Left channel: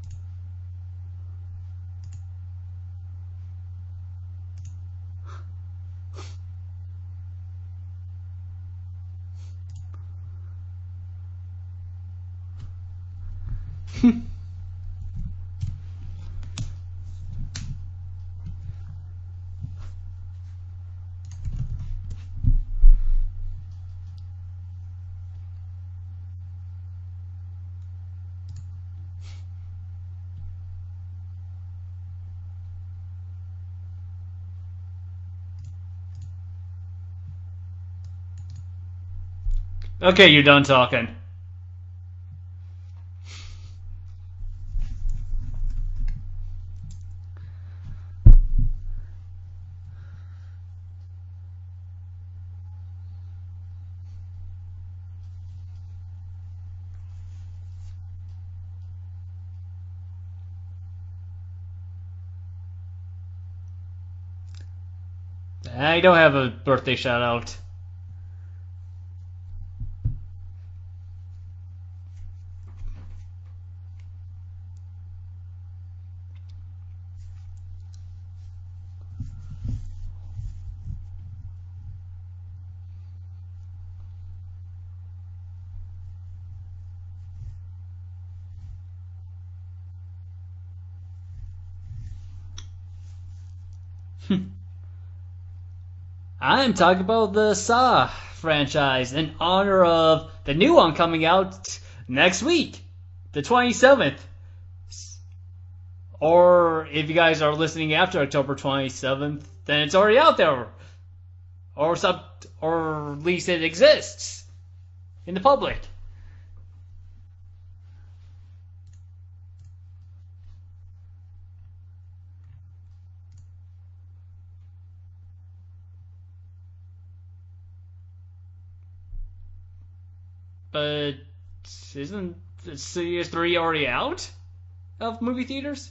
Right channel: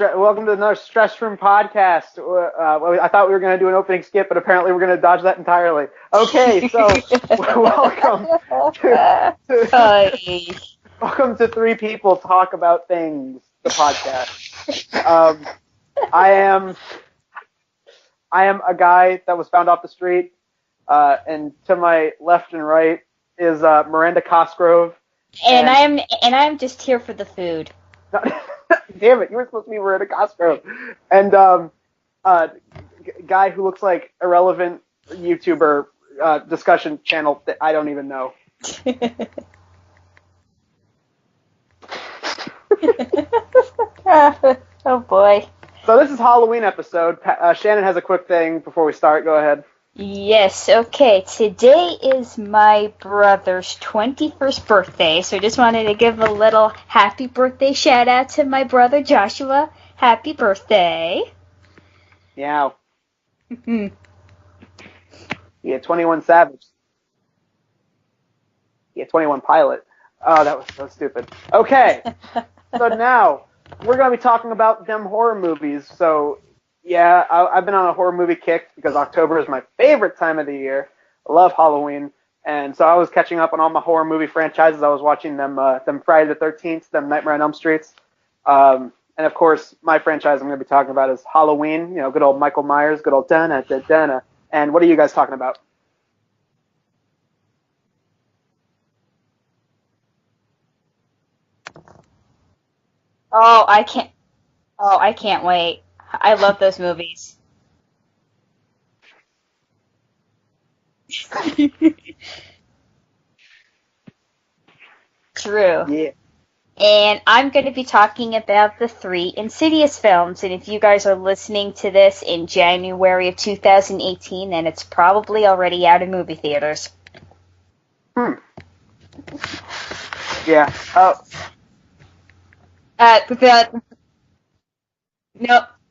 Welcome to another Stress Room podcast. I thought we were going to do an opening skip, but apparently we're going to dodge that entirely. Okay, so welcome welcome to Three People Talk About Things, the podcast. I am a guy that was found off the street, and to my left and right is Miranda Cosgrove. And I'm just here for the food. Damn it, you were supposed to be Miranda Cosgrove. And guy who looks like irrelevant YouTuber discussion channel that I don't even know. Okay, you're done talking. Oh boy. So this is Halloween episode. Shannon has a quick thing before we start. Go ahead. Yes, okay. Today is my brother's 21st birthday, so I just wanted to give a little happy birthday shout out to my brother Joshua. Happy birthday. Meow. I don't have a birthday shout out. Yeah, 21 Pilot. Oh, that was so stupid. Okay, so now we're going to be talking about them horror movies. So, yeah, I've been on a horror movie kick because October is my favorite time of the year. I love Halloween. And so I was catching up on all my horror movie franchises. I was watching them Friday the 13th, them Nightmare on Elm Streets. And, of course, my franchise I'm going to be talking about is Halloween. You know, good old Michael Myers, good old Dana. And what are you guys talking about? I'm talking about the Saw franchise in honor of the new one coming out next week, the 27th. I can't wait. I love those movies. If you guys are listening after October 27th, then it's already out there. or at least it exists in the True. public. Yeah. And I'm going to be talking about the 3 Insidious films. And if you guys are listening to this in January of 2018, then it's probably already out in movie theaters. Yeah. Isn't Insidious 3 already out of movie theaters?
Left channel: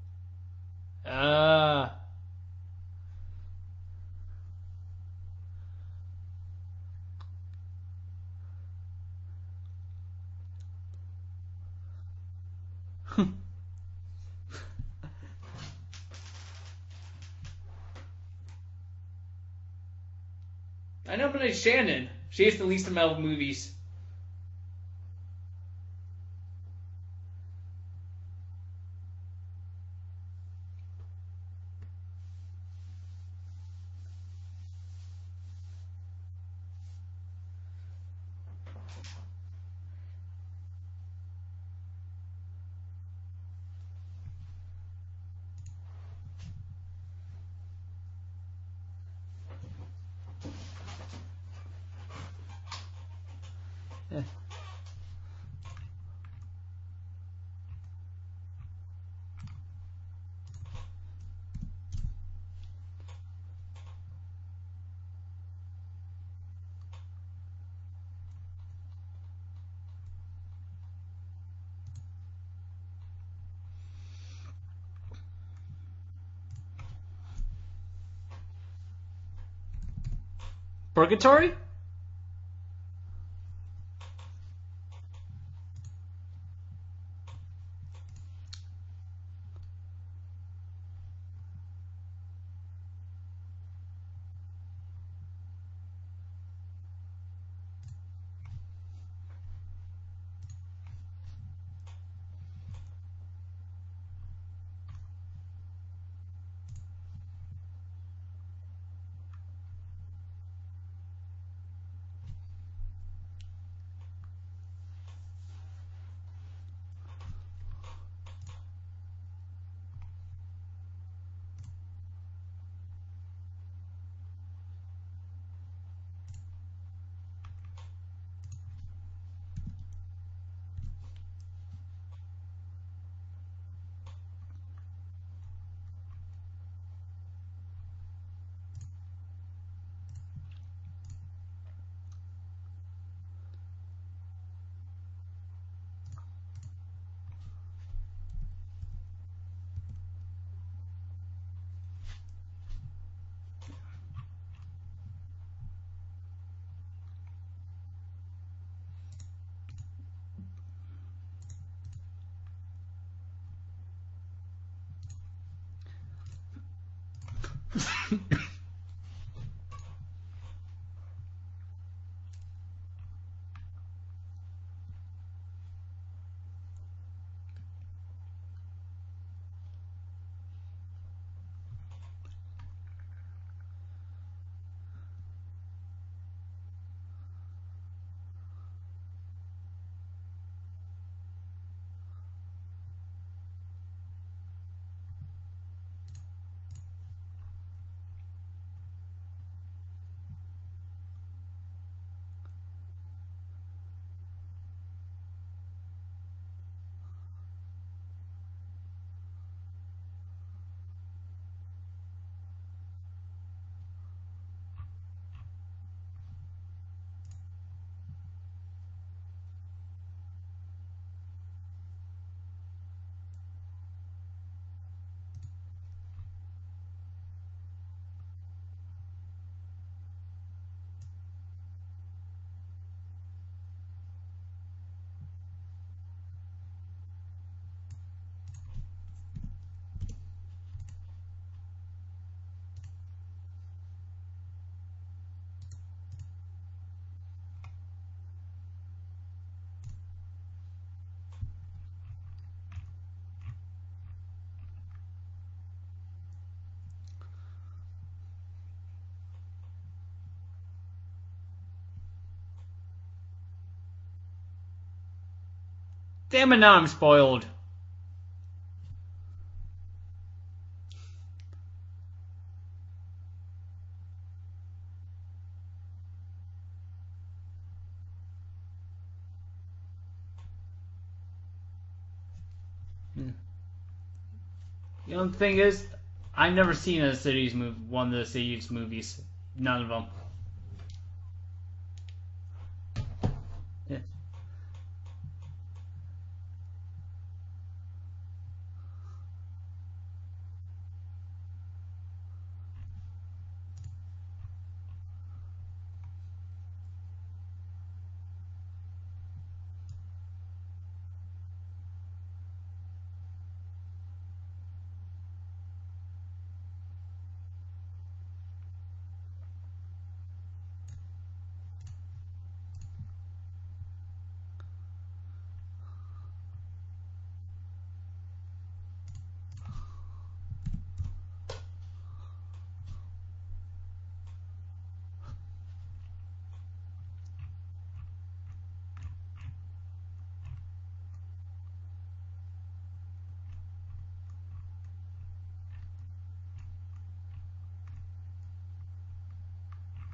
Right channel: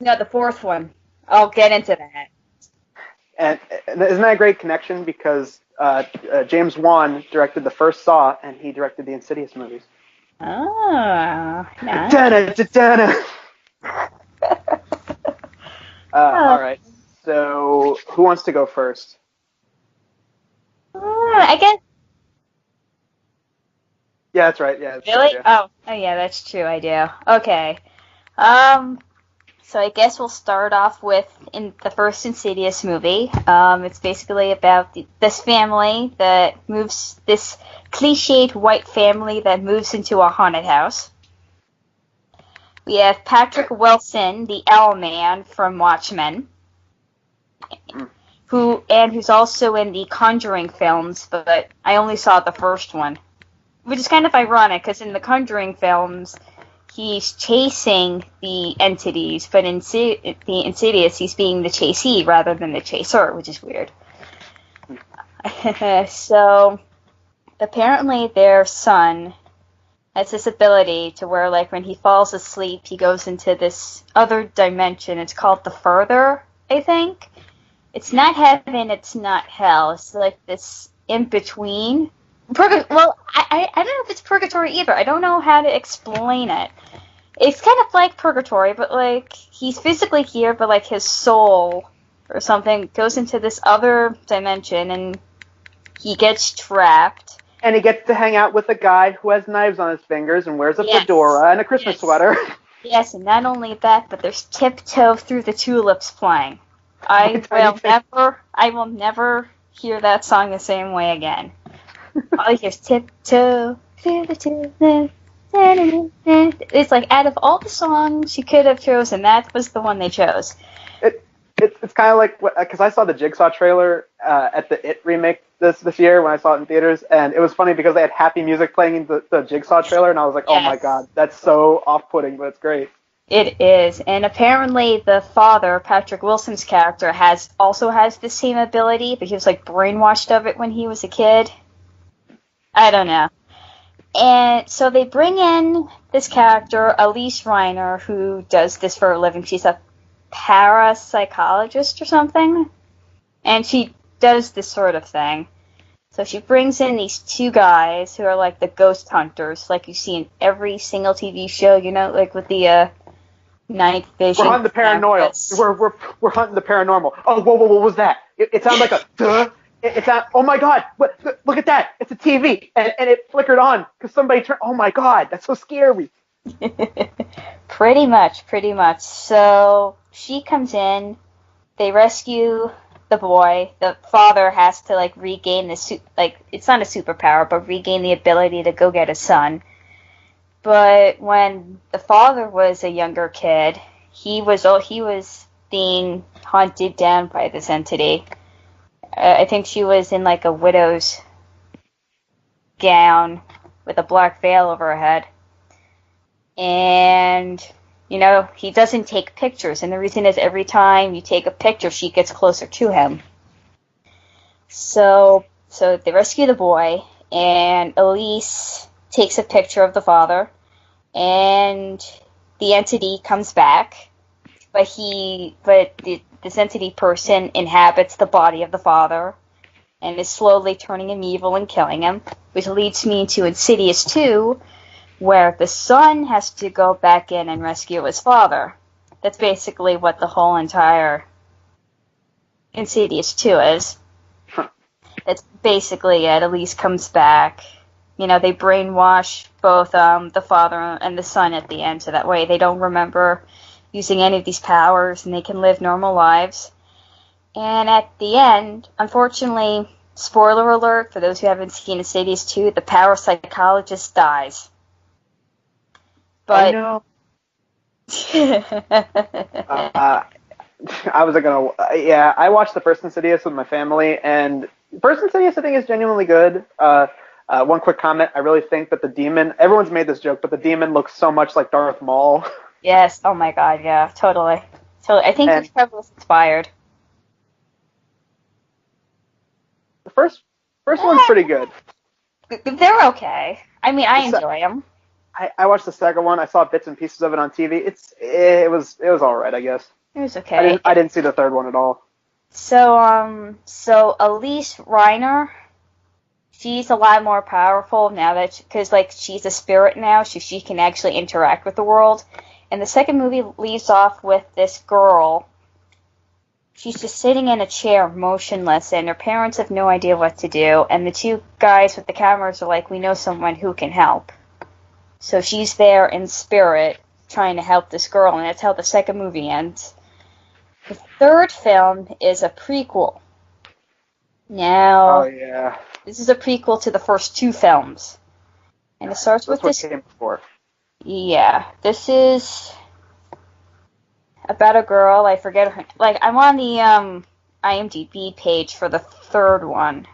No, the 4th one. I'll get into that. And isn't that a great connection? Because James Wan directed the first Saw, and he directed the Insidious movies. Oh, nice. Dana. All right. So, who wants to go first? I guess Shannon. She has the least amount of movies. Yeah, that's right. Yeah. Really? Oh, yeah, that's true. I do. Okay. So I guess we'll start off with in the first Insidious movie. It's basically about this family that moves, this cliched white family that moves into a haunted house. We have Patrick Wilson, the L-Man from Watchmen, who's also in the Conjuring films, but I only saw the first one, which is kind of ironic because in the Conjuring films, he's chasing the entities, but in the Insidious, he's being the chasee rather than the chaser, which is weird. So, apparently their son has this ability to where, like, when he falls asleep, he goes into this other dimension. It's called the Further, I think. It's not heaven, it's not hell. It's like this Purgatory? in-between. Well, I don't know if it's purgatory either. I don't know how to explain it. It's kind of like purgatory, but, like, he's physically here, but, like, his soul or something goes into this other dimension, and he gets trapped. And he gets to hang out with a guy who has knives on his fingers and wears a fedora and a Christmas sweater. Yes, and not only that, but there's Tiptoe Through the Tulips playing. I will never hear that song the same way again. All you hear is Tiptoe Through the Tulips. It's like, out of all the songs you could have chosen, that was the one they chose. It's kind of like, because I saw the Jigsaw trailer at the It remake this year when I saw it in theaters, and it was funny because they had happy music playing in the Jigsaw trailer, and I was like, oh my god, that's so off-putting, but it's great. It is, and apparently the father, Patrick Wilson's character, also has the same ability, but he was like brainwashed of it when he was a kid. I don't know. And so they bring in this character, Elise Reiner, who does this for a living. She's a parapsychologist or something, and she does this sort of thing. So she brings in these two guys who are like the ghost hunters, like you see in every single TV show, you know, like with the Night vision. We're hunting the campus. paranormal. We're hunting the paranormal. Oh, whoa, what was that? It sounded like a duh. It sounded, oh my god, look at that. It's a TV. And it flickered on because somebody turned, oh my god, that's so scary. Pretty much. So she comes in, they rescue the boy. The father has to like regain the it's not a superpower, but regain the ability to go get his son. But when the father was a younger kid, he was being hunted down by this entity. I think she was in like a widow's gown with a black veil over her head. And, he doesn't take pictures. And the reason is every time you take a picture, she gets closer to him. So they rescue the boy, and Elise takes a picture of the father, and the entity comes back, but this entity person inhabits the body of the father and is slowly turning him evil and killing him, which leads me to Insidious 2, where the son has to go back in and rescue his father. That's basically what the whole entire Insidious 2 is. That's basically it. Elise comes back. They brainwash both the father and the son at the end, so that way they don't remember using any of these powers and they can live normal lives. And at the end, unfortunately, spoiler alert for those who haven't seen Insidious 2, the power psychologist dies. Damn it, I'm spoiled. I watched the first Insidious with my family, and first Insidious I think is genuinely good. One quick comment, I really think that the demon, everyone's made this joke, but the demon looks so much like Darth Maul. Yes, oh my god, yeah, totally. I think it's probably inspired. I've never seen one of the Insidious movies. None of them. The first one's pretty good. They're okay. I mean, I enjoy them. I watched the second one. I saw bits and pieces of it on TV. It was all right, I guess. It was okay. I didn't see the third one at all. So Elise Reiner, she's a lot more powerful now because she's a spirit now, so she can actually interact with the world. And the second movie leaves off with this girl. She's just sitting in a chair, motionless, and her parents have no idea what to do. And the two guys with the cameras are like, we know someone who can help. So she's there in spirit trying to help this girl, and that's how the second movie ends. The third film is a prequel. Now, this is a prequel to the first two films. And it starts with this. Came before. Yeah, this is about a girl. I forget her. I'm on the IMDb page for the third one.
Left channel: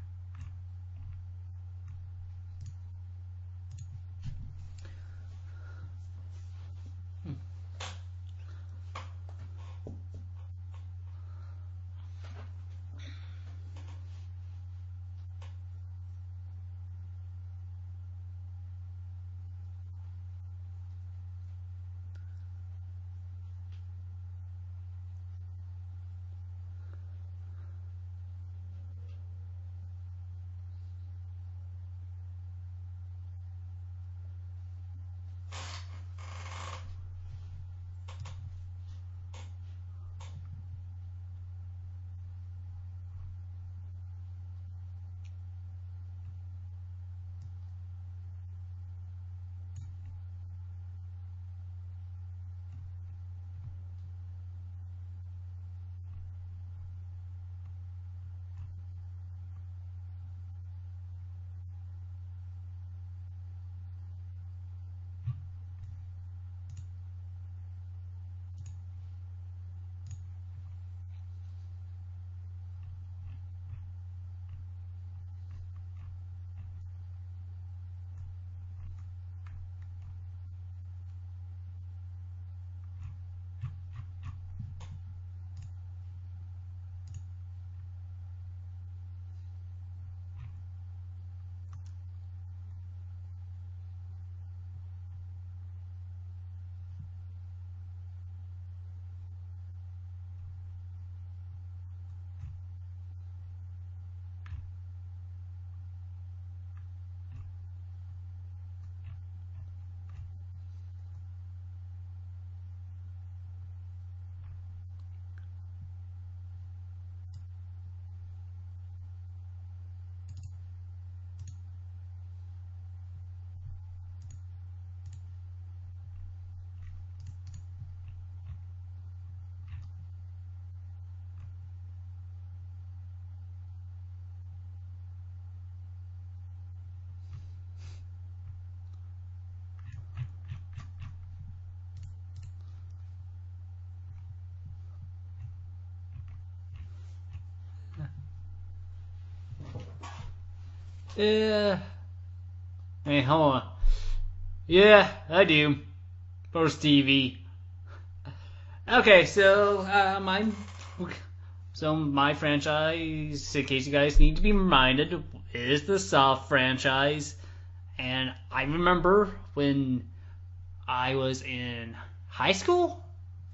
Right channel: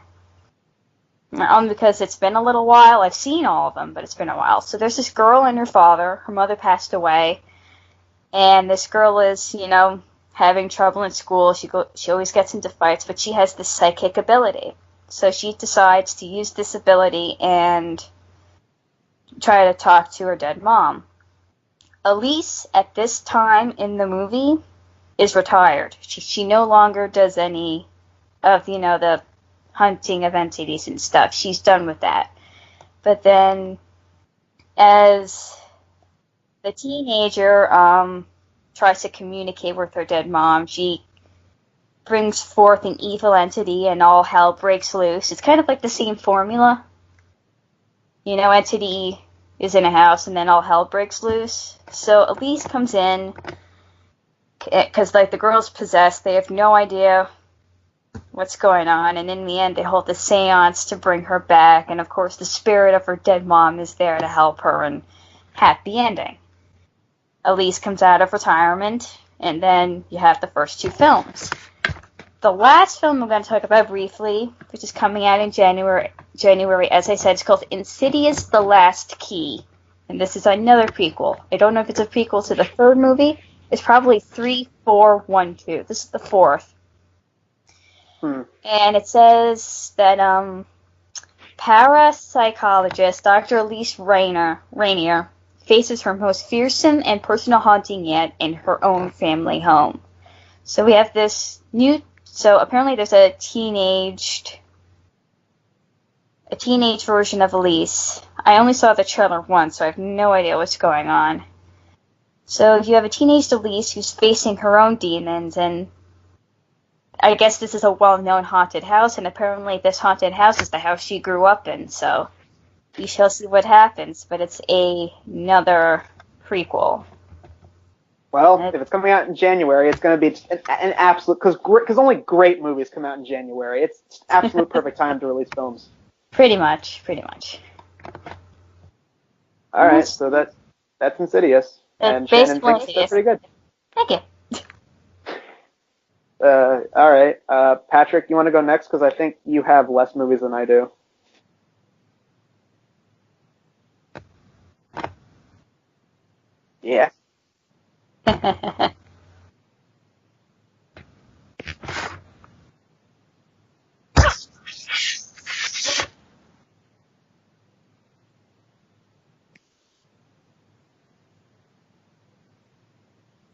Because it's been a little while. I've seen all of them, but it's been a while. So there's this girl and her father. Her mother passed away, and this girl is, having trouble in school. She always gets into fights, but she has this psychic ability. So she decides to use this ability and try to talk to her dead mom. Elise, at this time in the movie, is retired. She no longer does any of, the hunting of entities and stuff. She's done with that. But then, as the teenager tries to communicate with her dead mom, she brings forth an evil entity and all hell breaks loose. It's kind of like the same formula. Entity is in a house and then all hell breaks loose. So Elise comes in because the girl's possessed. They have no idea what's going on, and in the end they hold the seance to bring her back, and of course the spirit of her dead mom is there to help her, and happy ending. Elise comes out of retirement, and then you have the first two films. The last film I'm going to talk about briefly, which is coming out in January, as I said, it's called Insidious: The Last Key, and this is another prequel. I don't know if it's a prequel to the third movie. It's probably 3, 4, 1, 2. This is the fourth. And it says that parapsychologist Dr. Elise Rainier faces her most fearsome and personal haunting yet in her own family home. So we have this new. So apparently there's a teenage version of Elise. I only saw the trailer once, so I have no idea what's going on. So you have a teenage Elise who's facing her own demons, and I guess this is a well-known haunted house, and apparently this haunted house is the house she grew up in, so we shall see what happens, but it's another prequel. Well, if it's coming out in January, it's going to be an absolute, because only great movies come out in January. It's absolute perfect time to release films. Pretty much. All right, so that's Insidious, and Shannon thinks they're pretty good. Thank you. All right, Patrick, you want to go next? Because I think you have less movies than I do. Yeah. Hey, hold on. Yeah, I do. For Stevie. Okay, so my franchise, in case you guys need to be reminded, is the Saw franchise, and I remember when I was in high school,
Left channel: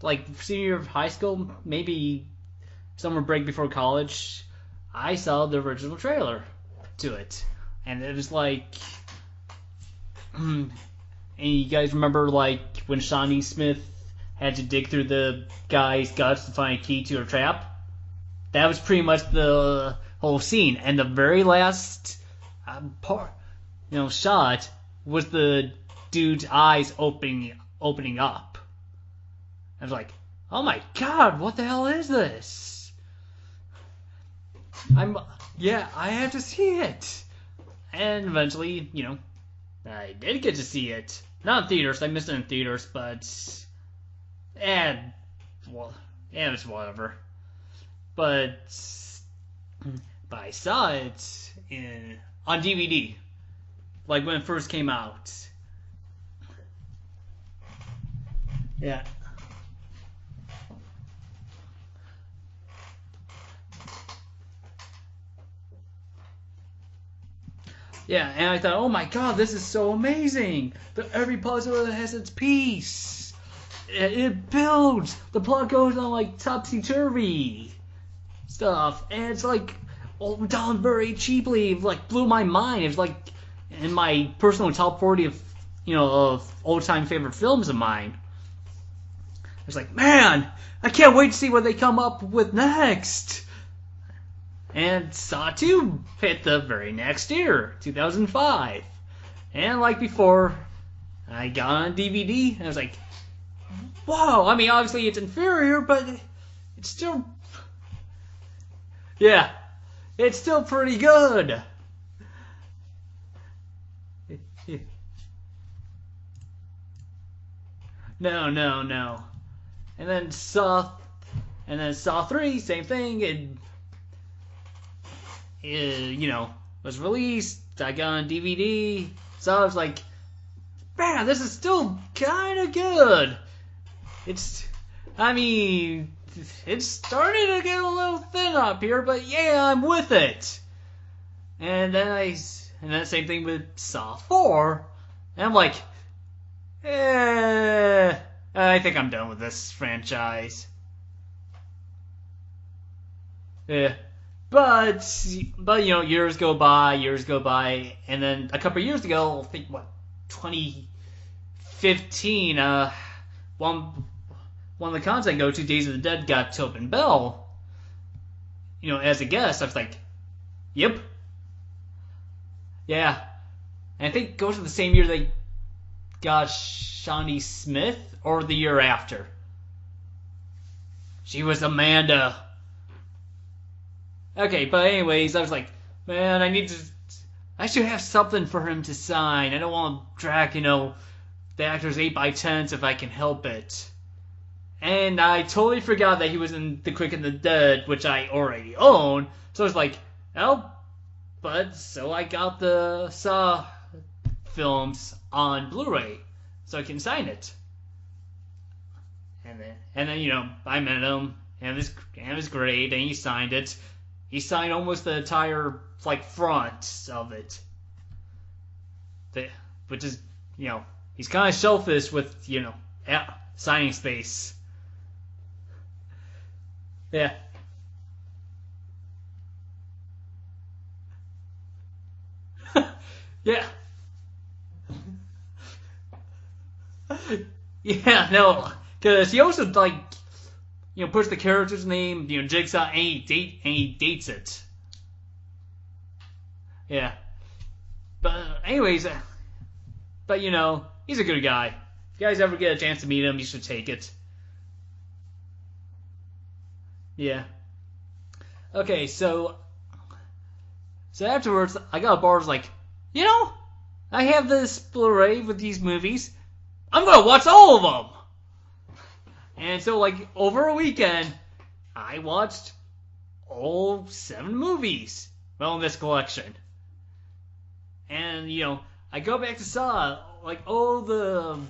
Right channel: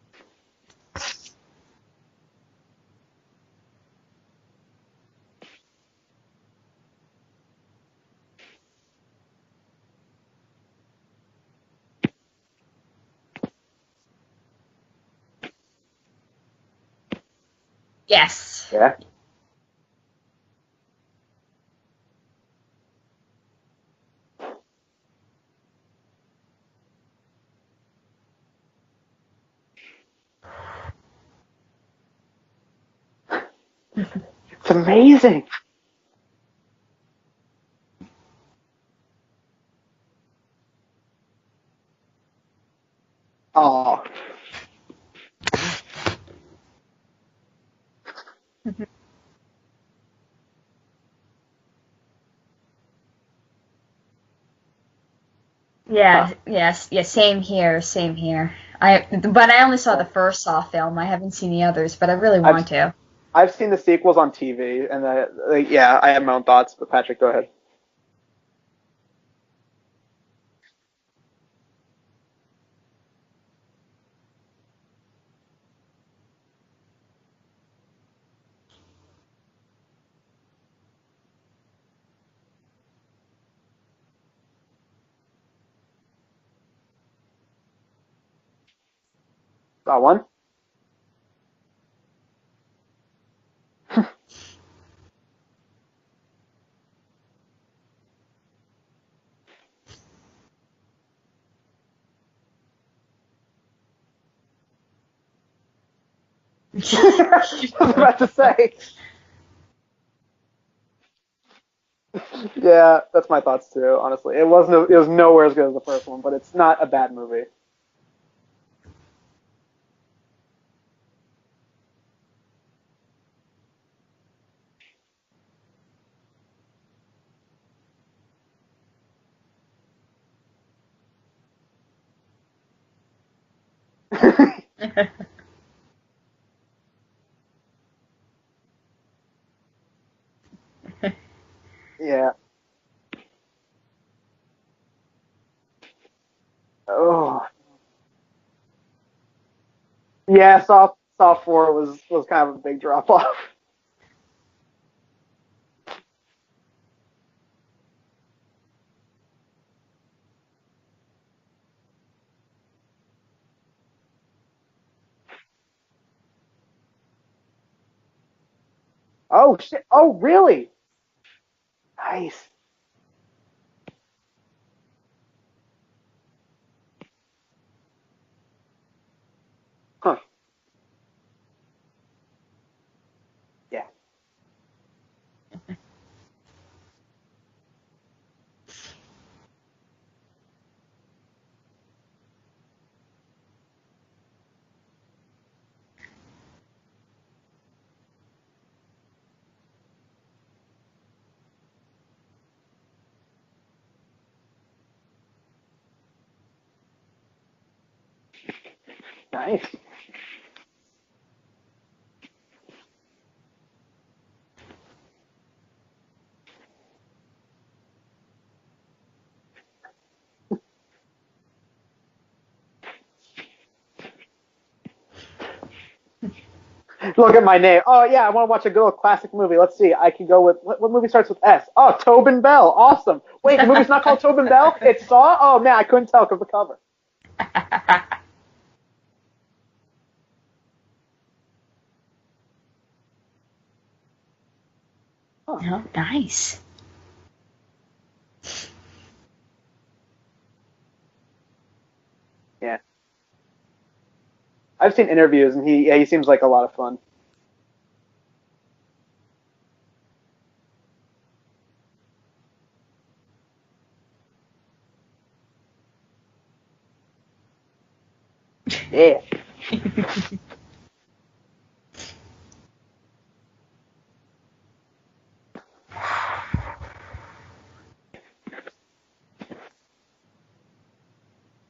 like senior year of high school, maybe summer break before college, I saw the original trailer to it, and it was like, and you guys remember like when Shawnee Smith had to dig through the guy's guts to find a key to her trap? Yes. That was pretty much the whole scene. And the very last shot was the dude's eyes opening up. I was like, oh my god, what the hell is this? It's amazing. Yeah, I have to see it. And eventually, I did get to see it. Not in theaters. I missed it in theaters, but... Oh. And it's whatever. But I saw it on DVD, like when it first came out. Yeah, same here. But I only saw the first Saw film. I haven't seen the others, but I really want to. I've seen the sequels on TV, and I have my own thoughts, but Patrick, go ahead. Yeah, and I thought, oh my god, this is so amazing. Every puzzle has its piece. It builds. The plot goes on like topsy-turvy stuff, and it's like all done very cheaply. It like blew my mind. It was like in my personal top 40 of old-time favorite films of mine. I was like, man, I can't wait to see what they come up with next. And Saw 2 hit the very next year, 2005. And like before, I got on DVD, and I was like, whoa, I mean, obviously it's inferior, but... I was about to say. Yeah, it's still pretty good. Yeah, that's my thoughts too, honestly. It was nowhere as good as the first one, but it's not a bad movie. No. And then Saw 3, same thing. It was released. I got on DVD, so I was like, man, this is still kind of good. I mean, it's starting to get a little thin up here, but yeah, I'm with it. And then same thing with Saw 4, and I'm like, I think I'm done with this franchise. Yeah, Saw 4 was kind of a big drop off. Yeah. But years go by, and then a couple of years ago, I think 2015, one of the cons I go to, Days of the Dead, got Tobin Bell, as a guest. I was like, oh, really? Yep. Nice. Yeah. And I think it goes to the same year they got Shawnee Smith, or the year after. Huh. She was Amanda. Yeah. Okay, but anyways, I was like, man, I should have something for him to sign. I don't want to drag, the actor's 8x10s if I can help it. And I totally forgot that he was in The Quick and the Dead, which I already own. So I was like, so I got the Saw films on Blu-ray, so I can sign it. Nice. And then, I met him, and it was great, and he signed it. He signed almost the entire, front of it. Which is, he's kind of selfish with, signing space. Look at my name. Oh, yeah, I want to watch a good old classic movie. Let's see. I can go with... What movie starts with S? Oh, Tobin Bell. Awesome. Wait, the movie's not called Tobin Bell? It's Saw? Oh, man, I couldn't tell because of the cover. Yeah, no. Because he also, like, puts the character's name, Jigsaw, and he dates it. Oh, nice. Yeah. But anyways, he's a good guy. If you guys ever get a chance to meet him, you should take it. I've seen interviews, and he seems like a lot of fun. Yeah. Okay, so afterwards, I got a bar was like, I have this Blu-ray with these movies. I'm gonna watch all of them. Yeah. And so, like, over a weekend, I watched all 7 movies from this collection. And, I go back to Saw, like, all the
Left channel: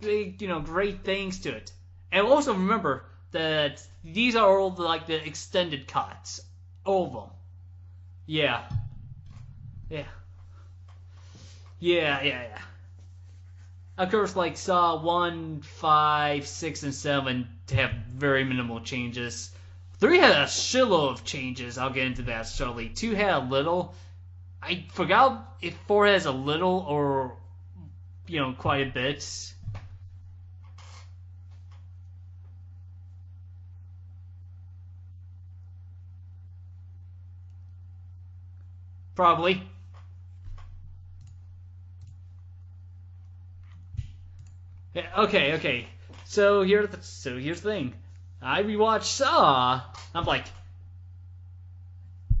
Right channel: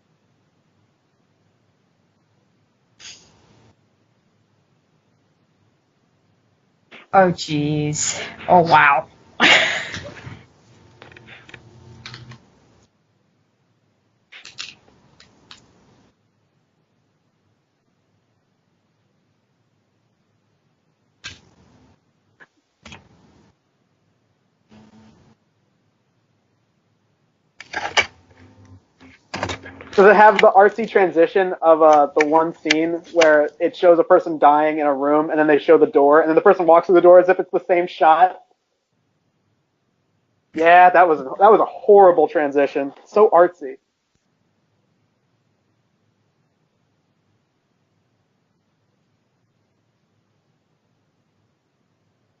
big, great things to it. And also remember that these are all the extended cuts. Oh, jeez. Yeah. Oh, wow. Yeah. Of course, Saw 1, 5, 6, and 7 have very minimal changes. 3 had a shitload of changes. I'll get into that shortly. 2 had a little. I forgot if 4 has a little or, quite a bit. Does it have the artsy transition of the one scene where it shows a person dying in a room, and then they show the door, and then the person walks through the door as if it's the same shot? Probably. Yeah, that was a horrible transition. So artsy. Yeah, okay. So here's the thing. I rewatched Saw. I'm like,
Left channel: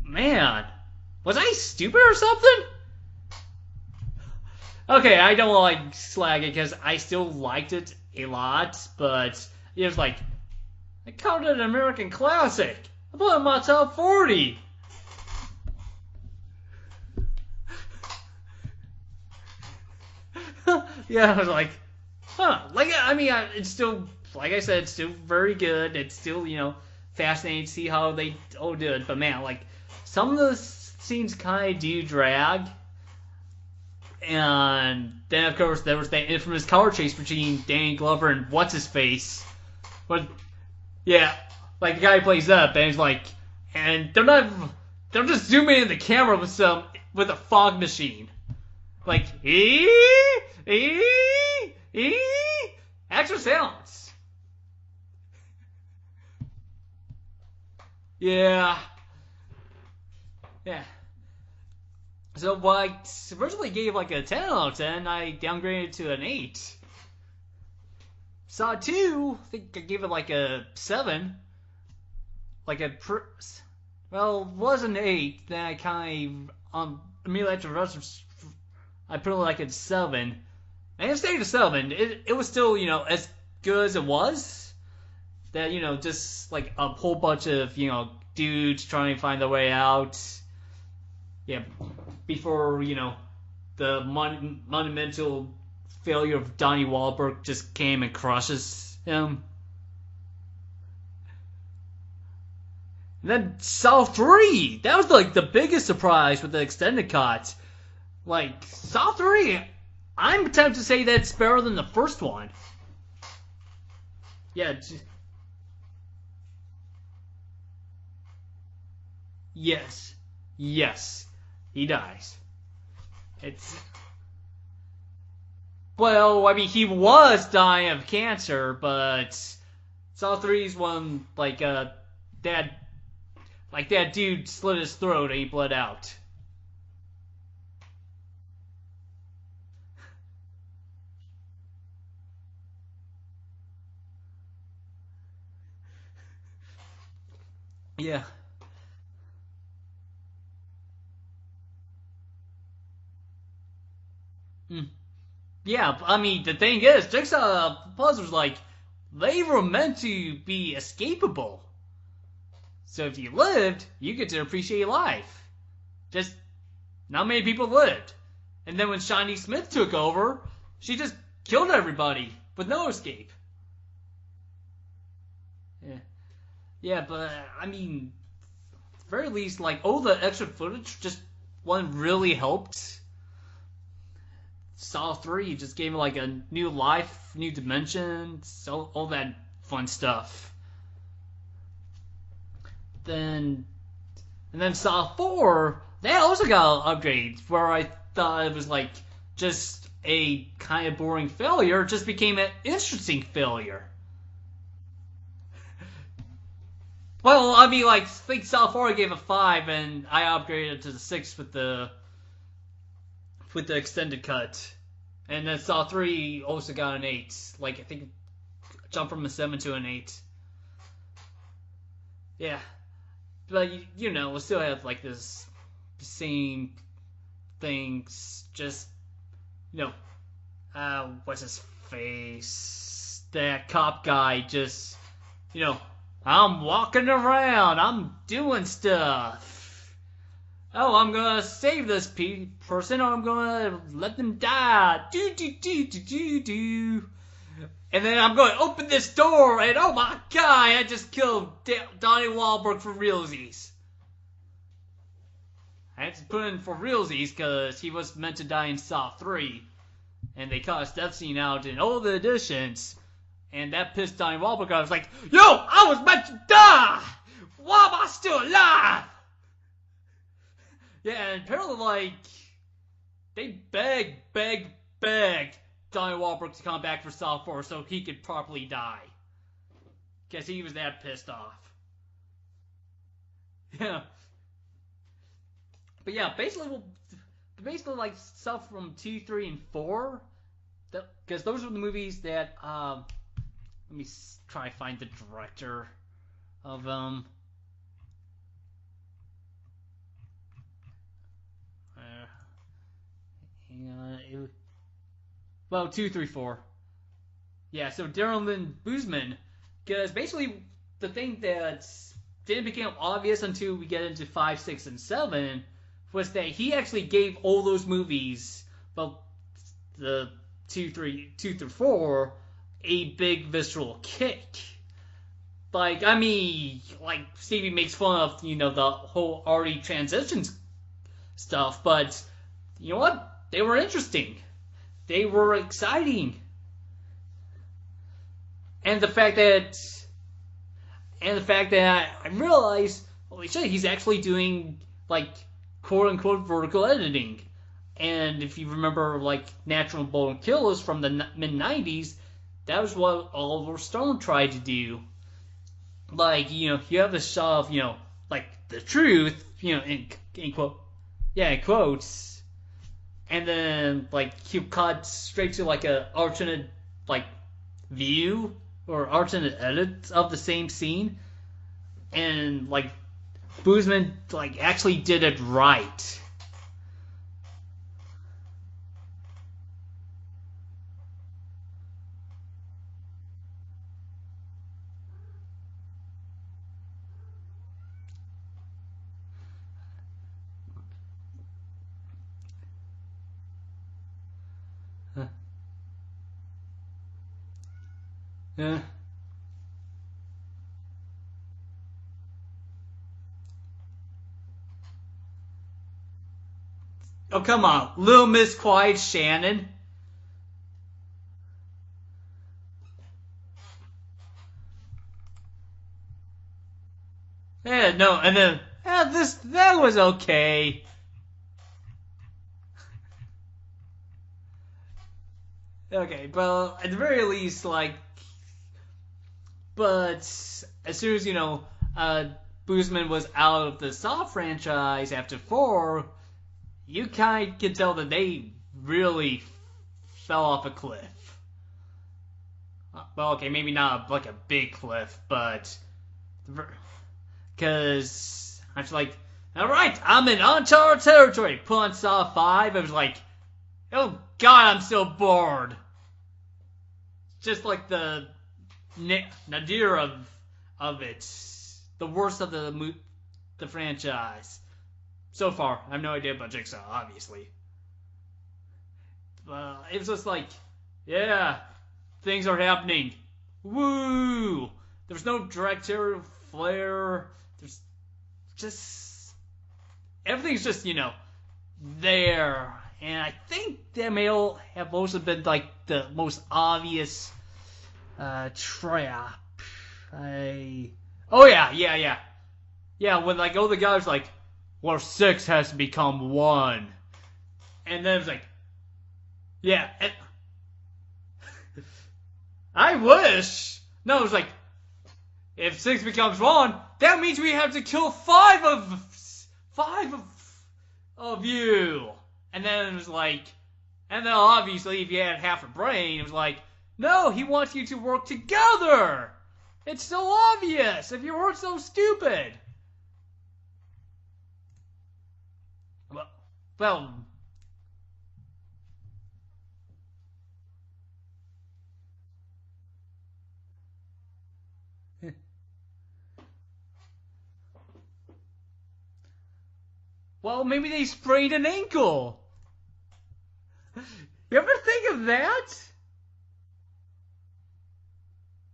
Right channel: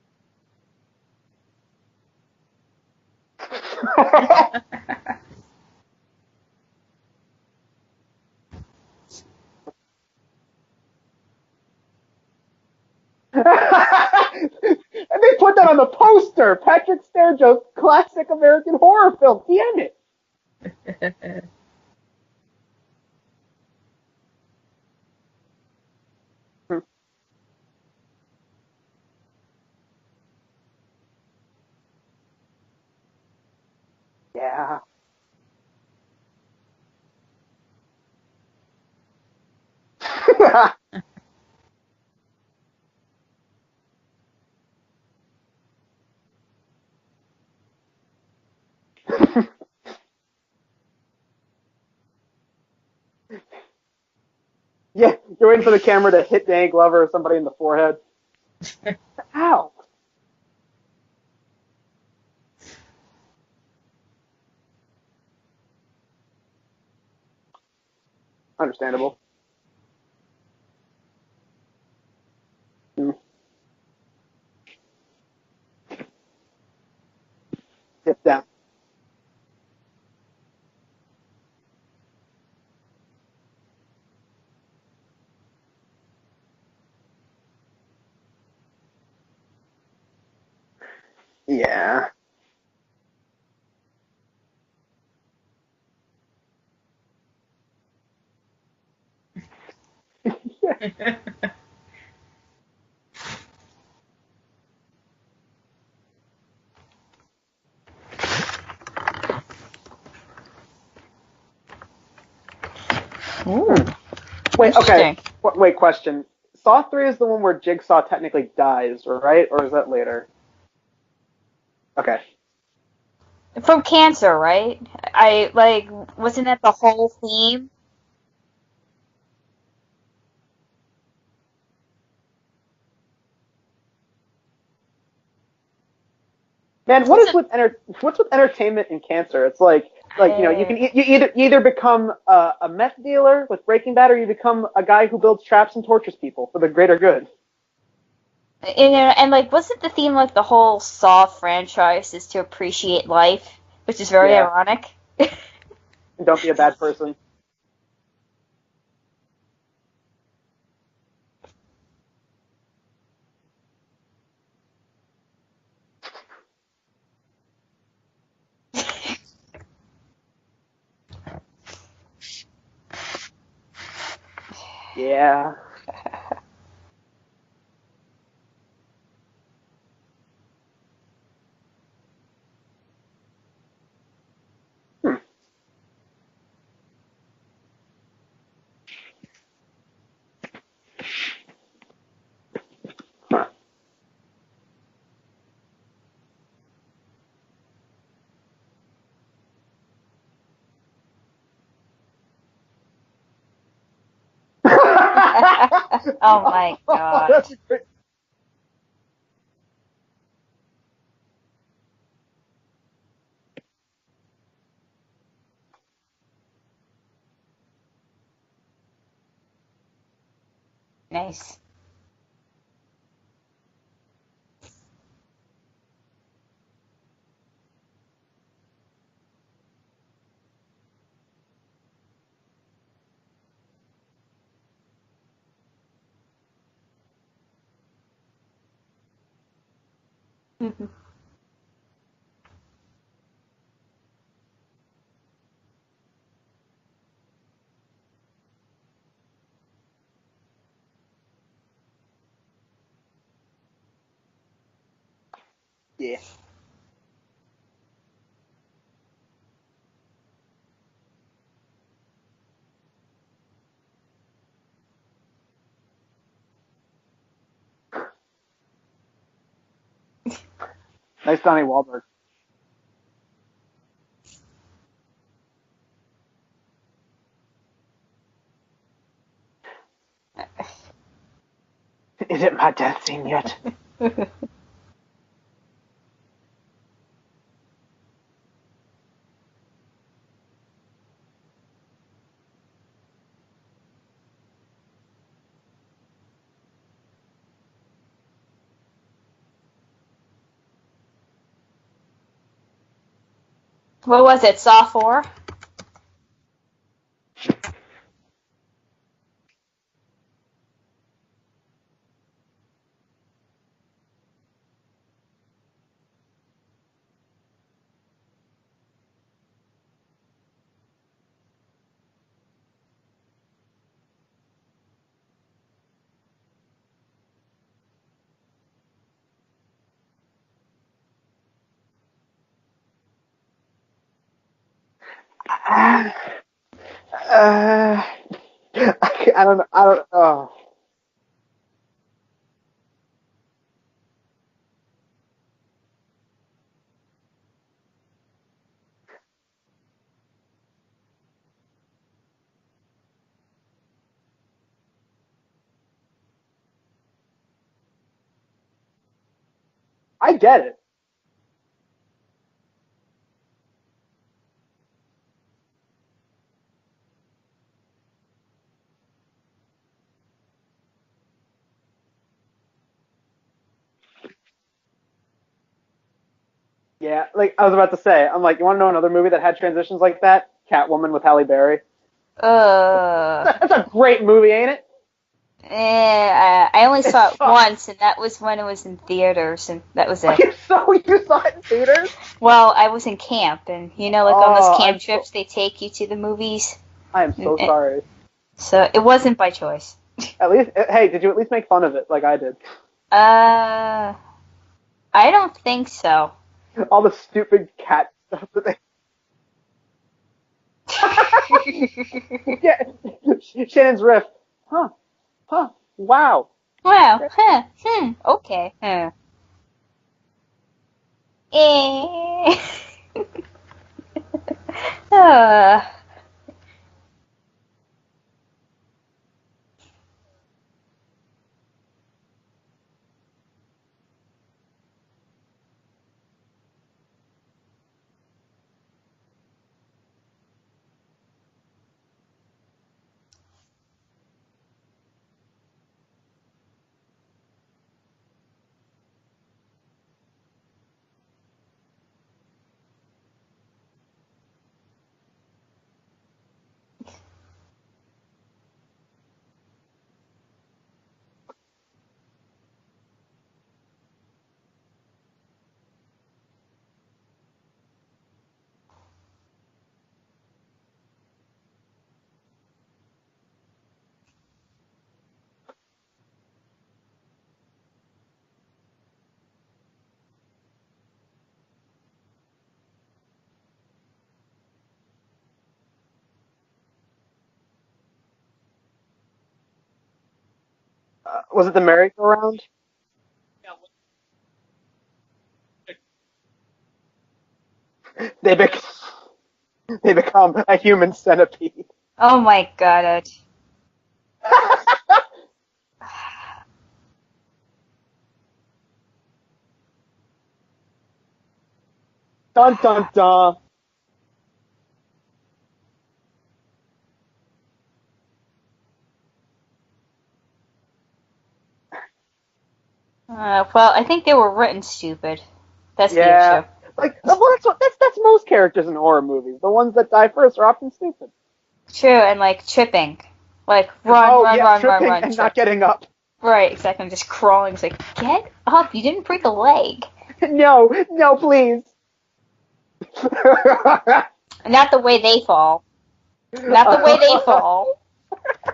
man, was I stupid or something? Okay, I don't want to slag it because I still liked it a lot, but it was like, I called it an American classic. I thought it was top 40. And they put that on the poster. Patrick Sturgeon's classic American horror film. Damn it. Yeah, I was like, huh. It's still, like I said, it's still very good. It's still, fascinating to see how they all do it. But man, some of the scenes kind of do drag. And then, of course, there was that infamous car chase between Danny Glover and what's-his-face. Yeah, the guy plays up, and he's like, and they're just zooming in the camera with a fog machine. Extra sounds. Yeah, you're waiting for the camera to hit Danny Glover or somebody in the forehead. Yeah. Ow. Yeah. So, I originally gave a 10 out of 10, I downgraded to an 8. Saw 2, I think I gave it a 7. Well, it was an 8, then I kind of, immediately after the I put it a 7. And it stayed a 7. It was still, as good as it was. That, just a whole bunch of, dudes trying to find their way out. Yeah. Before, the monumental failure of Donnie Wahlberg just came and crushes him. And then Saw 3! That was the biggest surprise with the extended cut. Saw 3, I'm tempted to say that's better than the first one. Ooh. Wait, okay. Wait, question. Saw 3 is the one where Jigsaw technically dies, right? Or is that later? Yes. He does. Okay. From cancer, right? Wasn't that the he whole was theme? dying of cancer, but Saw 3's when, that dude slit his throat and he bled out. Man, what's with entertainment and cancer? It's you can either become a meth dealer with Breaking Bad, or you become a guy who builds traps and tortures people for the greater good. Yeah. And wasn't the theme the whole Saw franchise is to appreciate life, which is very ironic. Yeah, the thing is, Jigsaw puzzles they were meant to be escapable. So if you lived, you get to appreciate life. Just not many people lived. And then when Shawnee Smith took over, she just killed everybody with no escape. Yeah. Yeah, but at the very least, all the extra footage just really helped. Saw 3 just gave it a new life, new dimensions, all that fun stuff. And then Saw 4, they also got upgrades where I thought it was just a kind of boring failure, just became an interesting failure. Oh my god. Well, I mean, like, I think Saw 4 I gave a 5, and I upgraded to the 6 with the extended cut. And then Saw 3 also got an 8. Like, I think jumped from a 7 to an 8. Nice. Yeah. But, you know, we still have, like, this same things, just, you know, what's his face? That cop guy just, you know, I'm walking around, I'm doing stuff. Oh, I'm gonna save this person, or I'm gonna let them die. Do. And then I'm going to open this door, and oh my god, I just killed Donnie Wahlberg for realsies. I had to put in for realsies because he was meant to die in Saw 3. And they cut his death scene out in all the editions. And that pissed Donnie Wahlberg off. I was like, yo, I was meant to die! Why am I still alive? Yeah, nice Donnie Wahlberg. Like, they begged Donnie Wahlberg to come back for Saw 4 so he could properly die. Guess he was that pissed off. Is it my death scene yet? Yeah. But yeah, basically like stuff from 2, 3, and 4. Because those are the movies that, let me try to find the director of them. What was it, Saw 4? Well, 2, 3, 4. Yeah, so Darren Lynn Bousman, because basically the thing that didn't become obvious until we get into 5, 6, and 7 was that he actually gave all those movies, well, the 2 through 4, a big visceral kick. Like, I mean, like, Stevie makes fun of, you know, the whole arty transitions stuff, but, you know what? They were interesting. They were exciting. And the fact that... And the fact that I realized, holy shit, he's actually doing, like, quote-unquote vertical editing. And if you remember, like, Natural Born Killers from the mid-90s, that was what Oliver Stone tried to do. Like, you know, you have the shot of, you know, like, the truth, you know, I get it. Yeah, in quotes. And then, like, he cut straight to, like, a alternate, like, view or alternate edit of the same scene. And, like, Bousman, like, actually did it right. Yeah, like, I was about to say, I'm like, you want to know another movie that had transitions like that? Catwoman with Halle Berry. That's a great movie, ain't it? I only saw it once, and that was when it was in theaters, and that was it. You saw it in theaters? Well, I was in camp, and you know, like on those camp trips, they take you to the movies. I am so sorry. So it wasn't by choice. At least, hey, did you at least make fun of it like I did? I don't think so. All the stupid. Oh, come on, Little Miss Quiet Shannon. Yeah, Shannon's riff. Huh. Wow. Wow. Huh. Yeah, no, and okay. then that was okay. Okay, well, at the very least, like, but as soon as, you know, Bousman was out of the Saw franchise after 4, you kind of can tell that they really fell off a cliff. Well, okay, maybe not like a big cliff, but because I was like, all right, I'm in uncharted territory. Put on Saw 5, I was like, oh god, I'm so bored. Just like the nadir of it, the worst of the franchise so far. I have no idea about Jigsaw, obviously. It was just like, yeah. Things are happening. Woo! There's no directorial flair. There's just... Everything's just, you know, there. And I think that may have also been, like, the most obvious trap. Oh, yeah. Was it the merry-go-round? Yeah, when, like, all the guys like, well, 6 has to become 1. And then it's like... They become a human centipede. Oh my god. I wish. No, it was like if 6 becomes 1, that means we have to kill 5 of you. Dun dun dun. And then obviously, if you had half a brain, it was like, no, he wants you to work together. It's so obvious. If you weren't so stupid. Well, I think they were written stupid. That's the issue. Well, that's most characters in horror movies. The ones that die first are often stupid. True, and like tripping. Like, run, tripping run. And not getting up. Right, exactly. I'm just crawling. It's like, get up. You didn't break a leg. No, maybe they sprained an please. ankle. Not the way they fall. Not the way they fall.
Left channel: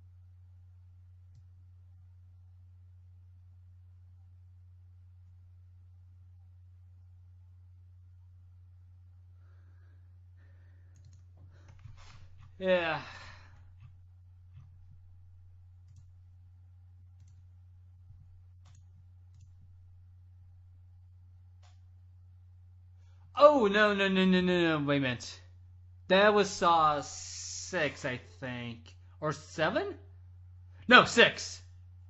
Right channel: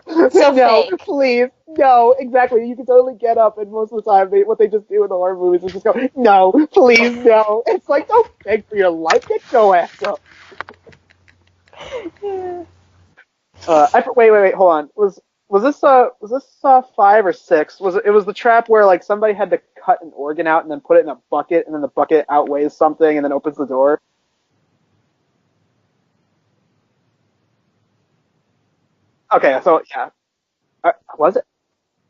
So no, fake. please. No, exactly. You can totally get up, and most of the time, what they just do in the horror movies is just go, no, please, no. It's like, don't beg for your life. Get your ass up. Yeah. Wait, hold on. Was this 5 or 6? It was the trap where like somebody had to cut an organ out and then put it in a bucket, and then the bucket outweighs something and then opens the door? No, wait a minute. That was Saw 6, I think. Or Okay, 7? so yeah. No, 6. Was it?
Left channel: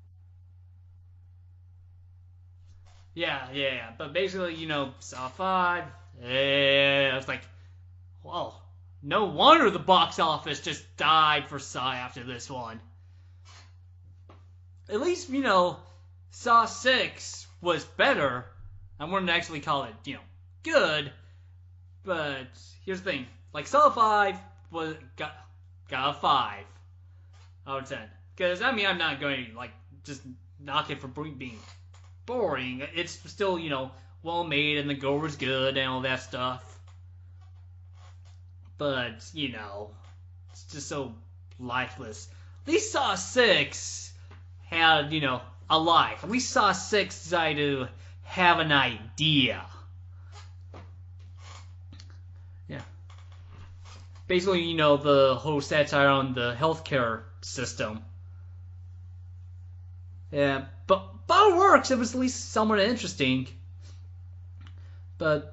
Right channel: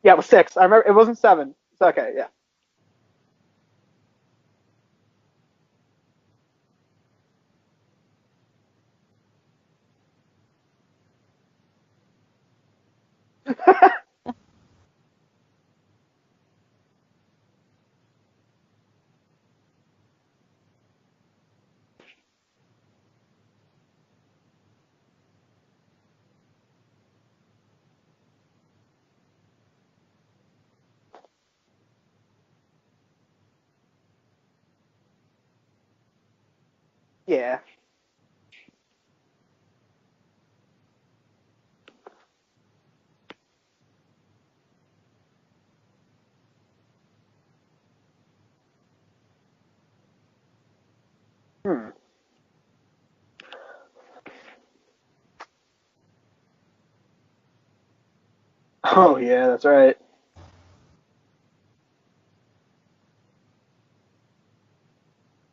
Yeah, it was 6. I remember it wasn't 7. It's okay, yeah. Yeah. But basically, Saw 5. Yeah, it's like, whoa. No wonder the box office just died for Saw after this one. At least, Saw 6 was better. I wouldn't actually call it, good. But here's the thing. Like, Saw 5 got a 5 out of 10. Because, I'm not going to, just knock it for being boring. It's still, well made and the gore was good and all that stuff. Yeah. But, it's just so lifeless. At least Saw 6 had, a life. At least Saw 6 decided to have an idea. Yeah. Basically, the whole satire on the healthcare system. Oh, yeah, that's right. Yeah, but it works. It was at least somewhat interesting. But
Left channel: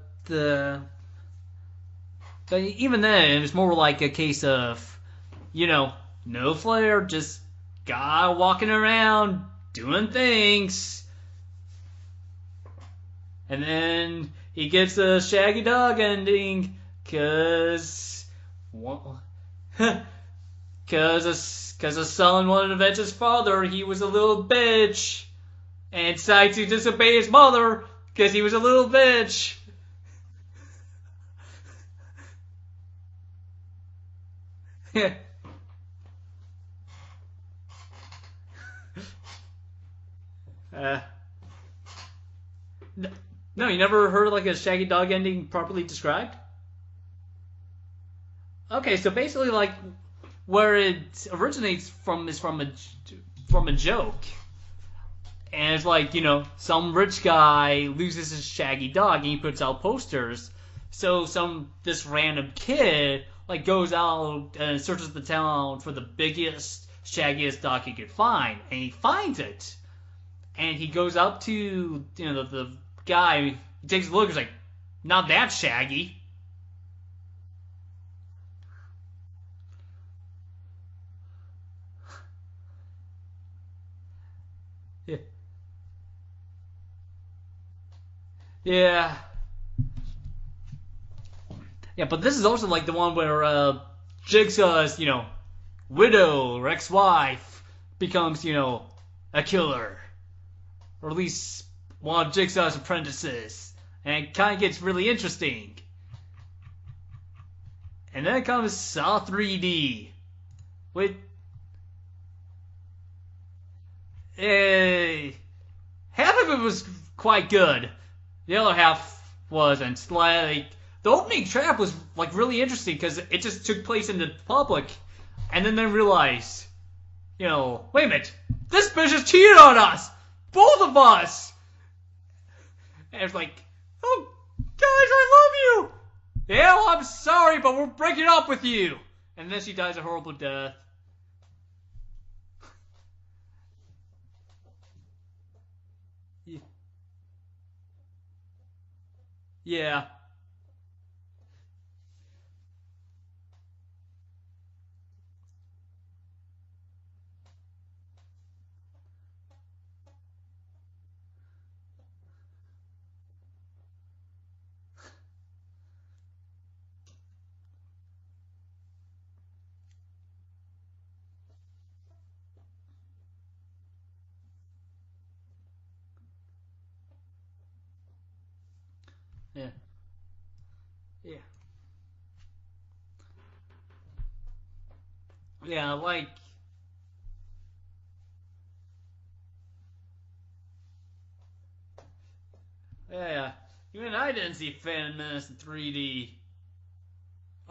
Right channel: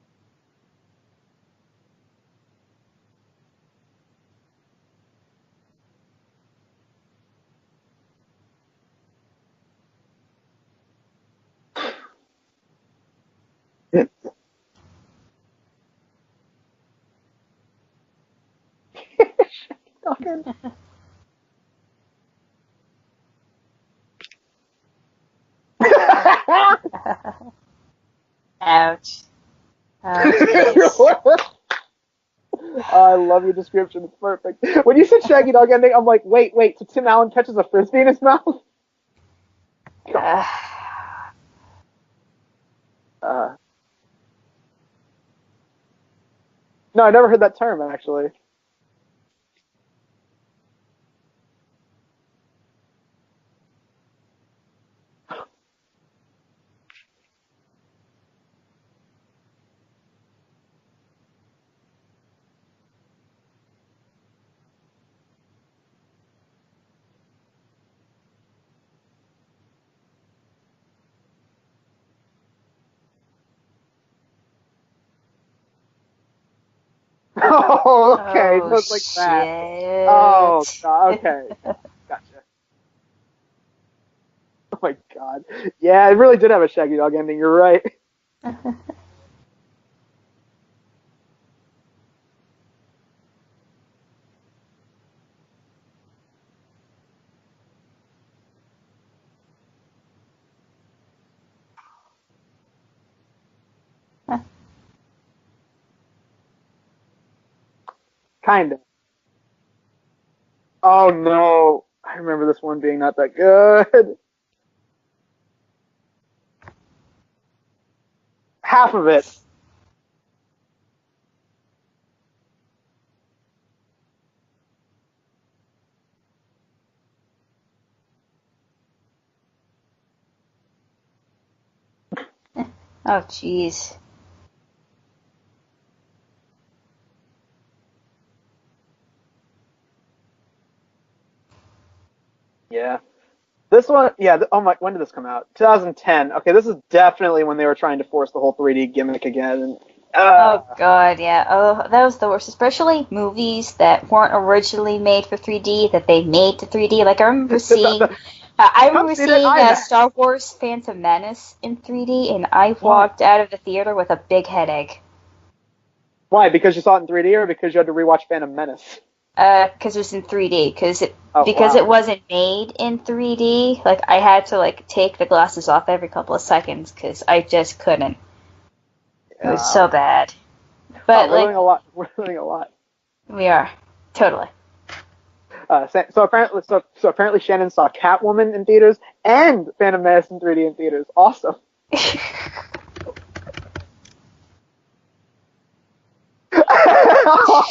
even then, it was more like a case of, no flair, just guy walking around doing things. And then he gets a shaggy dog ending because his son wanted to avenge his father. He was a little bitch. And decided to disobey his mother because he was a little bitch. I love your description. It's perfect. When you said shaggy dog ending, I'm like, wait. So Tim Allen catches a frisbee in his mouth? No, you never heard a shaggy dog ending properly described? No, I never heard that term, actually. Okay, so basically, where it originates from is from a joke. And it's like, some rich guy loses his shaggy dog and he puts out posters. So this random kid goes out and searches the town for the biggest, shaggiest dog he could find, and he finds it. And he goes up to the guy. He takes a look. He's like, "Not that shaggy." Oh, okay. So it's like that. Oh, God. Okay. Gotcha. Oh my God. Yeah, it really did have a shaggy dog ending. You're right. Yeah. Yeah, but this is also the one where Jigsaw's, widow or ex-wife becomes, a killer. Or at least one of Jigsaw's apprentices. And it kind of gets really interesting. And then comes Saw 3D. Oh, no. I remember this one being not that good. Half of it was quite good. The other half of it wasn't. The opening trap was really interesting because it just took place in the public, and then they realized, wait a minute, this bitch has cheated on us, both of us. Oh jeez. Oh, guys, I love you. Yeah, well, I'm sorry, but we're breaking up with you. And then she dies a horrible death. Yeah. This one, yeah, when did this come out? 2010. Okay, this is definitely when they were trying to force the whole 3D gimmick again. Yeah. Oh, God, yeah. Oh, that was the worst. Especially movies that weren't originally made for 3D, that they made to 3D. I remember seeing I Come remember see it in seeing IMAX. Star Wars Phantom Menace in 3D, and I walked out of the theater with a big headache. Why? Because you saw it in 3D, or because you had to rewatch Phantom Menace? Because it was in 3D, because Wow. it wasn't made in 3D. Like I had to take the glasses off every couple of seconds because I just couldn't. It was so bad. But we're learning a lot. We're learning a lot. we are totally. So apparently Shannon saw Catwoman in theaters and Phantom Menace in 3D in theaters. Awesome. Yeah. Even I didn't see Phantom Menace in 3D.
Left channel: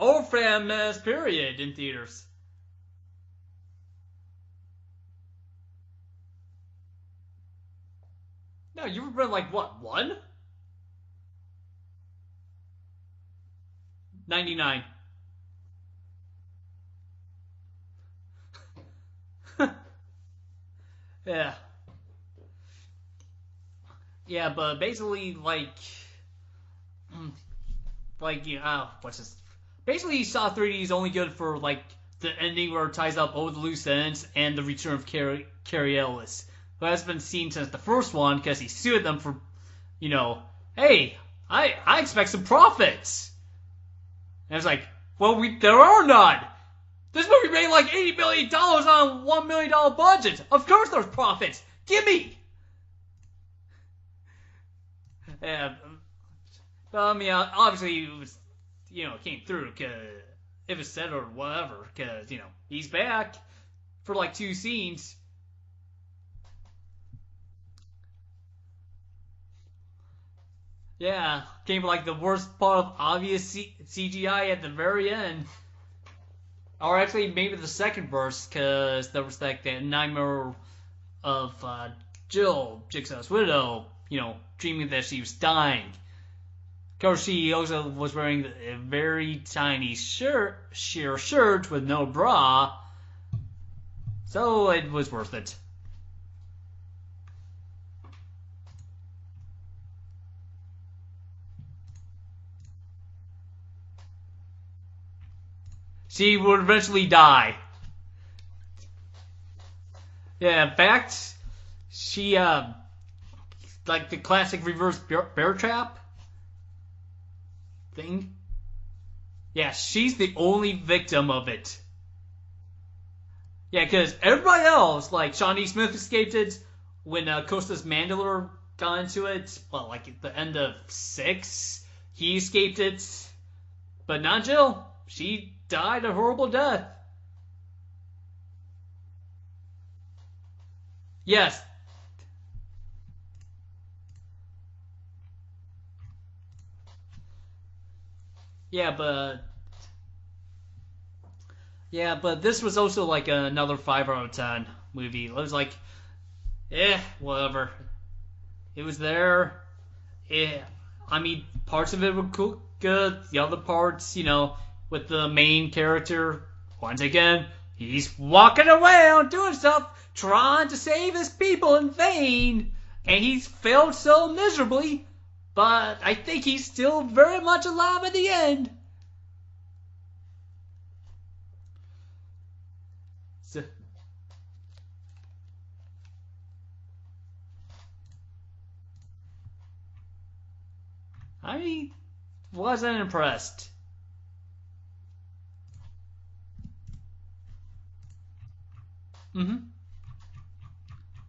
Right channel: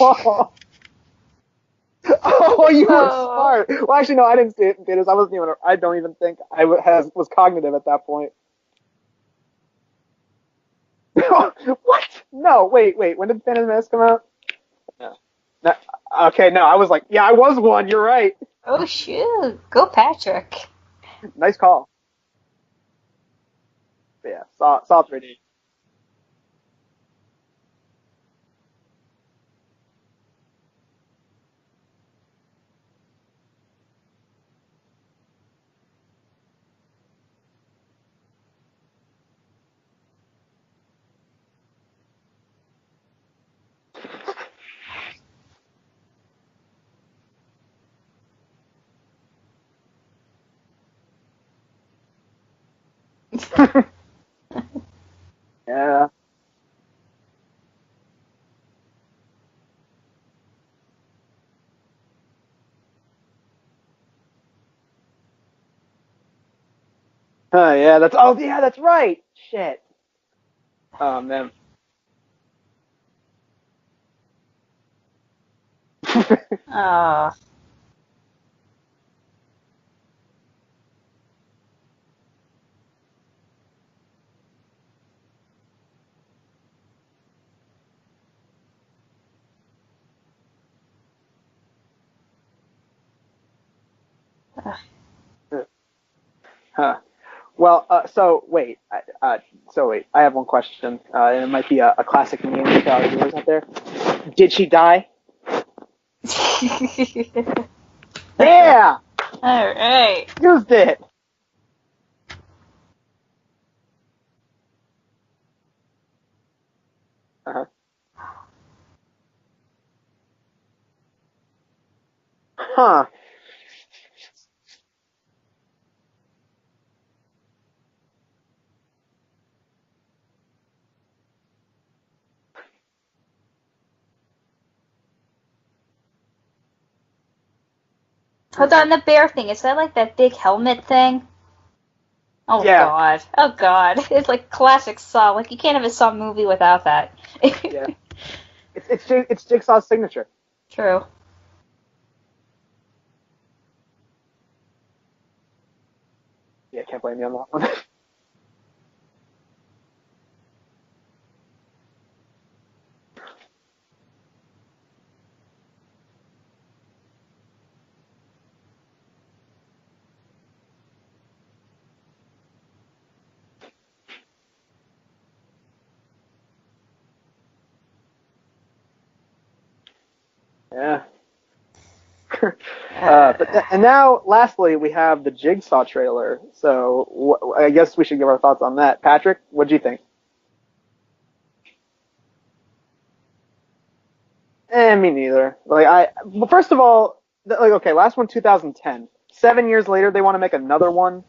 Or Phantom Menace, period, in theaters. Oh, you were smart. Well, actually, no, I didn't see it in theaters. I don't even think I was cognitive at that point. No, you were like, what, 1? What? No, wait. When did Phantom Menace come out? 99. No, okay, no, I was like, yeah, I was 1. You're right. Oh shoot! Go Patrick. Yeah. Nice call. Yeah, but basically, what's this? Basically, Saw 3D is only good for, the ending where it ties up all the loose ends and the return of Carrie Ellis, who has been seen since the first one because he sued them for, hey, I expect some profits. And it's like, well, there are none. This movie made like $80 million on a $1 million budget. Of course there's profits. Gimme! Yeah. Well, I mean, obviously, it was, came through, because it was said or whatever, because, he's back for, 2 scenes. Yeah, that's right. Shit. Yeah, Oh, man. Came the worst part of obvious CGI at the very end. Or actually, maybe the second burst, because there was, that nightmare of Jill, Jigsaw's widow, dreaming that she was dying. Of course, she also was wearing a very tiny sheer shirt with no bra, so it was worth it. Huh. Well, so wait, I have one question, and it might be a classic meme for our viewers out there. Did she die? She would eventually die. Yeah! Alright. Yeah, in fact, she, the classic reverse bear trap thing. Yeah, she's the only victim of it. Huh. Yeah, because everybody else, like Shawnee Smith escaped it when Costas Mandylor got into it, well, at the end of 6, he escaped it. But not Jill. She died a horrible death. Hold on, the bear thing, is that that big helmet thing? Yes. Oh Yeah. god. Oh god. It's classic Saw. You can't have a Saw movie without that. Yeah. Yeah, It's Jigsaw's signature. True. Yeah, but this was also another 5 out of 10 movie. It was whatever. It was there. I mean, parts of it were good. The other parts, with the main character, once again, he's walking around doing stuff, trying to save his people in vain, and he's failed so miserably, but I think he's still very much alive at the end. Yeah. And now, lastly, we have the Jigsaw trailer. So I guess we should give our thoughts on that. Patrick, what do you think? I wasn't impressed. Me neither. Well, first of all, okay, last one 2010. 7 years later, they want to make another one.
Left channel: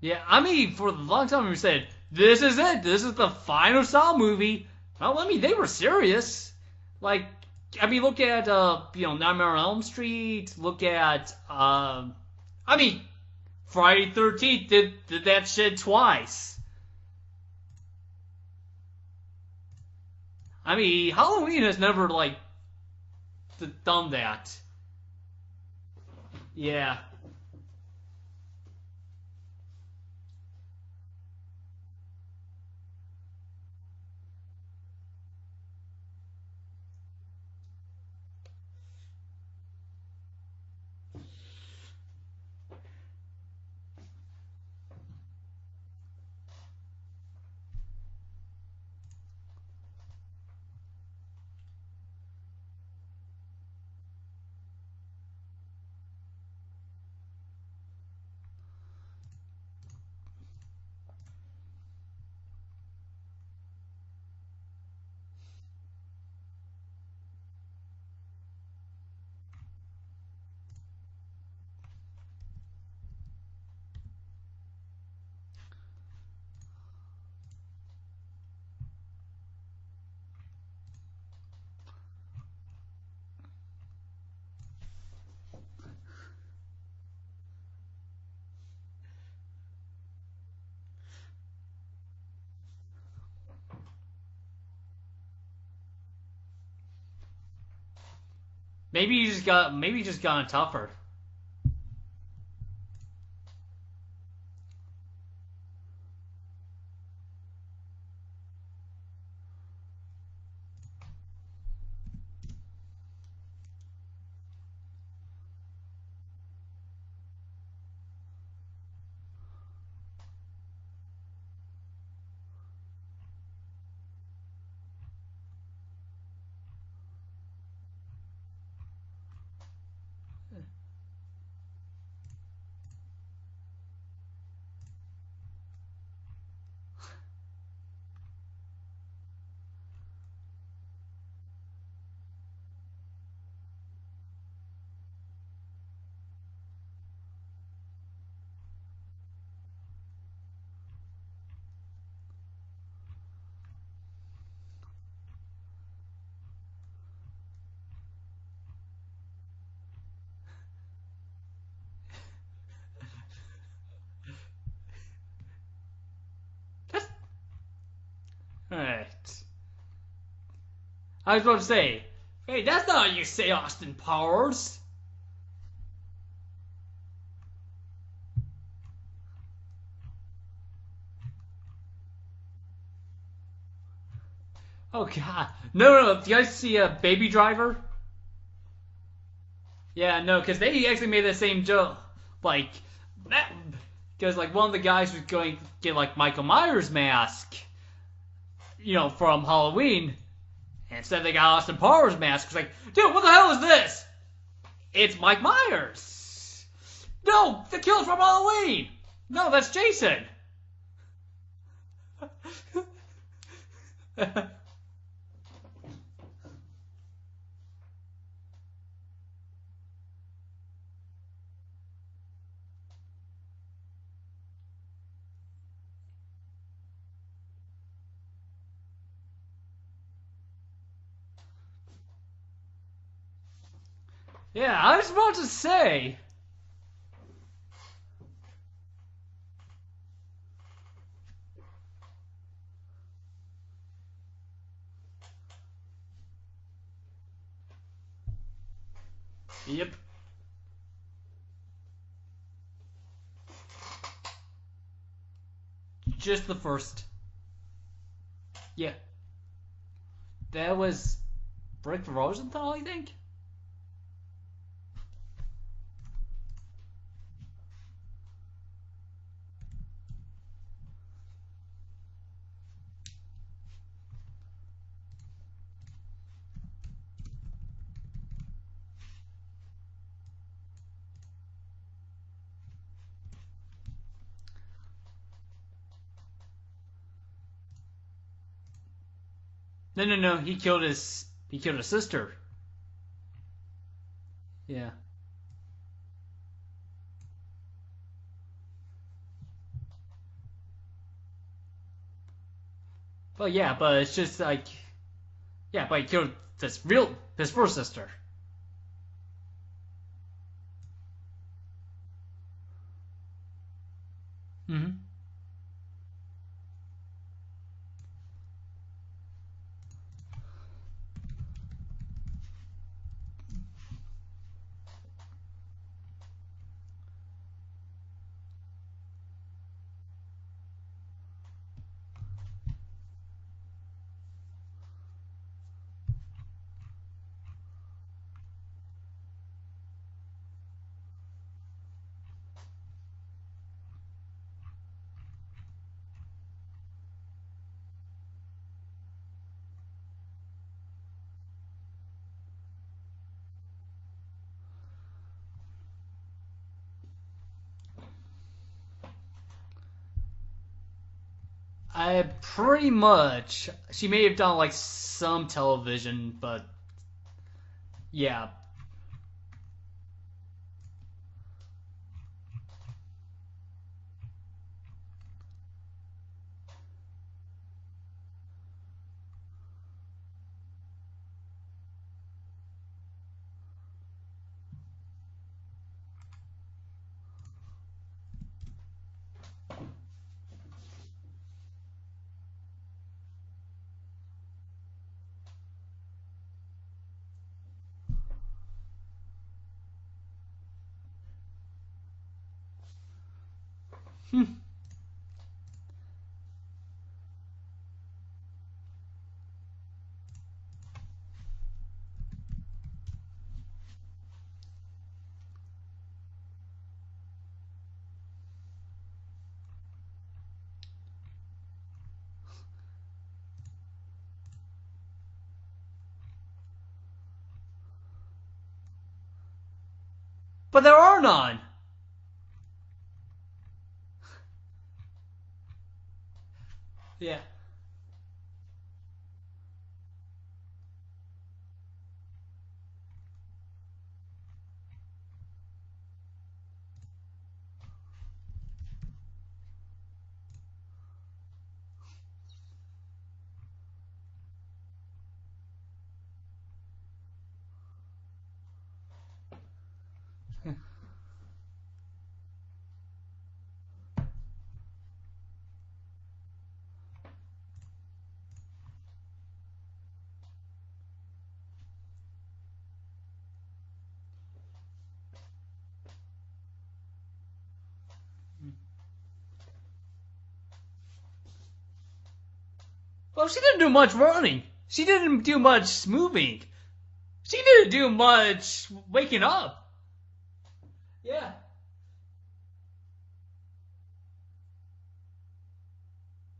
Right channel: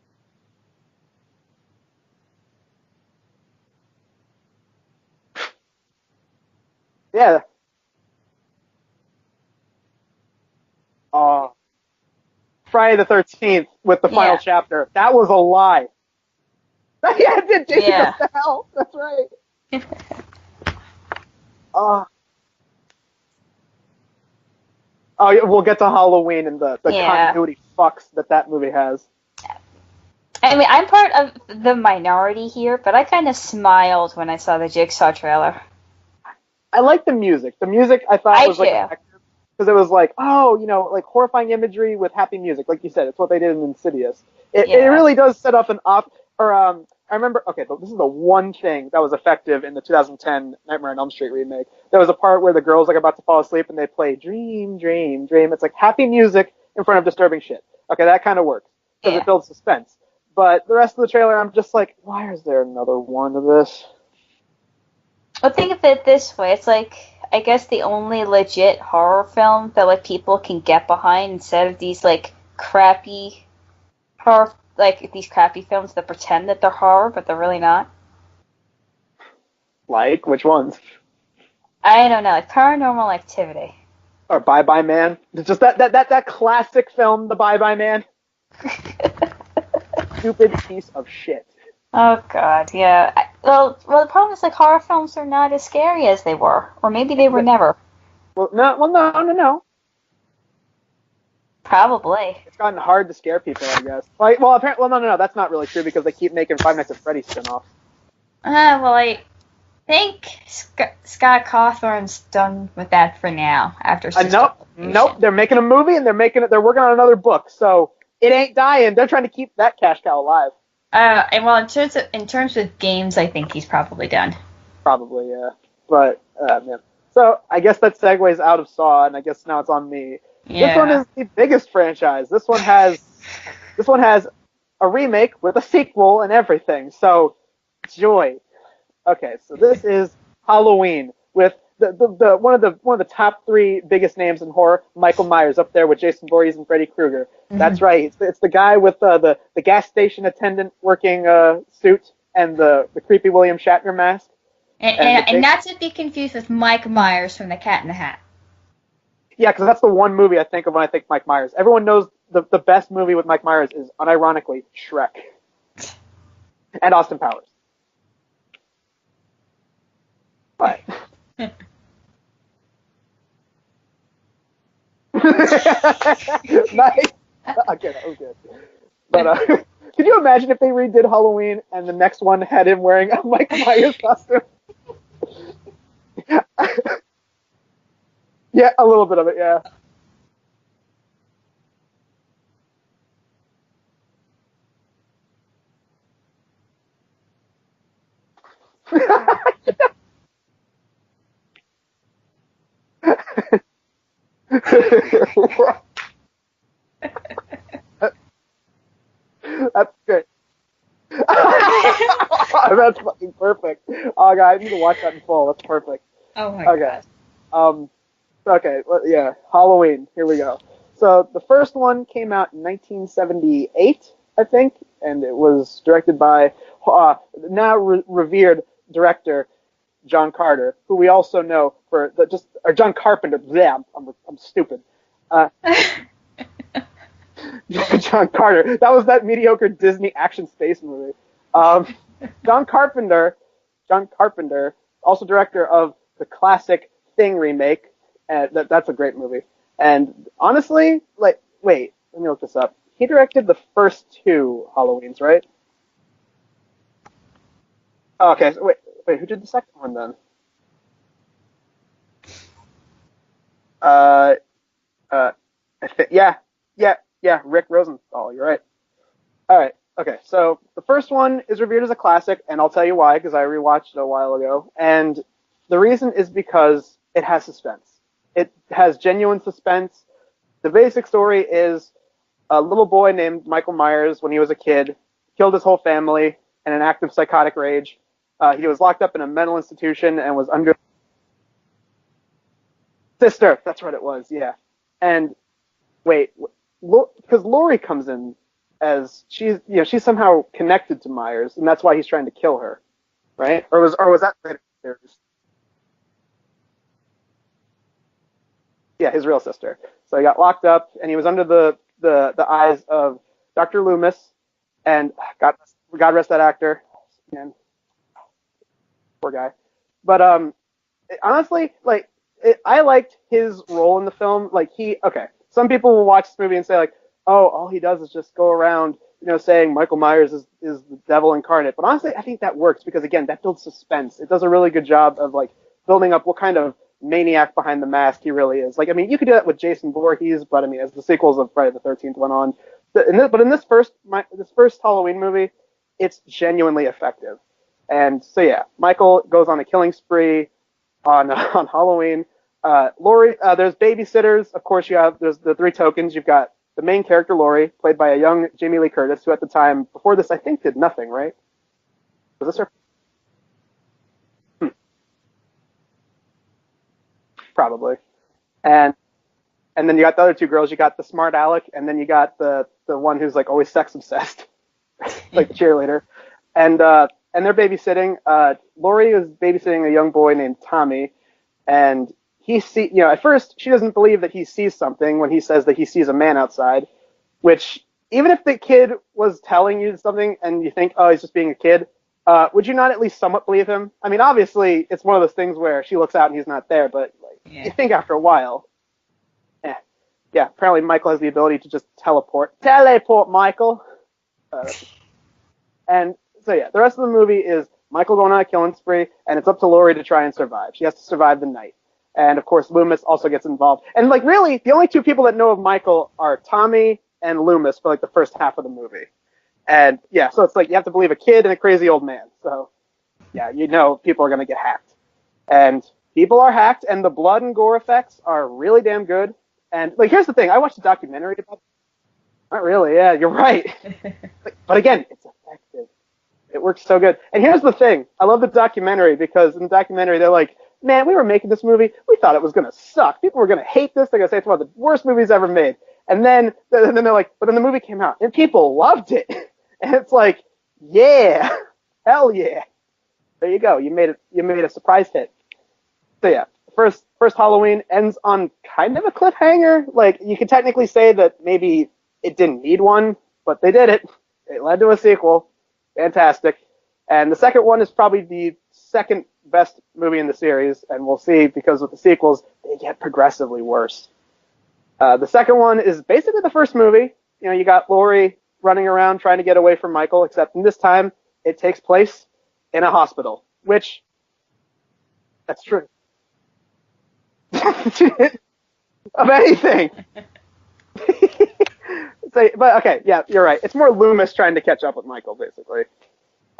Yeah, I mean, for a long time we said, this is it. This is the final Saw movie. Well, I mean, they were serious. Yeah. I mean, look at, Nightmare on Elm Street. Look at, Friday the 13th with the final chapter. That was a lie. Shit twice. Yeah, it did. Yeah. What the hell? That's right. I mean, Halloween has never, done that. Oh, yeah, we'll get to Halloween and the Yeah. continuity fucks that movie has. I mean, I'm part of the minority here, but I kind of smiled when I saw the Jigsaw trailer. I like the music. The music I thought was effective because it was horrifying imagery with happy music. Like you said, it's what they did in Insidious. It really does set up I remember, okay, this is the one thing that was effective in the 2010 Nightmare on Elm Street remake. There was a part where the girl's about to fall asleep and they play Dream, Dream, Dream. It's happy music in front of disturbing shit. Okay, that kind of works. because it builds suspense. But the rest of the trailer, I'm just like, why is there another one of this? Well, think of it this way. It's like, I guess the only legit horror film that like people can get behind instead of these like crappy horror, like these crappy films that pretend that they're horror but they're really not. Like, which ones? I don't know, like Paranormal Activity. Or Bye Bye Man? It's just that classic film, The Bye Bye Man. Stupid piece of shit. Oh God, yeah. Well, the problem is like horror films are not as scary as they were, or maybe they were never. No. Maybe it just gotten tougher. Probably. It's gotten hard to scare people, I guess. Like, well, apparently, no, that's not really true because they keep making Five Nights at Freddy's spin-offs. Well, I think Scott Cawthon's done with that for now. After nope. They're making a movie and they're working on another book, so it ain't dying. They're trying to keep that cash cow alive. And well, in terms of games, I think he's probably done. Probably, yeah. But man. So I guess that segues out of Saw, and I guess now it's on me. Yeah. This one is the biggest franchise. This one has a remake with a sequel and everything. So joy. Okay, so this is Halloween with the one of the top 3 biggest names in horror, Michael Myers, up there with Jason Voorhees and Freddy Krueger. Mm-hmm. That's right. It's the guy with the gas station attendant working suit and the creepy William Shatner mask. And not to be confused with Mike Myers from The Cat in the Hat. Yeah, because that's the one movie I think of when I think Mike Myers. Everyone knows the best movie with Mike Myers is, unironically, Shrek. And Austin Powers. Alright. But I was about to say, hey, that's not how you say Austin Powers. Nice. Okay, that was good. But could you imagine if they redid Halloween and the next one had him wearing a Mike Myers costume? Oh God, no. Did you guys see Baby Driver? Yeah, a little bit of it, yeah. Yeah, no, because they actually made the same joke, like that, because like one of the guys was going to get like Michael Myers mask, from Halloween. And instead they got Austin Powers mask. It's like, dude, what the hell is this? It's Mike Myers. No, the killer from Halloween. No, that's Jason. That's fucking perfect. Oh, God, I need to watch that in full. That's perfect. Oh, my God. Okay, well, yeah, Halloween. Here we go. So the first one came out in 1978, I think, and it was directed by now revered director John Carter, who we also know for or John Carpenter. Yeah, I'm stupid. Yeah, I was about to say. John Carter. That was that mediocre Disney action space movie. John Carpenter, also director of the classic Thing remake. That's a great movie. Yeah. And honestly, wait, let me look this up. He directed the first 2 Halloweens, right? Just the first. Oh, okay. So wait, who did the second one then? That was Rick Rosenthal, I think. Yeah, Rick Rosenthal. You're right. All right. Okay. So the first one is revered as a classic, and I'll tell you why, because I rewatched it a while ago, and the reason is because it has suspense. It has genuine suspense. The basic story is a little boy named Michael Myers, when he was a kid, killed his whole family in an act of psychotic rage. He was locked up in a mental institution and was he killed his sister. Sister, that's what it was. Yeah. Yeah. And wait, because Laurie comes in as she's somehow connected to Myers, and that's why he's trying to kill her, right? Yeah, was that like, yeah, but he killed his first sister. Yeah, his real sister. So he got locked up, and he was under the eyes of Dr. Loomis, mm-hmm. and God rest that actor. Man, poor guy. But honestly, I liked his role in the film. Some people will watch this movie and say like, oh, all he does is just go around, saying Michael Myers is the devil incarnate. But honestly, I think that works because again, that builds suspense. It does a really good job of building up what kind of maniac behind the mask he really is. You could do that with Jason Voorhees, but as the sequels of Friday the 13th went on, but in this first Halloween movie, it's genuinely effective. And so yeah, Michael goes on a killing spree on Halloween. Laurie, there's babysitters. Of course, there's the 3 tokens. You've got the main character, Laurie, played by a young Jamie Lee Curtis, who at the time, before this, I think did nothing, right? Pretty much. She may have done, like, some television, but... Probably. Yeah. And then you got the other two girls. You got the smart aleck, and then you got the one who's, like, always sex-obsessed, like the cheerleader. And they're babysitting. Laurie is babysitting a young boy named Tommy, and at first she doesn't believe that he sees something when he says that he sees a man outside, which even if the kid was telling you something and you think, oh, he's just being a kid, would you not at least somewhat believe him? I mean, obviously it's one of those things where she looks out and he's not there, but you think after a while, yeah. Apparently Michael has the ability to just teleport, Michael. And so yeah, the rest of the movie is Michael going on a killing spree, and it's up to Laurie to try and survive. She has to survive the night. And, of course, Loomis also gets involved. And, like, really, the only two people that know of Michael are Tommy and Loomis for, like, the first half of the movie. And, yeah, so it's like you have to believe a kid and a crazy old man. So, yeah, you know people are going to get hacked. And people are hacked, and the blood and gore effects are really damn good. And, like, here's the thing. I watched But there are none. Not really, yeah, you're right. But, again, it's effective. It works so good. Yeah. And here's the thing. I love the documentary because in the documentary they're like, man, we were making this movie. We thought it was going to suck. People were going to hate this. They're going to say it's one of the worst movies ever made. And then they're like, but then the movie came out and people loved it. And it's like, yeah, hell yeah. There you go. You made a surprise hit. So yeah, first Halloween ends on kind of a cliffhanger. Like you could technically say that maybe it didn't need one, but they did it. It led to a sequel. Fantastic. And the second one is probably the second best movie in the series, and we'll see because with the sequels, they get progressively worse. The second one is basically the first movie. You know, you got Laurie running around trying to get away from Michael, except in this time, it takes place in a hospital. Well, she didn't do much running. She didn't do much moving. She didn't do much... of anything. But, okay, yeah, you're right. It's more Loomis trying to catch up with Michael, basically.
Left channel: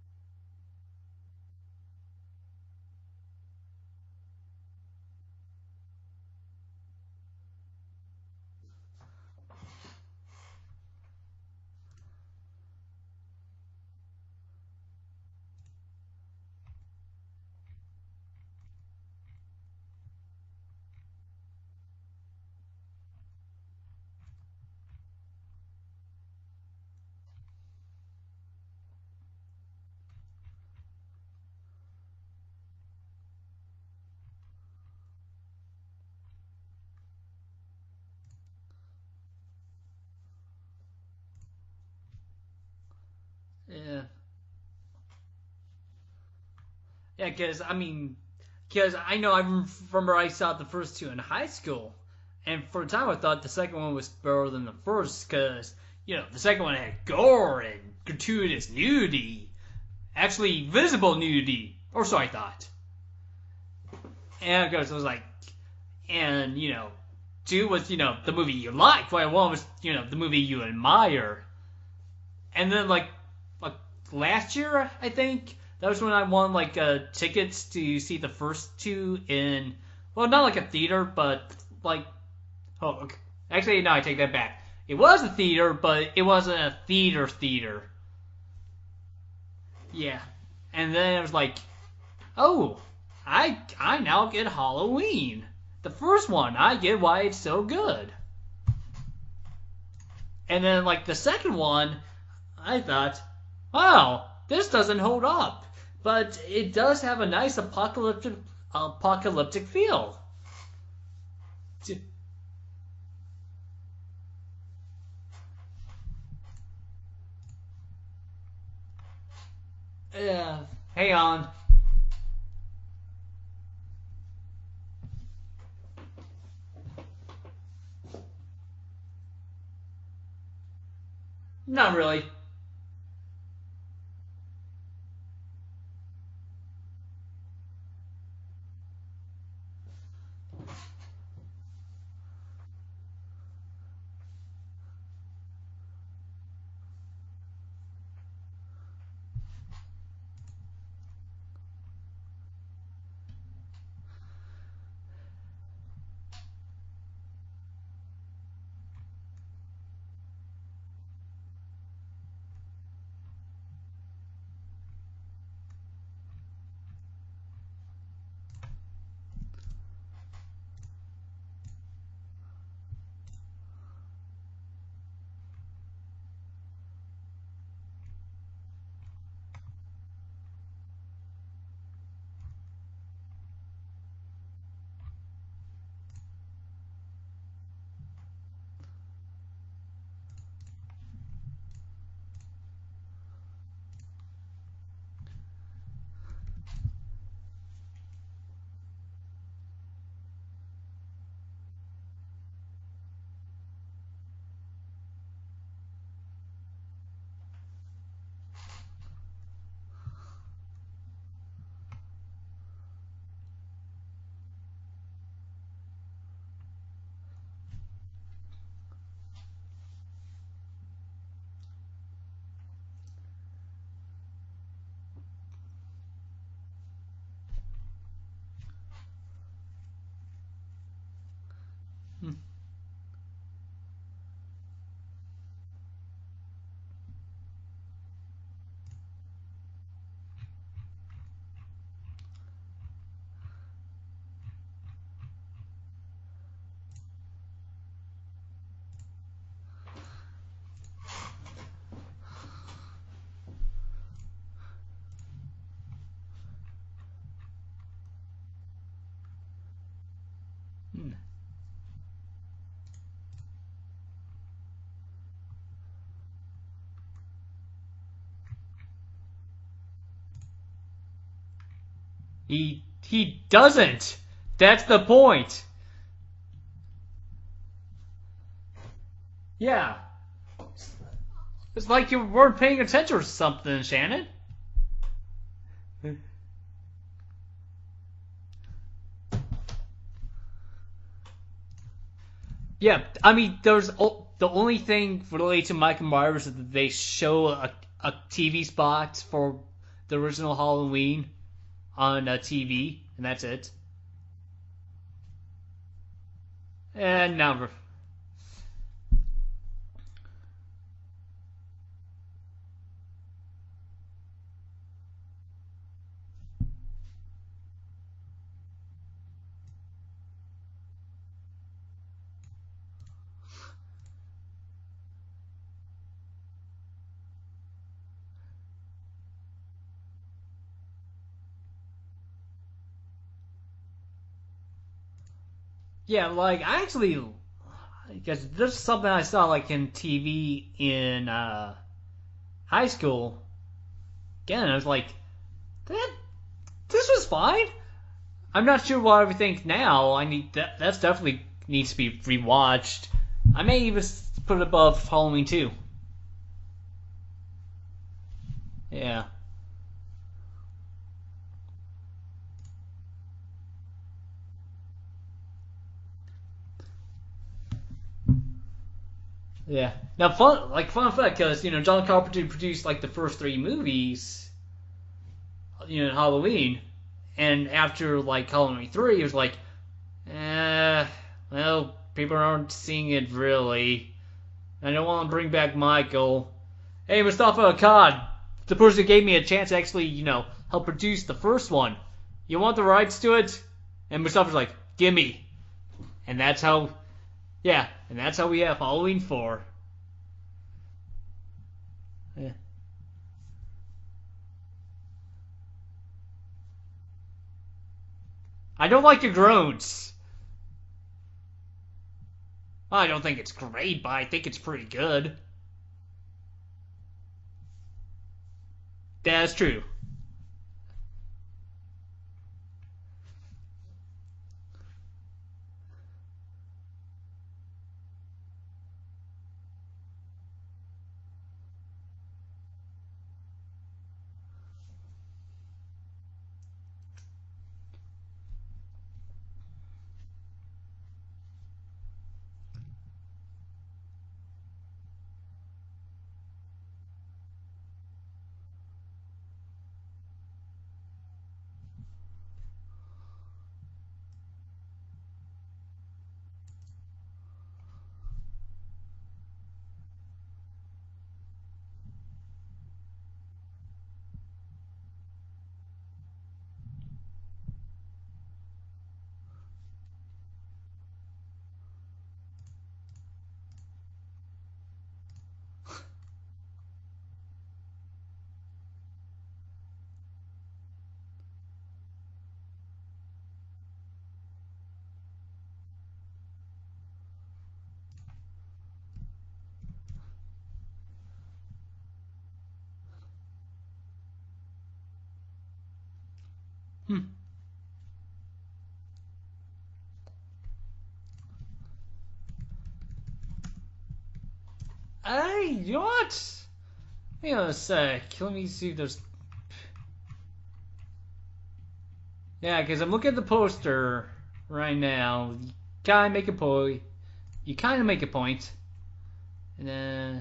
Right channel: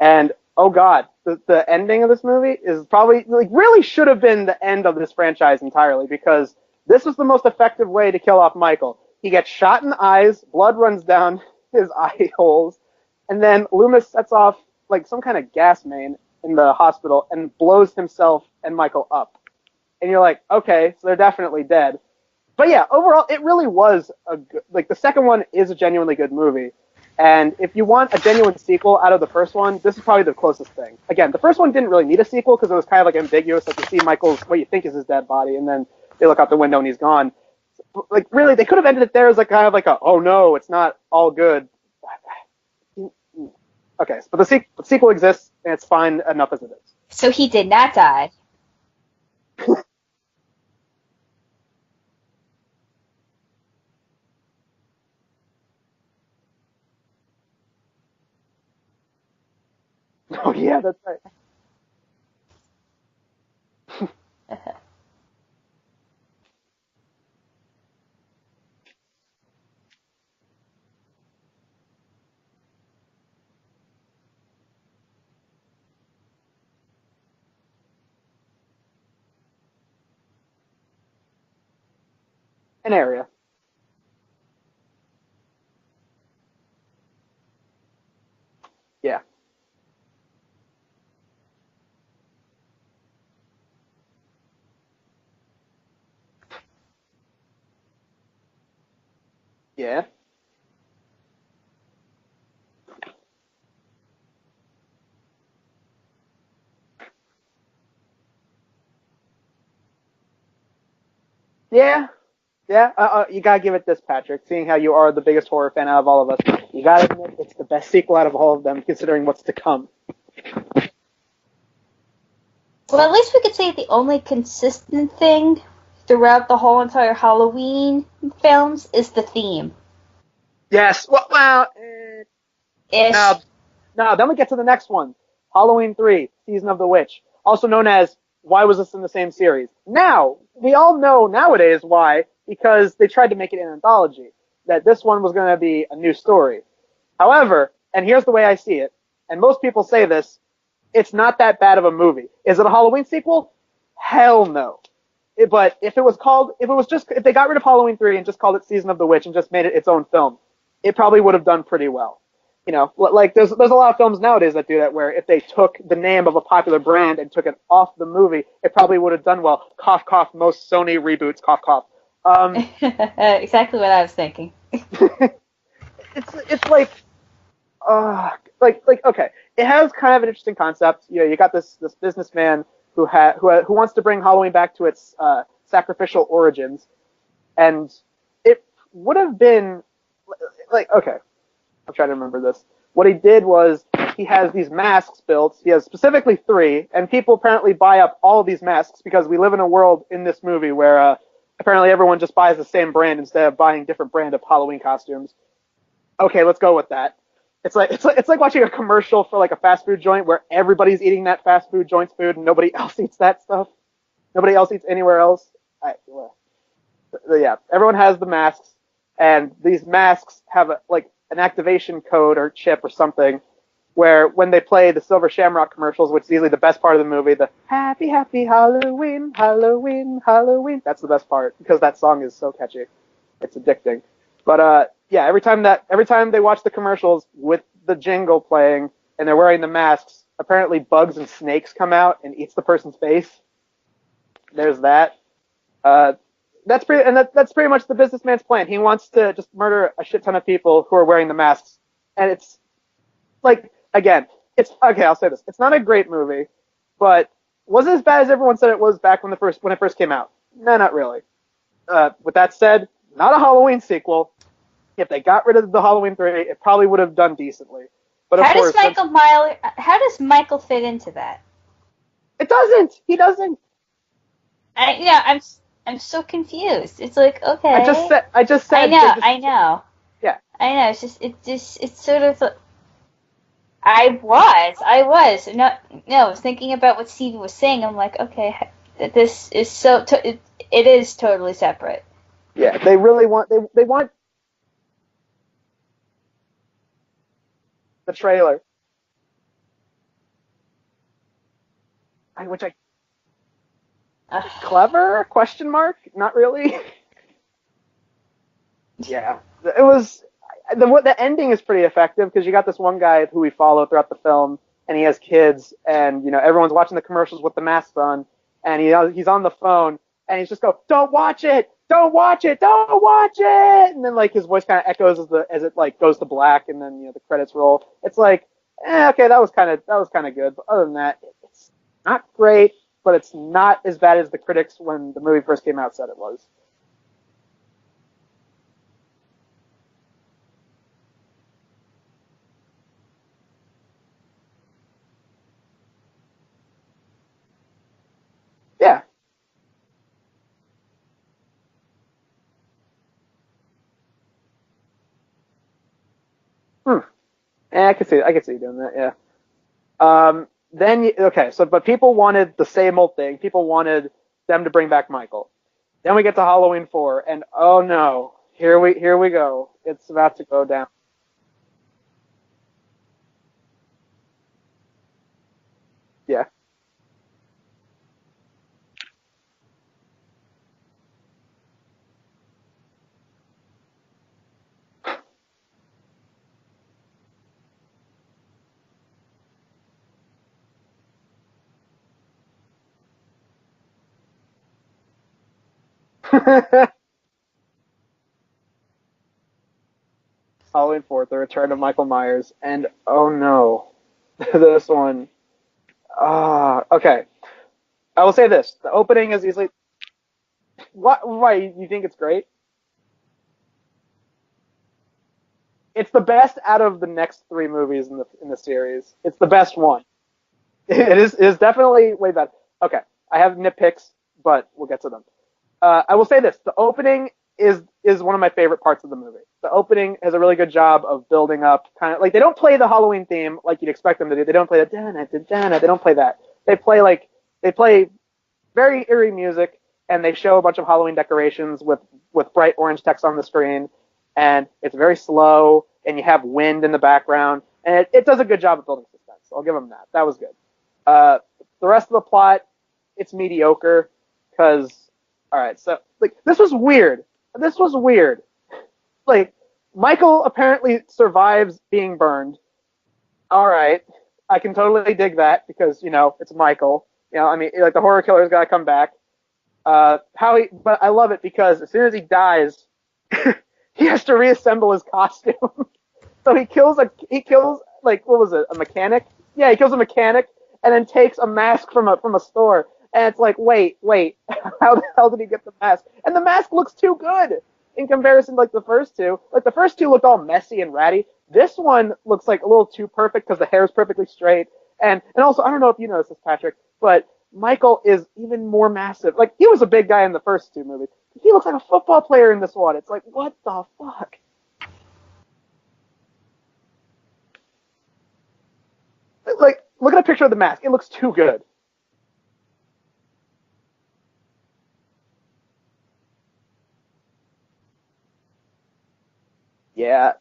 And, oh god, the ending of this movie is probably, like, really should have been the end of this franchise entirely, because this was the most effective way to kill off Michael. He gets shot in the eyes, blood runs down his eye holes, and then Loomis sets off, like, some kind of gas main in the hospital and blows himself and Michael up. And you're like, okay, so they're definitely dead. But yeah, overall, it really was the second one is a genuinely good movie. And if you want a genuine sequel out of the first one, this is probably the closest thing. Again, the first one didn't really need a sequel because it was kind of like ambiguous. Like you see Michael's, what you think is his dead body, and then they look out the window and he's gone. Like really, they could have ended it there as like kind of like a, oh no, it's not all good. Yeah. Okay, but the sequel exists and it's fine enough as it is. So he did not die. Because I know I remember I saw the first two in high school, and for a time I thought the second one was better than the first because, you know, the second one had gore and gratuitous nudity. Actually, visible nudity. Or so I thought. And because it was like, and, you know, two was, you know, the movie you like, while one was, you know, the movie you admire. And then, like last year, I think, that was when I won, like, tickets to see the first two in, well, not like a theater, but, like... An area. Actually, no, I take that back. It was a theater, but it wasn't a theater. Yeah. Yeah. And then it was like, oh, I now get Halloween. The first one, I get why it's so good. Yeah. And then, like, the second one, I thought, wow, this doesn't hold up. But it does have a nice apocalyptic feel. Yeah. Yeah, you gotta give it this, Patrick. Seeing how you are the biggest horror fan out of all of us, you gotta admit it's the best sequel out of all of them, considering what's to come. Yeah, hang on. Well, at least we could say the only consistent thing throughout the whole entire Halloween films is the theme. Yes, well, not really. Ish. No, then we get to the next one. Halloween 3, Season of the Witch, also known as why was this in the same series? Now, we all know nowadays why, because they tried to make it an anthology, that this one was going to be a new story. However, and here's the way I see it, and most people say this, it's not that bad of a movie. Is it a Halloween sequel? Hell no. But if they got rid of Halloween 3 and just called it Season of the Witch and just made it its own film, it probably would have done pretty well. You know, like there's a lot of films nowadays that do that, where if they took the name of a popular brand and took it off the movie, it probably would have done well. Cough, cough. Most Sony reboots. Cough, cough. Exactly what I was thinking. It's like okay, it has kind of an interesting concept. You know, you got this businessman who wants to bring Halloween back to its sacrificial origins, and it would have been like, okay, I'm trying to remember this. What he did was he has these masks built. He has specifically 3, and people apparently buy up all of these masks because we live in a world in this movie where apparently everyone just buys the same brand instead of buying different brand of Halloween costumes. Okay, let's go with that. It's like watching a commercial for like a fast food joint where everybody's eating that fast food joint's food and nobody else eats that stuff. Nobody else eats anywhere else. Yeah, everyone has the masks, and these masks have an activation code or chip or something where when they play the Silver Shamrock commercials, which is easily the best part of the movie, the Happy Happy Halloween, Halloween, Halloween, that's the best part because that song is so catchy. It's addicting. But yeah, every time they watch the commercials with the jingle playing and they're wearing the masks, apparently bugs and snakes come out and eats the person's face. There's that. That's pretty much the businessman's plan. He wants to just murder a shit ton of people who are wearing the masks, and it's like, again, it's okay. I'll say this: it's not a great movie, but was it as bad as everyone said it was back when it first came out? No, not really. With that said, not a Halloween sequel. If they got rid of the Halloween 3, it probably would have done decently. But of course, how does Michael fit into that? It doesn't. He doesn't. Doesn't. That's the point. I'm so confused. It's like, okay. I just said. I know. Yeah. I know. It's like sort you of weren't paying attention or something. I was. No, I was thinking about what Stevie was saying. I'm like, okay, this is it is totally separate. Yeah, they really want. The only thing related to Michael Myers is that they show a TV spot for the original Halloween on TV, and that's it. Clever? Question mark? Not really. No. Yeah, it was. The ending is pretty effective because you got this one guy who we follow throughout the film, and he has kids, and everyone's watching the commercials with the masks on, and he's on the phone, and he's just go, "Don't watch it! Don't watch it! Don't watch it!" And then like his voice kind of echoes as it like goes to black, and then the credits roll. It's like, okay, that was kind of good, but other than that, it's not great. But it's not as bad as the critics when the movie first came out said it was. Like I actually, because there's something I saw like in TV in high school. Again, I was like, this was fine. I'm not sure what I think now. That's definitely needs to be rewatched. I may even put it above Halloween 2. I could see you doing that. Yeah. But people wanted the same old thing. People wanted them to bring back Michael. Then we get to Halloween 4, and oh no, here we go. Yeah. It's about to go down. Like fun fact, because John Carpenter produced like the first 3 movies, Halloween, and after like Halloween 3, he was like, well, people aren't seeing it really. I don't want to bring back Michael. Hey, Mustafa Akkad, the person who gave me a chance to actually, help produce the first one. You want the rights to it? And Mustafa's like, gimme. And that's how, and that's how we have Halloween 4. Halloween 4, The Return of Michael Myers, and oh no, this one. Okay. I will say this. I don't like the drones. Why? You think it's great? I don't think it's great, but I think it's pretty good. It's the best out of the next 3 movies in the series. It's the best one. It is definitely way better. Okay, I have nitpicks, but we'll get to them. I will say this: the opening is one of my favorite parts of the movie. The opening has a really good job of building up, kind of like they don't play the Halloween theme like you'd expect them to do. They don't play the da-na-da-da-na. They don't play that. They play very eerie music, and they show a bunch of Halloween decorations with bright orange text on the screen, and it's very slow, and you have wind in the background, and it does a good job of building suspense. So I'll give them that. That was good. The rest of the plot, it's mediocre because all right. So like this was weird. This was weird. Like Michael apparently survives being burned. All right, I can totally dig that because it's Michael. I mean, like the horror killer's got to come back. But I love it because as soon as he dies, he has to reassemble his costume. So he kills like what was it, a mechanic? Yeah, he kills a mechanic and then takes a mask from a store. And it's like, wait, how the hell did he get the mask? And the mask looks too good in comparison to like the first two. Like the first two looked all messy and ratty. This one looks like a little too perfect because the hair is perfectly straight. And also, I don't know if you noticed this, Patrick, but Michael is even more massive. Like he was a big guy in the first two movies. He looks like a football player in this one. It's like, what the fuck? Hey, you know what? Hang on a sec. Let me see if there's... Like, look at a picture of the mask. It looks too good. Yeah, because I'm looking at the poster right now. You kind of make a point. And then, yeah.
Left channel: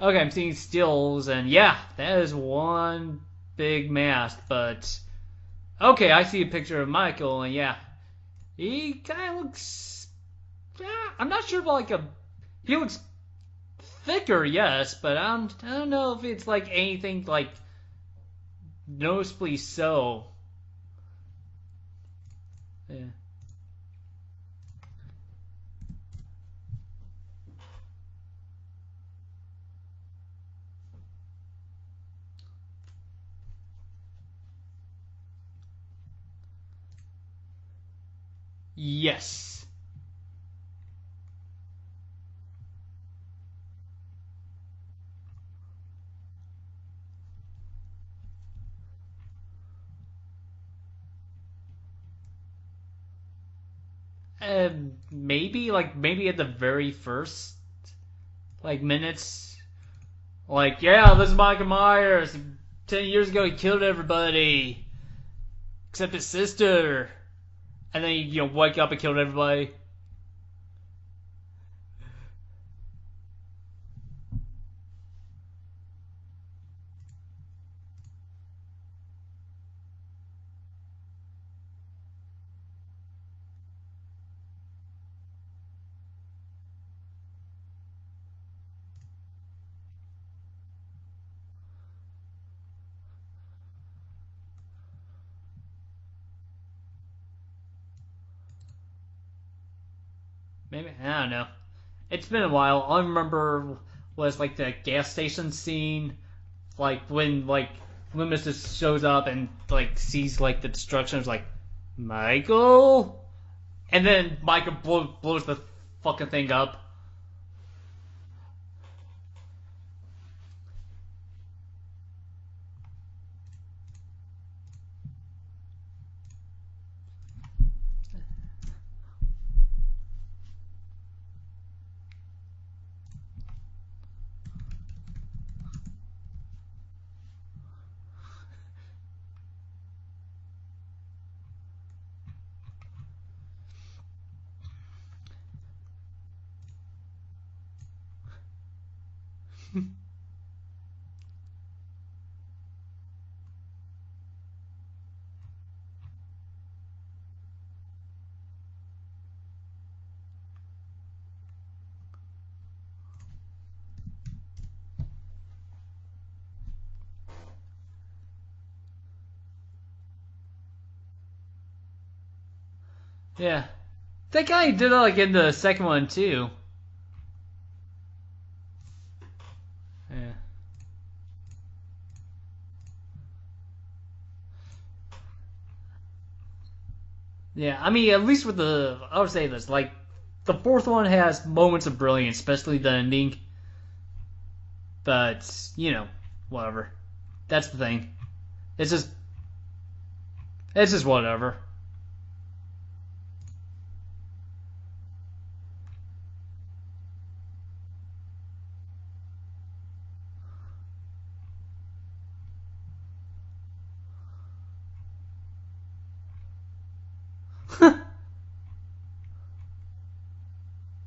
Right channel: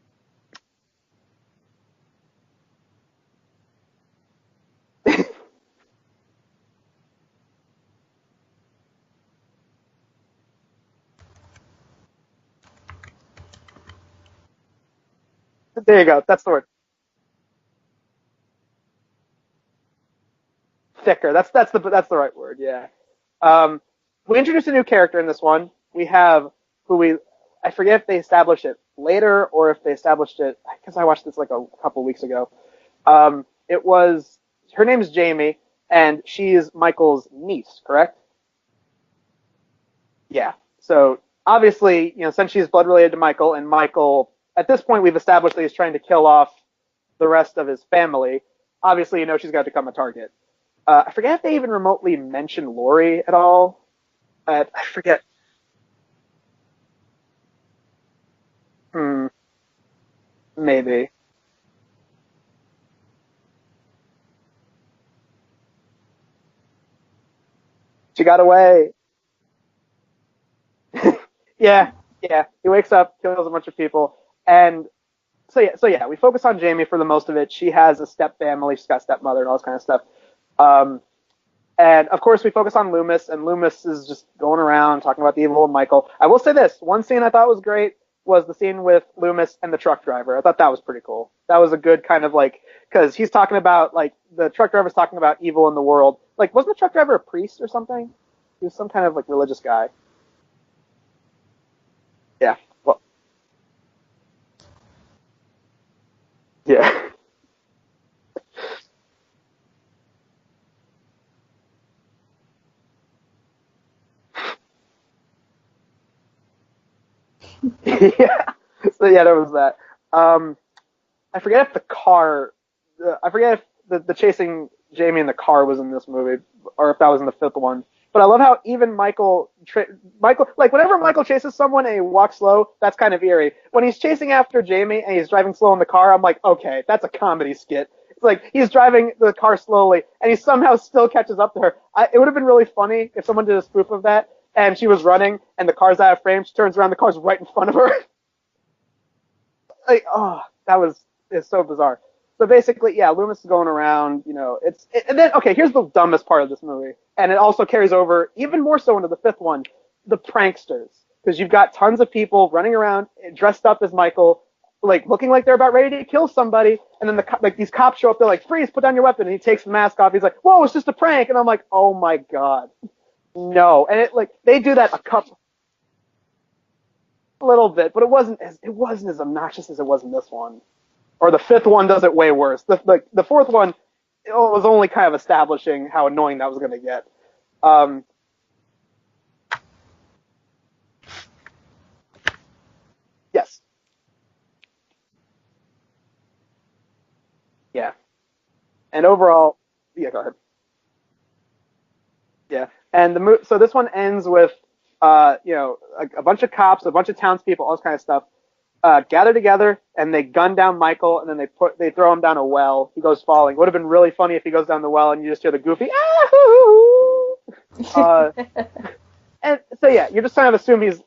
Okay, I'm seeing stills, and yeah, that is one big mask, but... Okay, I see a picture of Michael, and yeah, he kind of looks... Yeah, I'm not sure about, like, he looks thicker, yes, but I don't there you know go. if That's it's, the like, word. anything, like, noticeably so. Thicker. That's the right word, yeah. We introduced a new character in this one. We have I forget if they established it later or if they established it, because I watched this like a couple weeks ago. Her name is Jamie, and she is Michael's niece, correct? Yes. Yeah. So obviously, since she's blood related to Michael, and Michael, at this point, we've established that he's trying to kill off the rest of his family. Obviously, she's got to become a target. I forget if they even remotely mention Lori at all. I forget. Maybe at the very first, minutes. Maybe. Yeah, this is Michael Myers. 10 years ago, he killed everybody. Except his sister. And then She got away. Wake up and killed everybody. Yeah. He wakes up, kills a bunch of people. And so yeah, we focus on Jamie for the most of it. She has a step family. She's got a stepmother and all this kind of stuff. And of course, we focus on Loomis, and Loomis is just going around talking about the evil of Michael. I will say this: one scene I thought was great was the scene with Loomis and the truck driver. I thought that was pretty cool. That was a good kind of because he's talking about the truck driver's talking about evil in the world. Like, wasn't the truck driver a priest or something? He was some kind of religious guy. Maybe, I don't know. It's been a while. All I remember was the gas station scene. Yeah. When Loomis just shows up and sees the destruction. It's like, Michael, and then Michael blows the fucking thing up. Yeah. So yeah, there was that. I forget if the chasing Jamie in the car was in this movie, or if that was in the fifth one. But I love how even Michael, whenever Michael chases someone and he walks slow, that's kind of eerie. When he's chasing after Jamie and he's driving slow in the car, I'm like, okay, that's a comedy skit. It's like he's driving the car slowly and he somehow still catches up to her. It would have been really funny if someone did a spoof of that and she was running and the car's out of frame. She turns around, the car's right in front of her. It's so bizarre. So basically, yeah, Loomis is going around, and then, okay, here's the dumbest part of this movie, and it also carries over even more so into the fifth one, the pranksters, because you've got tons of people running around dressed up as Michael, looking like they're about ready to kill somebody, and then these cops show up, they're like, freeze, put down your weapon, and he takes the mask off, he's like, whoa, it's just a prank, and I'm like, oh my god. Yeah. No, and they do that in the second one too. A little bit, but it wasn't as obnoxious as it was in this one. Or the fifth one does it way worse. The fourth one was only kind of establishing how annoying that was going to get. Yeah, I mean, at least with I would say this, the fourth one has moments of brilliance, especially the ending. Yes. But, whatever. That's the thing. It's just, and overall, yeah, go ahead. It's just whatever. Yeah, and so this one ends with, a bunch of cops, a bunch of townspeople, all this kind of stuff, gather together and they gun down Michael and then they throw him down a well. He goes falling. It would have been really funny if he goes down the well and you just hear the goofy and so yeah, you're just kind of assume he's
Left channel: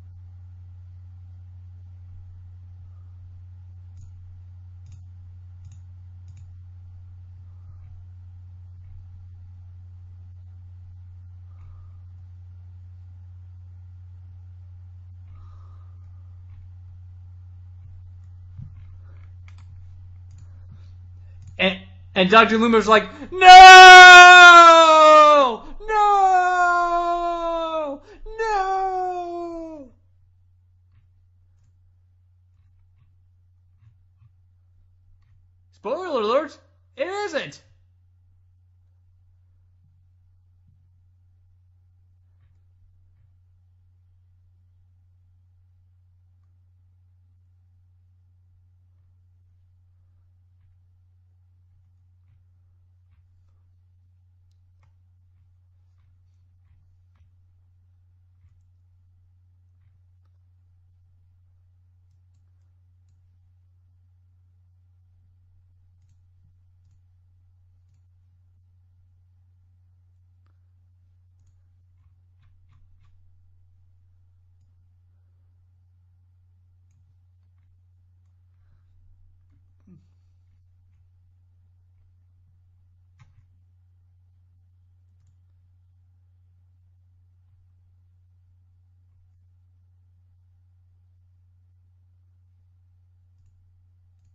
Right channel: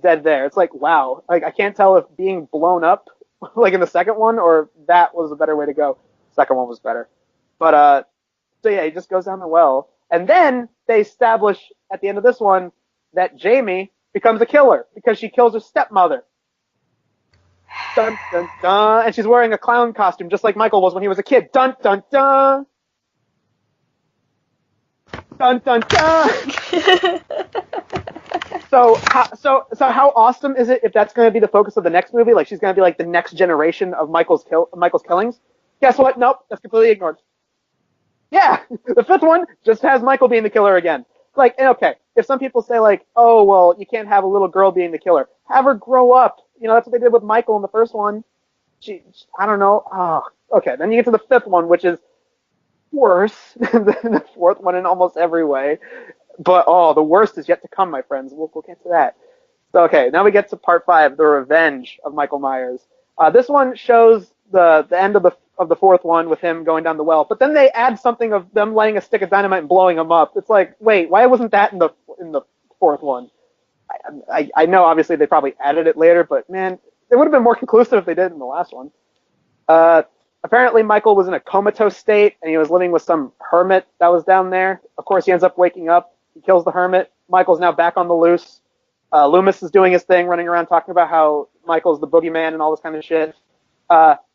dead there. It's like, wow, I can't tell if being blown up in the second one or that was a better way to go. The second one was better. But so yeah, he just goes down the well, and then they establish at the end of this one that Jamie becomes a killer because she kills her stepmother. Dun dun dun, and she's wearing a clown costume just like Michael was when he was a kid. Dun dun dun. And Dr. Loomer's like, no! Dun dun dun. So how awesome is it if that's going to be the focus of the next movie? Like she's going to be like the next generation of Michael's killings. Guess what? Nope, that's completely ignored. It isn't. Yeah, the fifth one just has Michael being the killer again. Like, okay, if some people say like, oh well, you can't have a little girl being the killer, have her grow up. You know, that's what they did with Michael in the first one. I don't know. Oh, okay, then you get to the fifth one, which is worse than the fourth one in almost every way. But the worst is yet to come, my friends. We'll get to that. So okay, now we get to part 5, the revenge of Michael Myers. This one shows the end of the fourth one with him going down the well, but then they add something of them lighting a stick of dynamite and blowing him up. It's like, wait, why wasn't that in the fourth one? I know obviously they probably added it later, but man, it would have been more conclusive if they did in the last one. Apparently Michael was in a comatose state and he was living with some hermit that was down there. Of course, he ends up waking up. He kills the hermit. Michael's now back on the loose. Loomis is doing his thing, running around talking about how Michael's the boogeyman and all this kind of shit.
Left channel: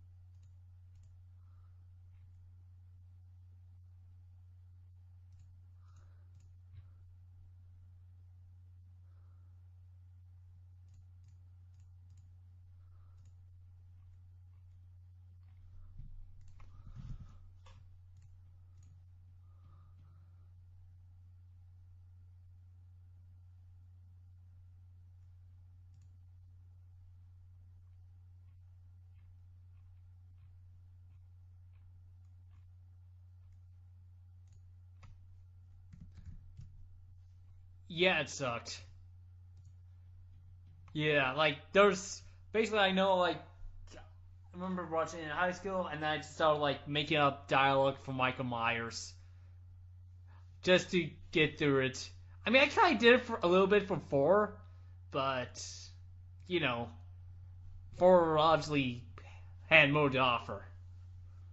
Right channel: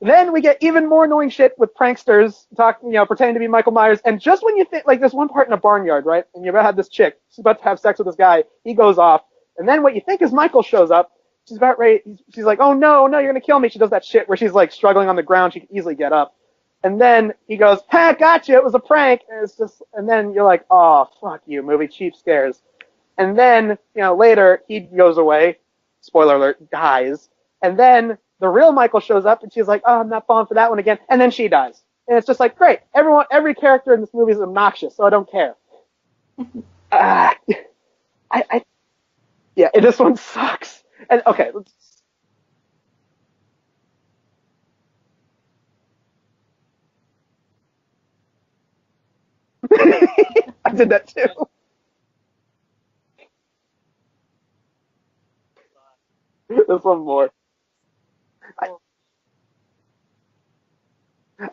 Then we get even more annoying shit with pranksters pretending to be Michael Myers. And just when you think, like, there's one part in a barnyard, right? And you're about to have this chick. She's about to have sex with this guy. He goes off. And then what you think is Michael shows up. She's about ready. She's like, oh, no, you're going to kill me. She does that shit where she's, like, struggling on the ground. She can easily get up. And then he goes, ha, gotcha. It was a prank. And then you're like, oh, fuck you, movie. Cheap scares. And then, later, he goes away. Spoiler alert, dies. And then the real Michael shows up, and she's like, oh, I'm not falling for that one again. And then she dies. And it's just like, great. Every character in this movie is obnoxious, so I don't care. Yeah, it sucked. This one sucks. Yeah, and, okay. Like, there's basically, I know, like, I remember watching it in high school, and then I just started, like, making up dialogue for Michael Myers. I did that too. Get through it. I mean, I kind of did it for a little bit for 4, but, There's one more. 4 obviously had more to offer.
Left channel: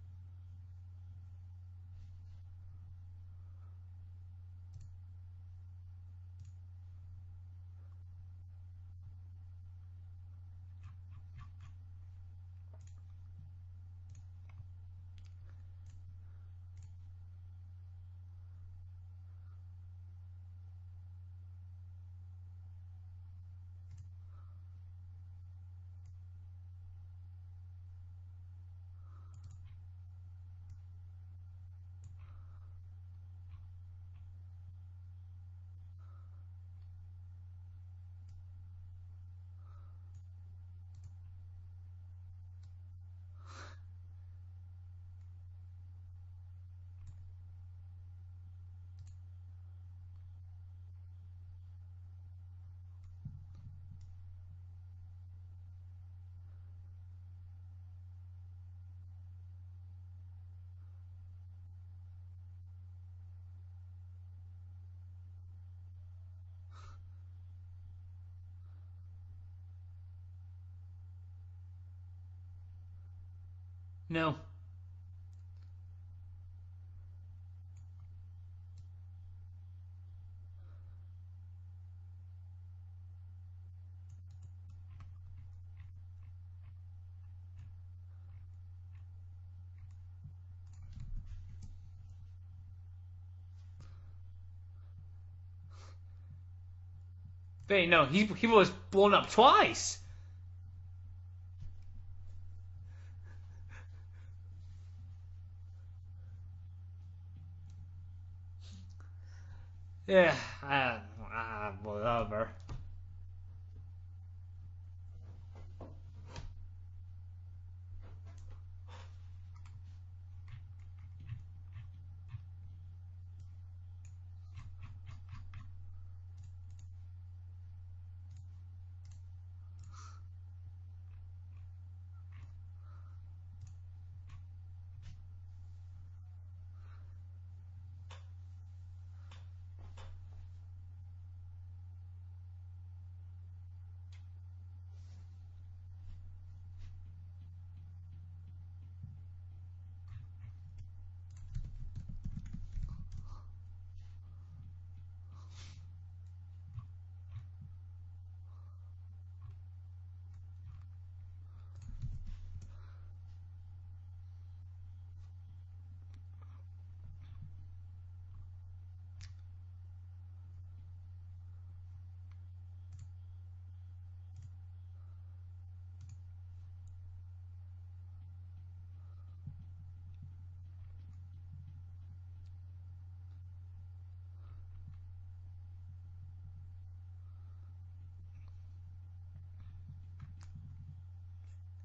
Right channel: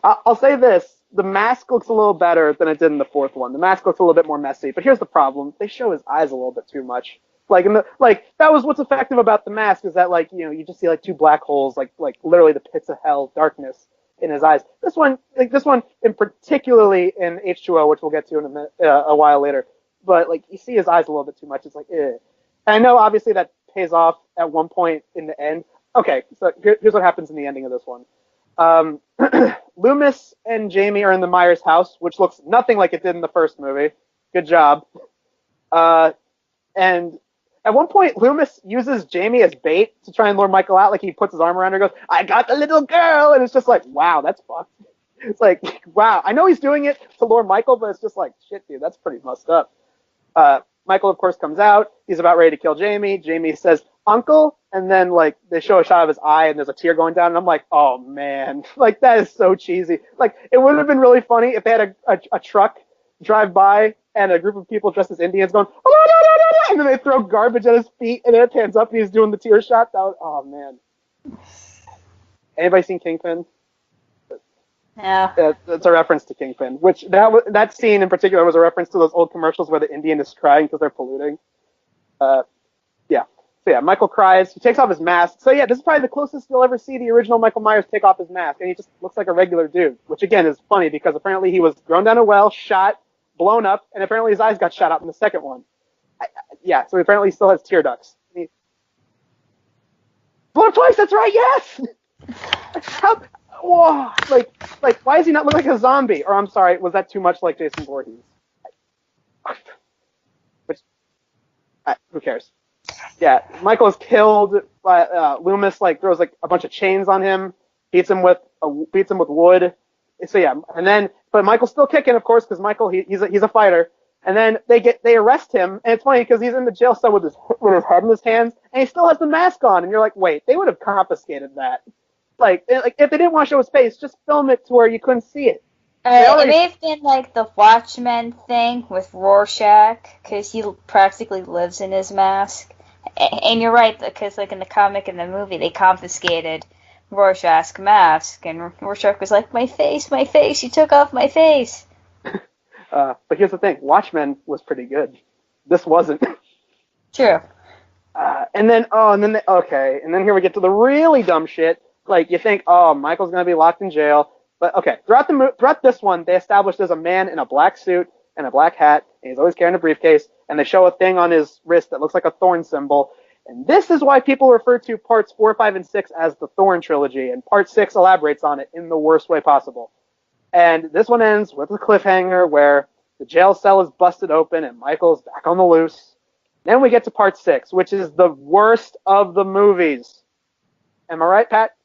I'll say this. The mask looks a little better than it did in the fourth one. The mask looks a little bit more messy. But here's the problem. They show his eyes a little bit too much. That was what's effective about the mask is that, like, you just see, like, 2 black holes, like literally the pits of hell, darkness in his eyes. This one in particularly in H2O, which we'll get to in a minute, a while later. But, like, you see his eyes a little bit too much. It's like, eh. And I know, obviously, that pays off at one point in the end. Okay, so here's what happens in the ending of this one. Loomis and Jamie are in the Myers house, which looks nothing like it did in the first movie. Good job. And at one point, Loomis uses Jamie as bait to try and lure Michael out. Like, he puts his arm around her and goes, I got the little girl! And it's just like, wow, that's fucked. It's like, wow. I know he's doing it to lure Michael, but it's just like, shit, dude, that's pretty messed up. Michael, of course, comes out. He's about ready to kill Jamie. Jamie says, Uncle, and then, like, they show a shot of his eye, and there's a tear going down, and I'm like, oh, man. Like, that is so cheesy. Like, it would have been really funny if they had a truck drive by, and a group of people dressed as Indians going, oh, and then they throw garbage at his feet, and then it pans up, and he's doing the tear shot. Oh, man. Anybody seen Kingpin? No. Yeah. That's a reference to Kingpin, which that scene in particular was a reference to those old commercials where the Indian is crying because they're polluting. So yeah, Michael cries. He takes off his mask. So yeah, this is probably the closest you'll ever see the original Michael Myers take off his mask, and he just looks like a regular dude, which again is funny because apparently he was thrown down a well, shot, blown up, and apparently his eyes got shot out in the second one. So apparently he still has tear ducts. No, he was blown up twice. Blown up twice? That's right, yes! How... Whoa, like, why does he not look like a zombie? Or, I'm sorry, was that too much like Jason Voorhees? Yeah. Who cares? Yeah, Michael is killed by Loomis. Like, throws like a bunch of chains on him, beats him with wood. So yeah, but Michael's still kicking, of course, because Michael he's a fighter. And then they arrest him, and it's funny because he's in the jail cell with his head in his hands, and he still has the mask on, and you're like, wait, they would have confiscated that. Like if they didn't want to show his face, just film it to where you couldn't see it. It may have been like the Watchmen thing with Rorschach, because he practically lives in his mask. And you're right, because like in the comic and the movie, they confiscated Rorschach's mask, and Rorschach was like, my face, you took off my face. But here's the thing, Watchmen was pretty good. This wasn't. True. And then here we get to the really dumb shit. Like, you think, oh, Michael's gonna be locked in jail. But, okay, throughout this one, they established there's a man in a black suit and a black hat, and he's always carrying a briefcase, and they show a thing on his wrist that looks like a thorn symbol. And this is why people refer to parts 4, 5, and 6 as the Thorn trilogy, and part 6 elaborates on it in the worst way possible. And this one ends with a cliffhanger where the jail cell is busted open and Michael's back on the loose. Then we get to part 6, which is the worst of the movies. Am I right, Pat?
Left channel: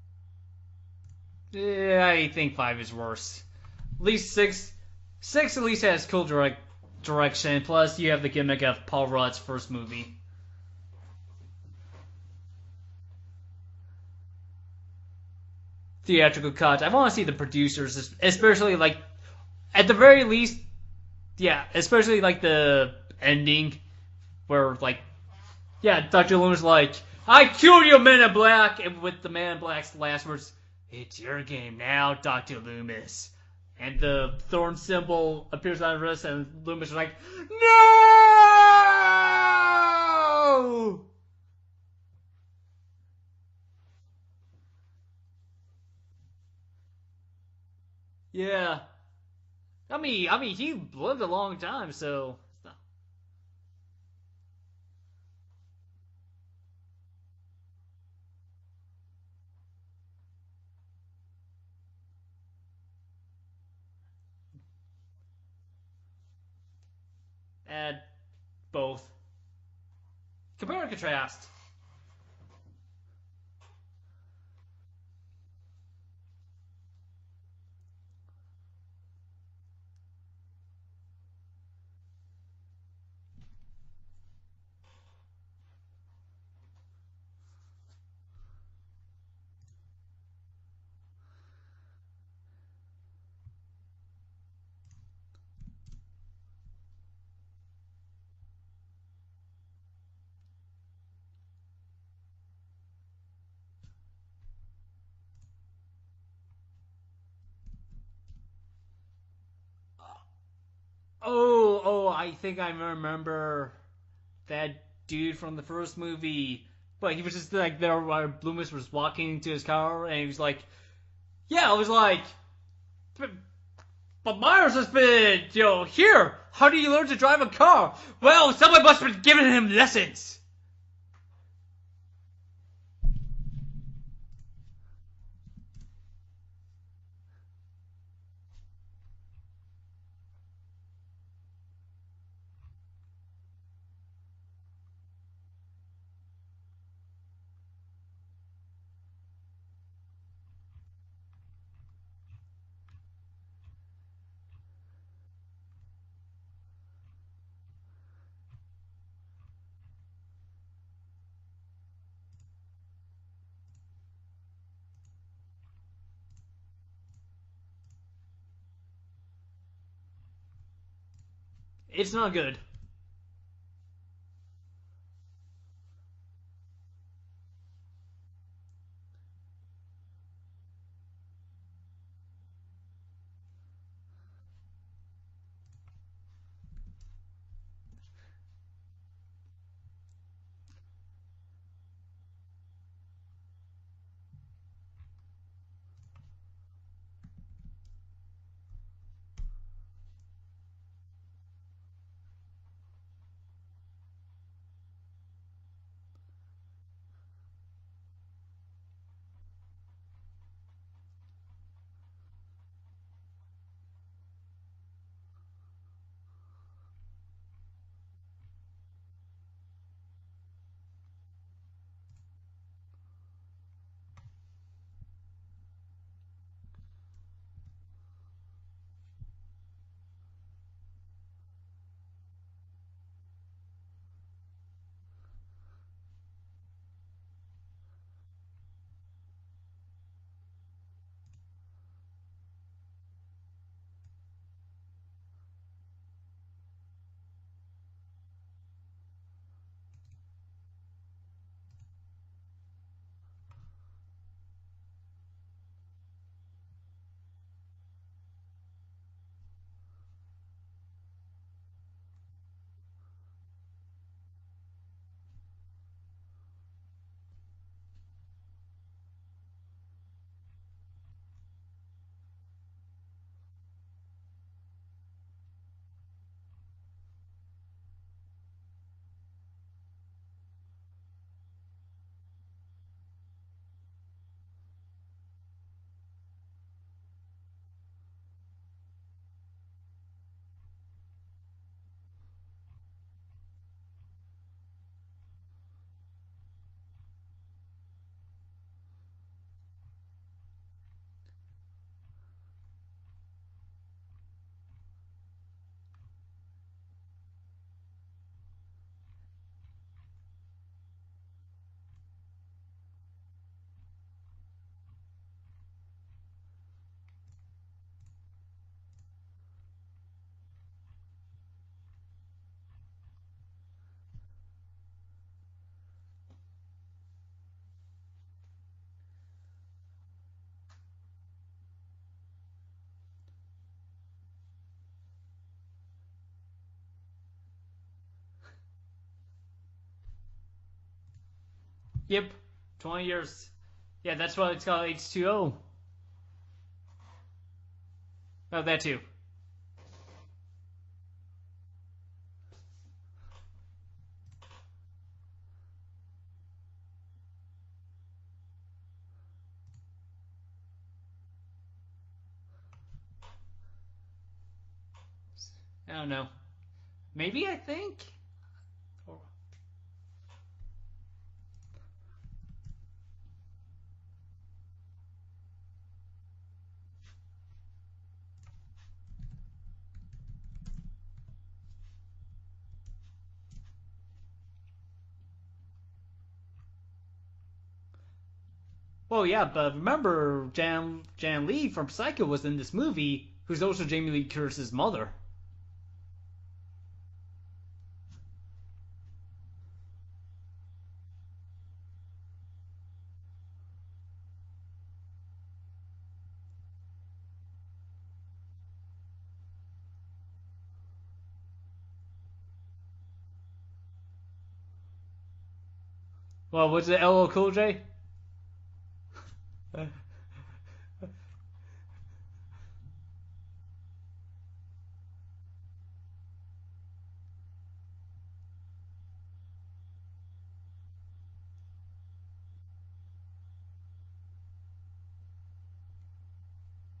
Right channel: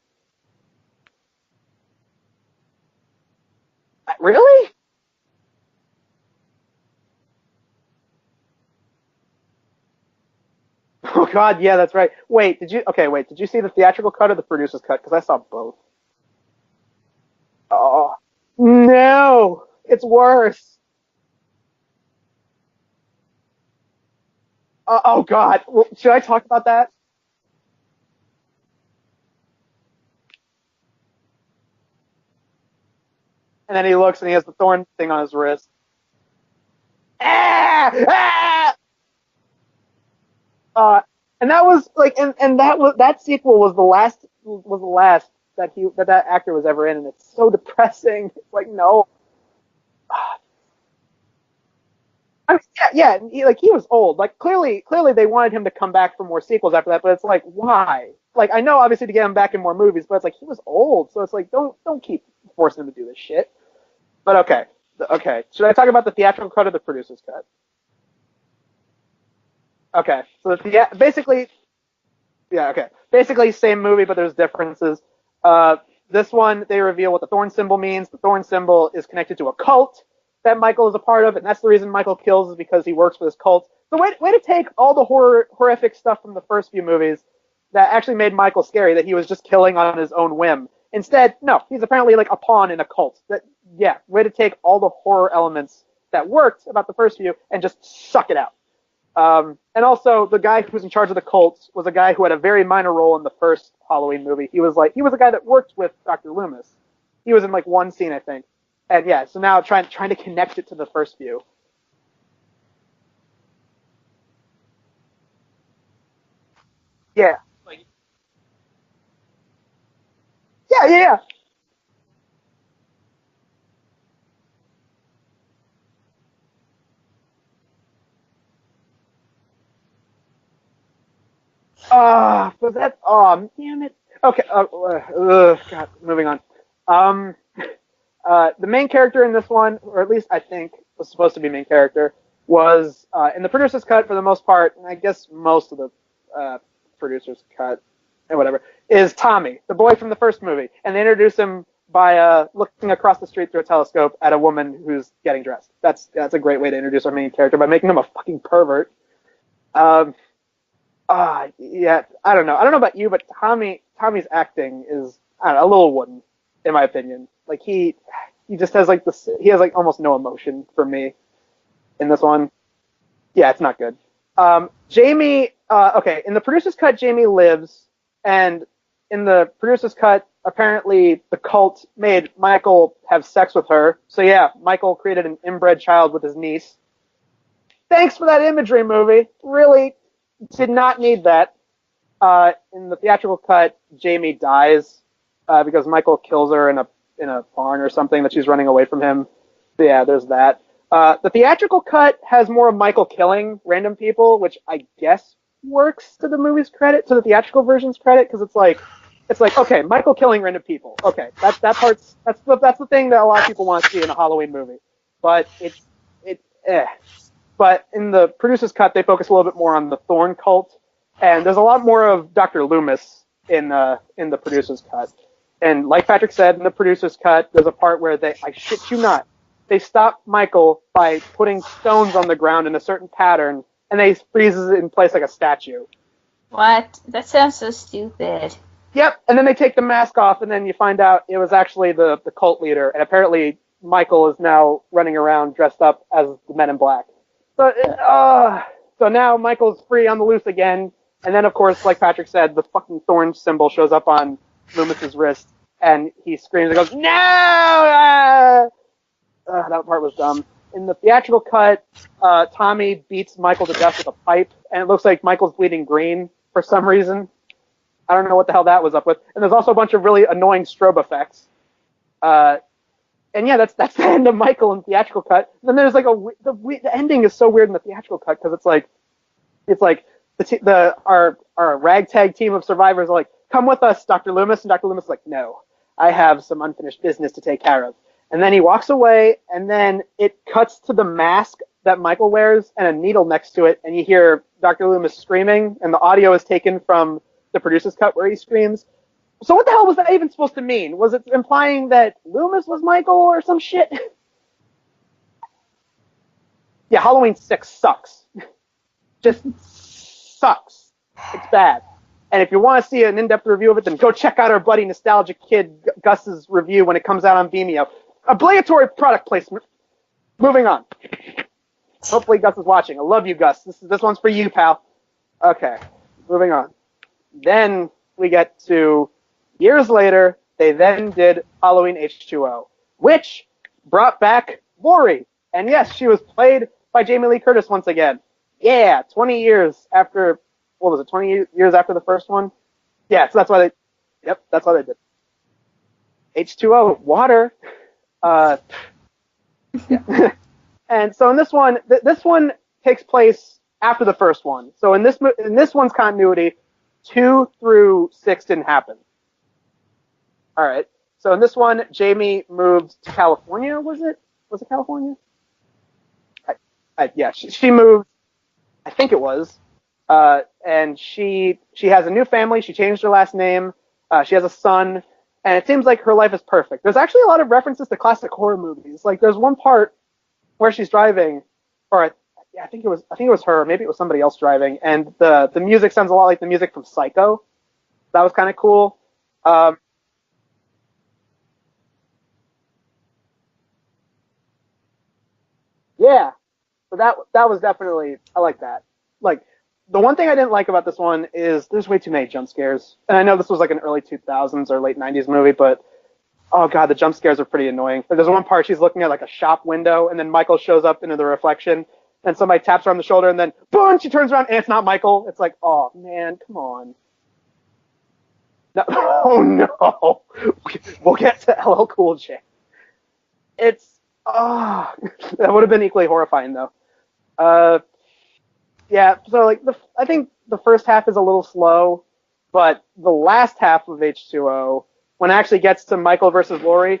Yeah, I think 5 is worse. At least really? 6 at least has cool direction. Plus, you have the gimmick of Paul Rudd's first movie. Oh God, yeah, that's right. Did you see the theatrical cut or the producer's cut? Because I saw both. Theatrical cut. I want to see the producers, especially like at the very worse. least. Yeah, especially like the ending, where like oh God, yeah, should I Dr. talk Loomis about that? like, I killed you, Man in Black, and with the Man in Black's last words, it's your game now, Dr. Loomis. And then he looks and he has the thorn thing on his wrist. Appears on his wrist, and Loomis is like, and that was like, and that sequel was the last that actor was ever in, and it's so depressing. Yeah. Like, no. I mean, he lived a long time, so. Yeah. He was old. Like, clearly, they wanted him to come back for more sequels after that. But it's like, why? Like, I know obviously to get him back in more movies, but it's like he was old, so it's like don't keep forcing him to do this shit. But okay. Should I talk about the theatrical cut or the producer's cut? And both. Okay. So basically same movie, but there's differences. This one, they reveal what the thorn symbol means. The thorn symbol is connected to a cult that Michael is a part of, and that's the reason Michael kills is because he works for this cult. The way to take all the horrific stuff from the first few movies that actually made Michael scary, that he was just killing on his own whim. Instead, no, he's apparently like a pawn in a cult. Way to take all the horror elements that worked about the first few and just suck it out. And also, the guy who was in charge of the cults was a guy who had a very minor role in the first Halloween movie. He was a guy that worked with Dr. Loomis. He was in like one scene, I think. And yeah, so now trying to connect it to the first few. Oh, I think I remember that dude from the first movie. But he was just like there where Loomis was walking to his car, and he was like, Yeah. Yeah, I was like, but Myers has been, here. How do you learn to drive a car? Well, someone must have been giving him lessons. Damn it. Okay, God, moving on. The main character in this one, or at least I think was supposed to be main character, was, in the producer's cut for the most part, and I guess most of the producer's cut, and whatever, is Tommy, the boy from the first movie. And they introduce him by looking across the street through a telescope at a woman who's getting dressed. That's a great way to introduce our main character, by making him a fucking pervert. Yeah, I don't know. I don't know about you, but Tommy's acting is, I don't know, a little wooden, in my opinion. Like, he just has like this, he has like almost no emotion for me in this one. Good. Yeah, it's not good. Jamie, in the producer's cut, Jamie lives, and in the producer's cut, apparently the cult made Michael have sex with her. So yeah, Michael created an inbred child with his niece. Thanks for that imagery, movie. Really did not need that. In the theatrical cut, Jamie dies because Michael kills her in a barn or something that she's running away from him. So yeah, there's that. The theatrical cut has more of Michael killing random people, which I guess works to the movie's credit, to the theatrical version's credit, because it's like, okay, Michael killing random people. Okay, that's the thing that a lot of people want to see in a Halloween movie. But But in the producer's cut, they focus a little bit more on the Thorn cult, and there's a lot more of Dr. Loomis in the producer's cut. And like Patrick said, in the producer's cut, there's a part where I shit you not, they stop Michael by putting stones on the ground in a certain pattern, and they freezes it in place like a statue. What? That sounds so stupid. Yep, and then they take the mask off, and then you find out it was actually the cult leader, and apparently Michael is now running around dressed up as the Men in Black. So now Michael's free on the loose again, and then of course, like Patrick said, the fucking thorn symbol shows up on Loomis's wrist, and he screams and goes, "No!" Ah! That part was dumb. In the theatrical cut, Tommy beats Michael to death with a pipe, and it looks like Michael's bleeding green for some reason. I don't know what the hell that was up with. And there's also a bunch of really annoying strobe effects. And yeah, that's the end of Michael in the theatrical cut. And then there's like the ending is so weird in the theatrical cut because it's like our ragtag team of survivors are like, "Come with us, Dr. Loomis," and Dr. Loomis is like, "No, I have some unfinished business to take care of." And then he walks away, and then it cuts to the mask that Michael wears and a needle next to it, and you hear Dr. Loomis screaming, and the audio is taken from the producer's cut where he screams. So what the hell was that even supposed to mean? Was it implying that Loomis was Michael or some shit? Yeah, Halloween 6 sucks. Just sucks. It's bad. And if you want to see an in-depth review of it, then go check out our buddy Nostalgic Kid Gus's review when it comes out on Vimeo. Obligatory product placement. Moving on. Hopefully Gus is watching. I love you, Gus. This one's for you, pal. Okay, moving on. Then we get to years later, they then did Halloween H2O, which brought back Laurie. And yes, she was played by Jamie Lee Curtis once again. Yeah, 20 years after, what was it, 20 years after the first one? 20 years. Yeah, so that's why they... Yeah, that's why they did. H2O. H2O, water. So that too. Yeah. And so in this one, this one takes place after the first one. So in this one's continuity, 2 through 6 didn't happen. All right. So in this one, Jamie moved to California. Was it California? I don't know. Yeah, she moved. I think it was. And she has a new family. She changed her last name. She has a son, and it seems like her life is perfect. There's actually a lot of references to classic horror movies. Like there's one part where she's driving, or I think it was her, maybe it was somebody else driving, and the music sounds a lot like the music from Psycho. That was kind of cool. Well, yeah, but remember Jan Lee from Psycho was in this movie, who's also Jamie Lee Curtis's mother. Yeah, so that was definitely, I like that. Like, the one thing I didn't like about this one is there's way too many jump scares. And I know this was like an early 2000s or late 90s movie, but oh god, the jump scares are pretty annoying. There's one part she's looking at like a shop window, and then Michael shows up into the reflection, and somebody taps her on the shoulder, and then boom, she turns around, and it's not Michael. It's like, oh man, come on. Was it LL Cool J? No, oh no, we'll get to LL Cool J. It's that would have been equally horrifying though. Yeah, so like I think the first half is a little slow, but the last half of H2O, when it actually gets to Michael versus Laurie,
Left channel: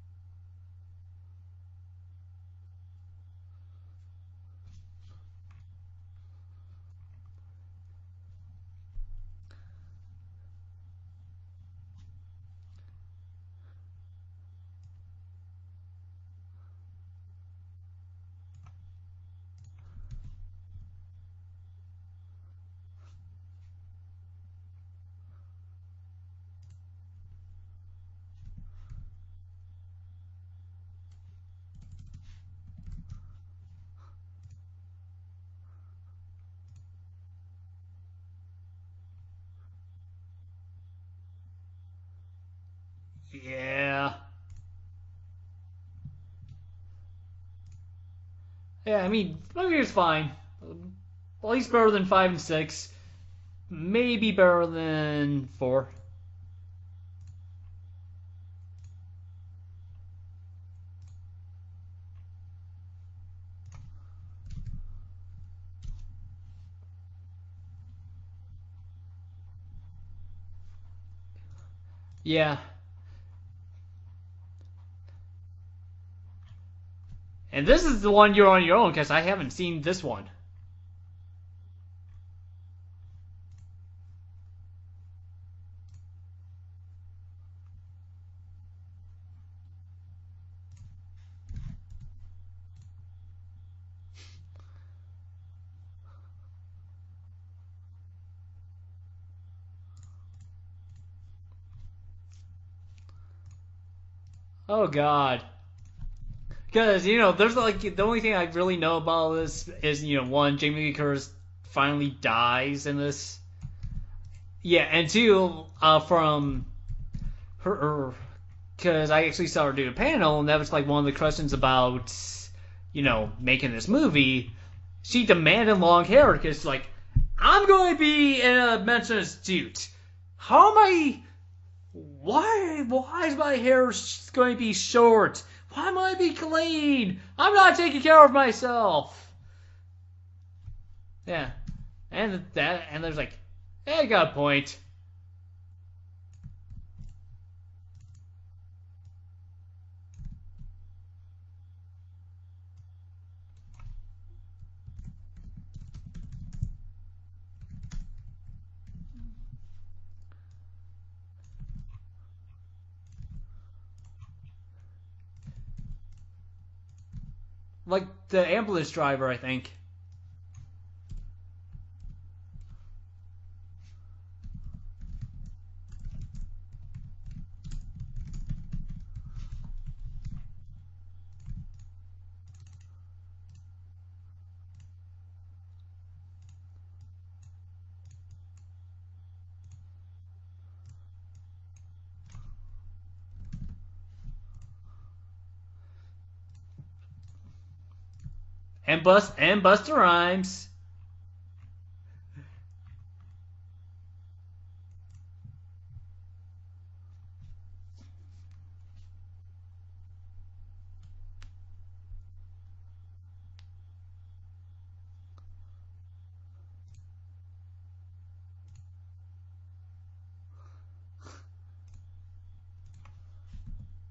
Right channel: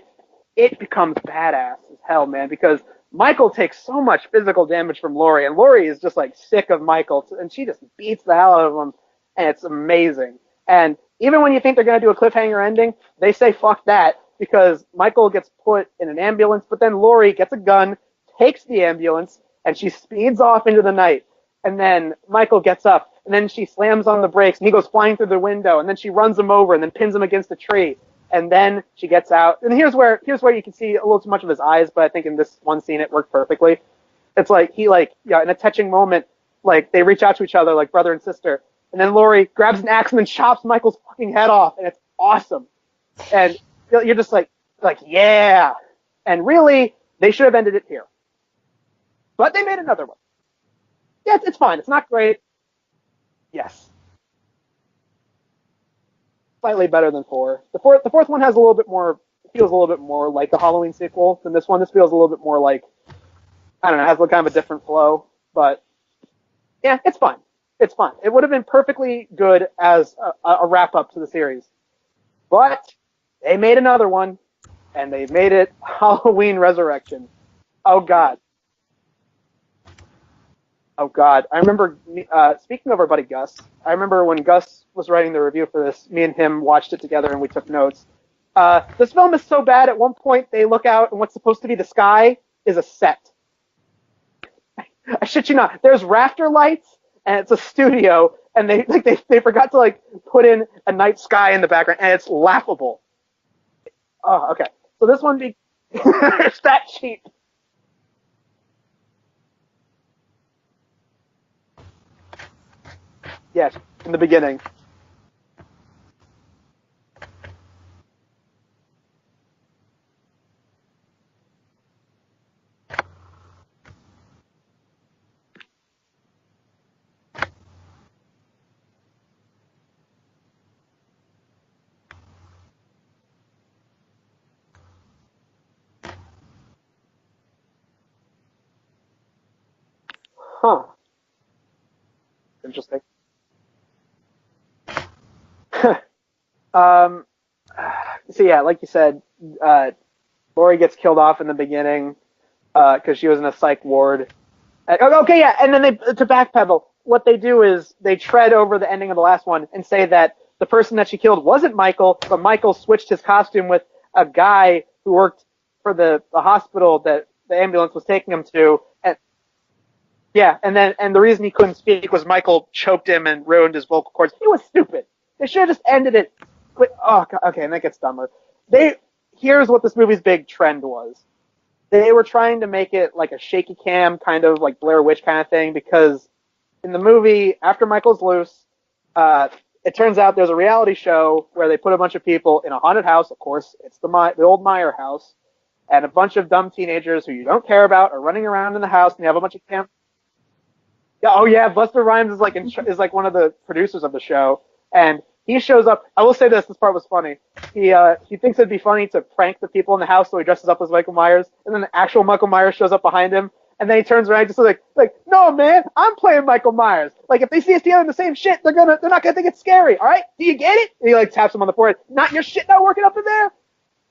it becomes badass as hell, man, because Michael takes so much physical damage from Laurie, and Laurie is just like sick of Michael, and she just beats the hell out of him, and it's amazing. And even when you think they're going to do a cliffhanger ending, they say fuck that, because Michael gets put in an ambulance, but then Laurie gets a gun, takes the ambulance, and she speeds off into the night. And then Michael gets up, and then she slams on the brakes, and he goes flying through the window, and then she runs him over, and then pins him against a tree. And then she gets out. And here's where you can see a little too much of his eyes, but I think in this one scene it worked perfectly. It's like in a touching moment, like they reach out to each other like brother and sister. And then Laurie grabs an axe and then chops Michael's fucking head off, and it's awesome. And you're just like yeah. And really, they should have ended it here. Yeah, I mean, but they made it fine. Yeah, it's fine. Better it's than not 5 great. and 6. Yes. Maybe better than 4. Slightly better than 4. The fourth one has a little bit more, feels a little bit more like a Halloween sequel than this one. This feels a little bit more like, I don't know, has kind of a different flow. But yeah, it's fine. It's fine. It would have been perfectly good as a wrap up to the series. Yeah. But they made another one, and they made it Halloween Resurrection. And this is the one you're on your own, because I haven't seen this one. Oh god, I remember, speaking of our buddy Gus, I remember when Gus was writing the review for this, me and him watched it together and we took notes. This film is so bad, at one point they look out and what's supposed to be the sky is a set. I shit you not. There's rafter lights and it's a studio, and they forgot to put in a night sky in the background, and it's laughable. Oh, okay. Oh god. So this one because there's the only thing I really know about this is one, Jamie Lee Curtis finally dies in this. Yes, in the beginning. Yeah, and 2, from because I actually saw her do a panel, and that was like one of the questions about, making this movie. She demanded long hair because, like, I'm going to be in a mental institute. How am I? Why is my hair going to be short? Why am I be clean? I'm not taking care of myself. Huh. Yeah, and there's like, I got a point. So yeah, like you said, Lori gets killed off in the beginning because she was in a psych ward. Okay, yeah, and then to backpedal, what they do is they tread over the ending of the last one and say that the person that she killed wasn't Michael, but Michael switched his costume with a guy who worked for the hospital that the ambulance was taking him to. The ambulance driver, I think. Yeah, and the reason he couldn't speak was Michael choked him and ruined his vocal cords. It was stupid. They should have just ended it. Oh, okay, and that gets dumber. Here's what this movie's big trend was. They were trying to make it like a shaky cam, kind of like Blair Witch kind of thing, because in the movie, after Michael's loose, it turns out there's a reality show where they put a bunch of people in a haunted house. Of course, it's the old Meyer house, and a bunch of dumb teenagers who you don't care about are running around in the house. And Busta Rhymes. Yeah, oh yeah, Busta Rhymes is like one of the producers of the show, and he shows up. I will say this part was funny. He thinks it'd be funny to prank the people in the house, so he dresses up as Michael Myers, and then the actual Michael Myers shows up behind him, and then he turns around and just like, no man, I'm playing Michael Myers. Like if they see us together in the same shit, they're not gonna think it's scary. All right, do you get it? And he like taps him on the forehead. Not your shit not working up in there.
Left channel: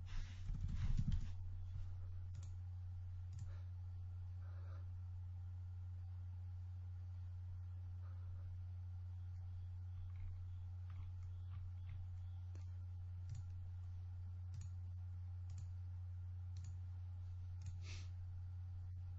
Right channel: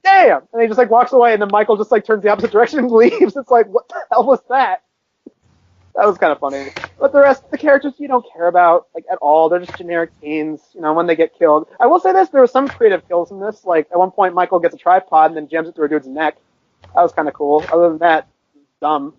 Damn. And he just like walks away, and then Michael just like turns the opposite direction and leaves. It's like, what the hell was that? That was kind of funny. But the rest of the characters you don't care about, like, at all. They're just generic teens, when they get killed. I will say this, there were some creative kills in this. Like, at one point, Michael gets a tripod and then jams it through a dude's neck. That was kind of cool. Other than that, dumb.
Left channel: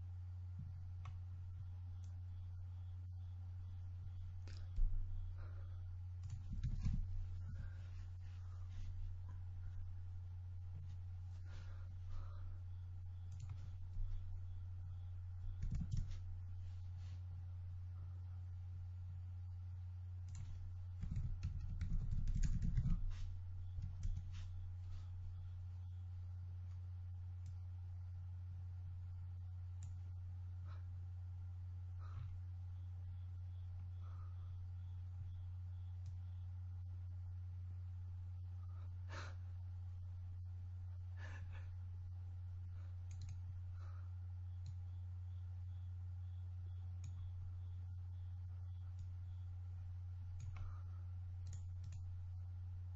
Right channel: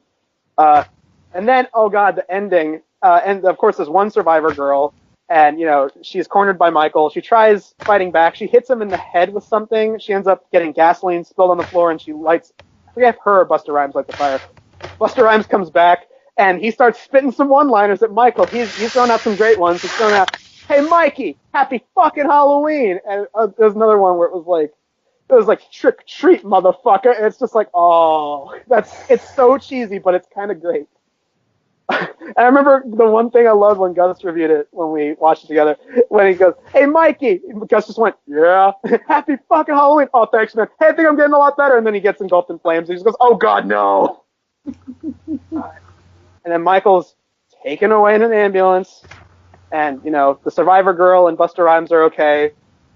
And then, oh god, the ending. And, of course, there's one survivor girl, and, she's cornered by Michael. She tries fighting back. She hits him in the head with something. She ends up getting gasoline spilled on the floor, and she lights... I forget if her or Busta Rhymes light the fire. Busta Rhymes comes back, and he starts spitting some one-liners at Michael. He's throwing out some great ones. He's throwing out, "Hey Mikey, happy fucking Halloween!" And there's another one where it was like trick or treat, motherfucker. And it's just like, oh, it's so cheesy, but it's kind of great. And I remember the one thing I loved when Gus reviewed it when we watched it together, when he goes, "Hey Mikey," and Gus just went, "Yeah, happy fucking Halloween." "Oh, thanks, man. Hey, I think I'm getting a lot better." And then he gets engulfed in flames. And he just goes, "Oh God, no." And then Michael's taken away in an ambulance, and, the survivor girl and Busta Rhymes are okay,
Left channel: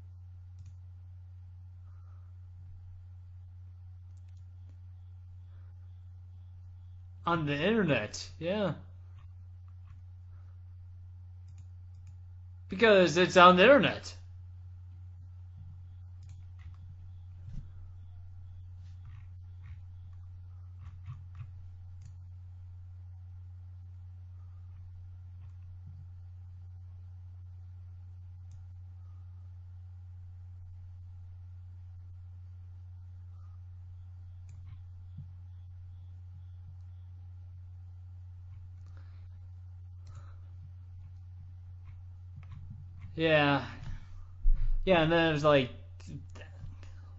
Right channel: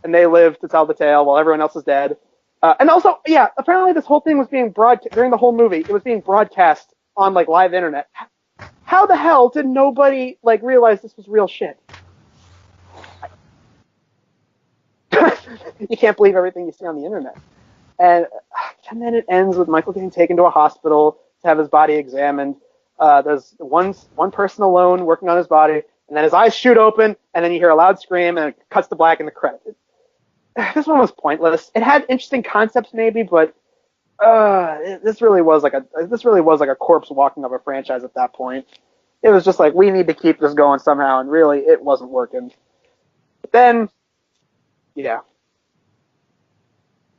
and they live to tell the tale while everyone else is dead. And also, yeah, apparently this whole thing was being broadcast, during the whole movie, it was being broadcast on like, live internet. Yeah. How the hell did nobody, like, realize this was real shit? Because it's on the internet. You can't believe everything you see on the internet. And then it ends with Michael getting taken to a hospital to have his body examined. There's one person alone working on his body, and then his eyes shoot open, and then you hear a loud scream, and it cuts to black in the credits. This one was pointless. It had interesting concepts maybe, but this really was like a corpse walking up a franchise at that point. It was just like, we need to keep this going somehow, and really it wasn't working. Yeah. But then then it was like,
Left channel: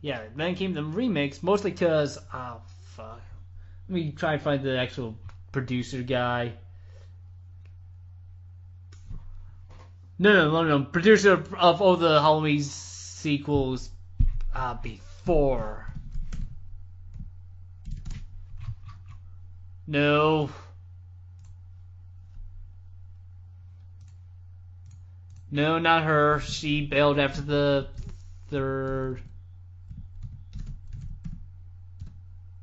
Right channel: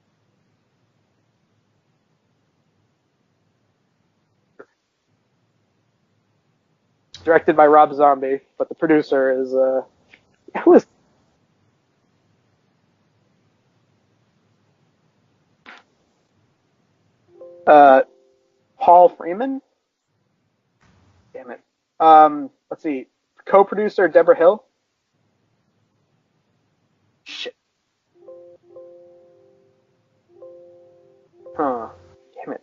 then came the remakes, mostly because, oh fuck, let me try and find the actual producer guy. Directed by Rob Zombie, but the producer is No. Producer of all the Halloween sequels before. Paul Freeman? No. Damn it. Let's see. Co-producer Deborah Hill? No, not her. She bailed after the third. Huh. Damn it.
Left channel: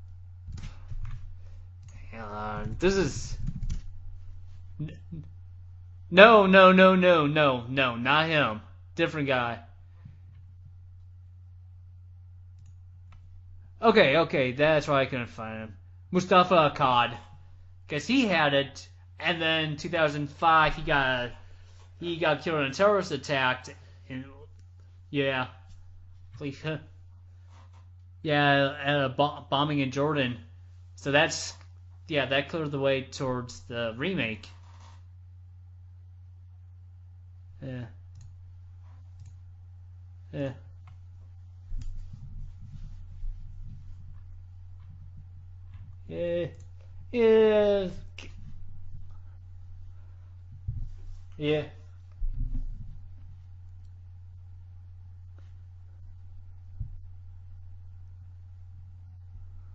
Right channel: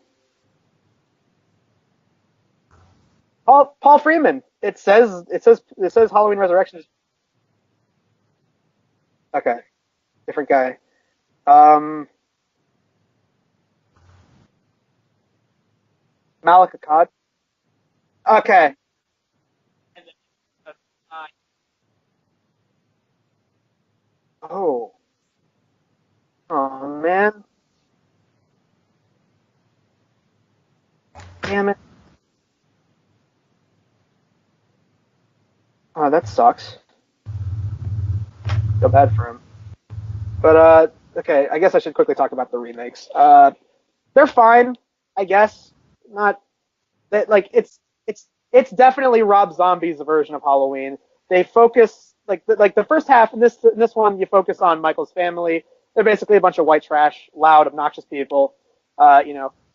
This is Paul Freeman. It says Halloween Resurrection. No, not him. Different guy. Okay. Different guy. Okay, that's why I couldn't find him. Mustafa Akkad. Because he had it, and then 2005 he got killed in a terrorist attack. Yeah. Oh man. Yeah, at a bombing in Jordan. So that's... Damn it. Yeah, that cleared the way towards the remake. Oh, that sucks. Yeah. Feel bad for him. Yeah. But okay, I guess I should quickly talk about the remakes. They're fine, I guess. Not like it's definitely Rob Zombie's version of Halloween. They focus like the first half in this one you focus on Michael's family. They're basically a bunch of white trash, loud, obnoxious people.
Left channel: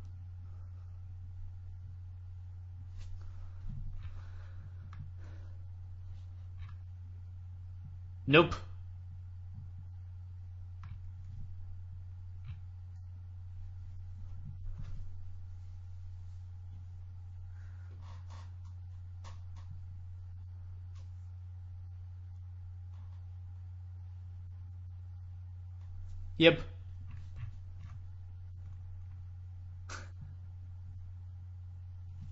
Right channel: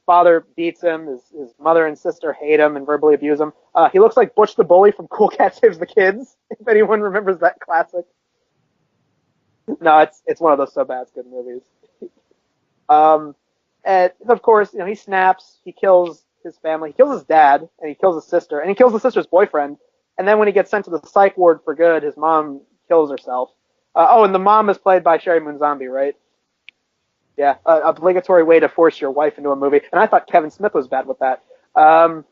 Father beats him. His mother and sister hate him and verbally abuse him. He looks like Butch the Bully from Cool Cat Saves the Kids. If anyone remembers that classic. Nope. No, it's one of those so bad it's good movies. And of course, he snaps. He kills his family. He kills his dad, and he kills his sister, and he kills his sister's boyfriend. And then when he gets sent to the psych ward for good, his mom kills herself. And the mom is played by Sherry Moon Zombie, right? Yep. Yeah, obligatory way to force your wife into a movie. And I thought Kevin Smith was bad with that. So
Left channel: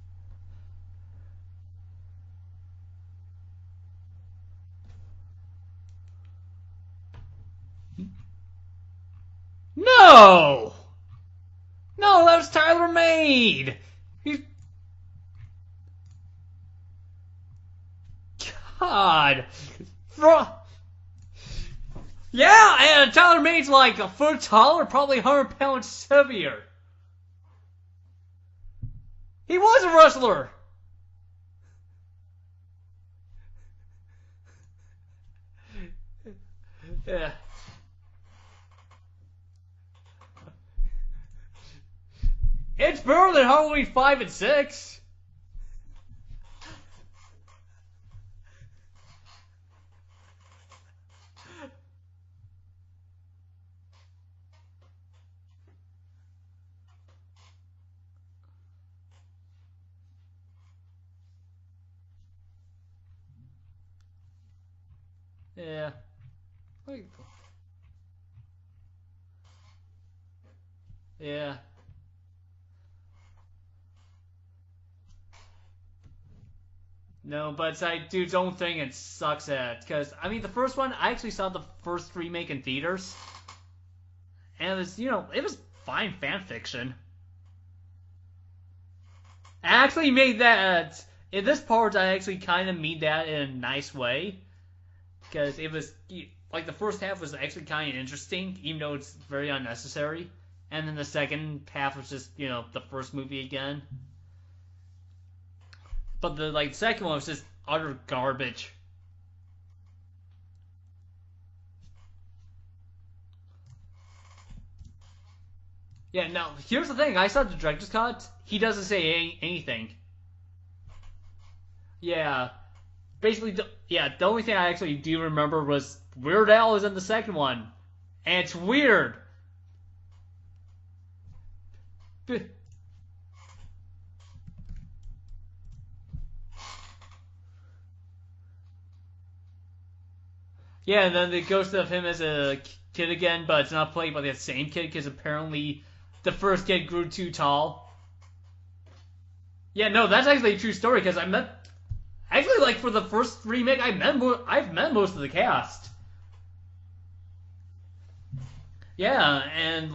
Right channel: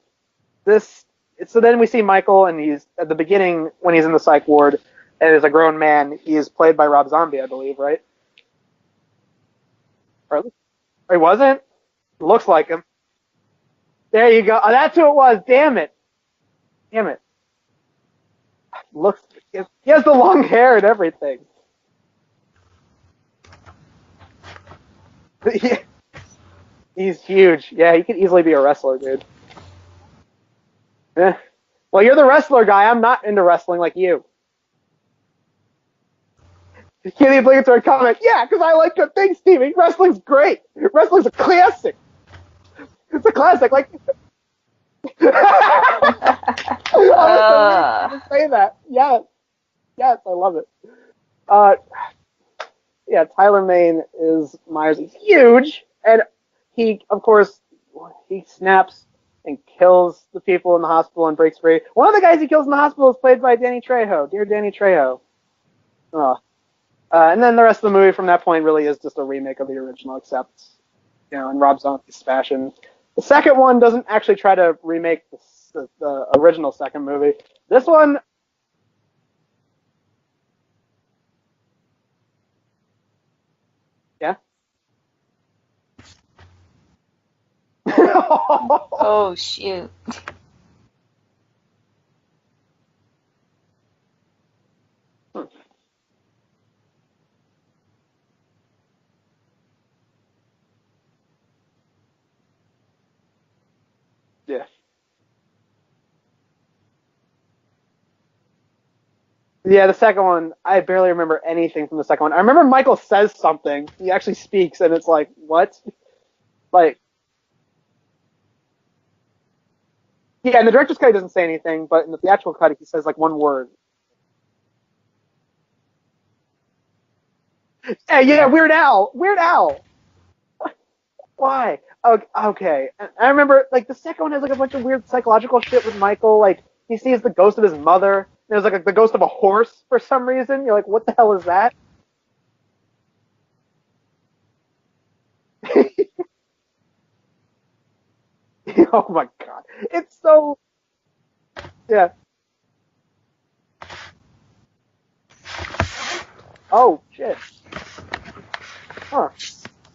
then we see Michael, and he's at the beginning when he's in the psych ward, and as a grown man, he is played by Rob Zombie, I believe, right? No! Or he wasn't? No, Looks that's like Tyler Made! There you go. Oh, that's who it was. Damn it. God. Look, he has the long hair and everything. Yeah, and Tyler Made's like a foot taller, probably 100 pounds heavier. He's huge. Yeah, he could easily be a wrestler, dude. He was a wrestler. Eh. Well, you're the wrestler guy. I'm not into wrestling like you. Give the obligatory comment. Yeah, because I like good things, Stevie. Wrestling's great. Wrestling's a classic. It's better than Halloween 5 and 6. I was going to say that. Yes, I love it. Tyler Mane is Myers. He's huge, and he snaps and kills the people in the hospital and breaks free. One of the guys he kills in the hospital is played by Danny Trejo. Dear Danny Trejo. Yeah. And then the rest of the movie from that point really is just a remake of the original, except in Rob Zombie's fashion. The second one doesn't actually try to remake the original second movie. No, but this it's like one dude's own thing and sucks at. Because the first one, I actually saw the first remake in theaters. Yeah. And it was, it was fine fan fiction. Oh shit! I actually made that. In this part, I actually kind of made that in a nice way. Because it was the first half was actually kind of interesting, even though it's very unnecessary. And then the second half was just the first movie again. Yeah. But the second one was just utter garbage. Yeah, the second one, I barely remember anything from the second one. I remember Michael says something. He actually speaks, and it's like, what? Yeah, no, here's the thing. I saw the director's cut. He doesn't say anything. Yeah, in the director's cut, he doesn't say anything, but in the actual cut, he says, one basically, word. The only thing I actually do remember was Weird Al is in the second one. Yeah, Weird Al. Weird Al. Why? Okay. I remember, the second one has, a bunch of weird psychological shit with Michael. He sees the ghost of his mother. There's, the ghost of a horse for some reason. You're like, what the hell is that? Yeah, the ghost of him as a kid again, but it's not played by the same kid, because apparently the first kid grew too tall. Oh, my God. Yeah, no, that's actually a true story, because I met... Yeah. Actually, for the first remake, I've met most of the cast. Oh, shit. Yeah, and...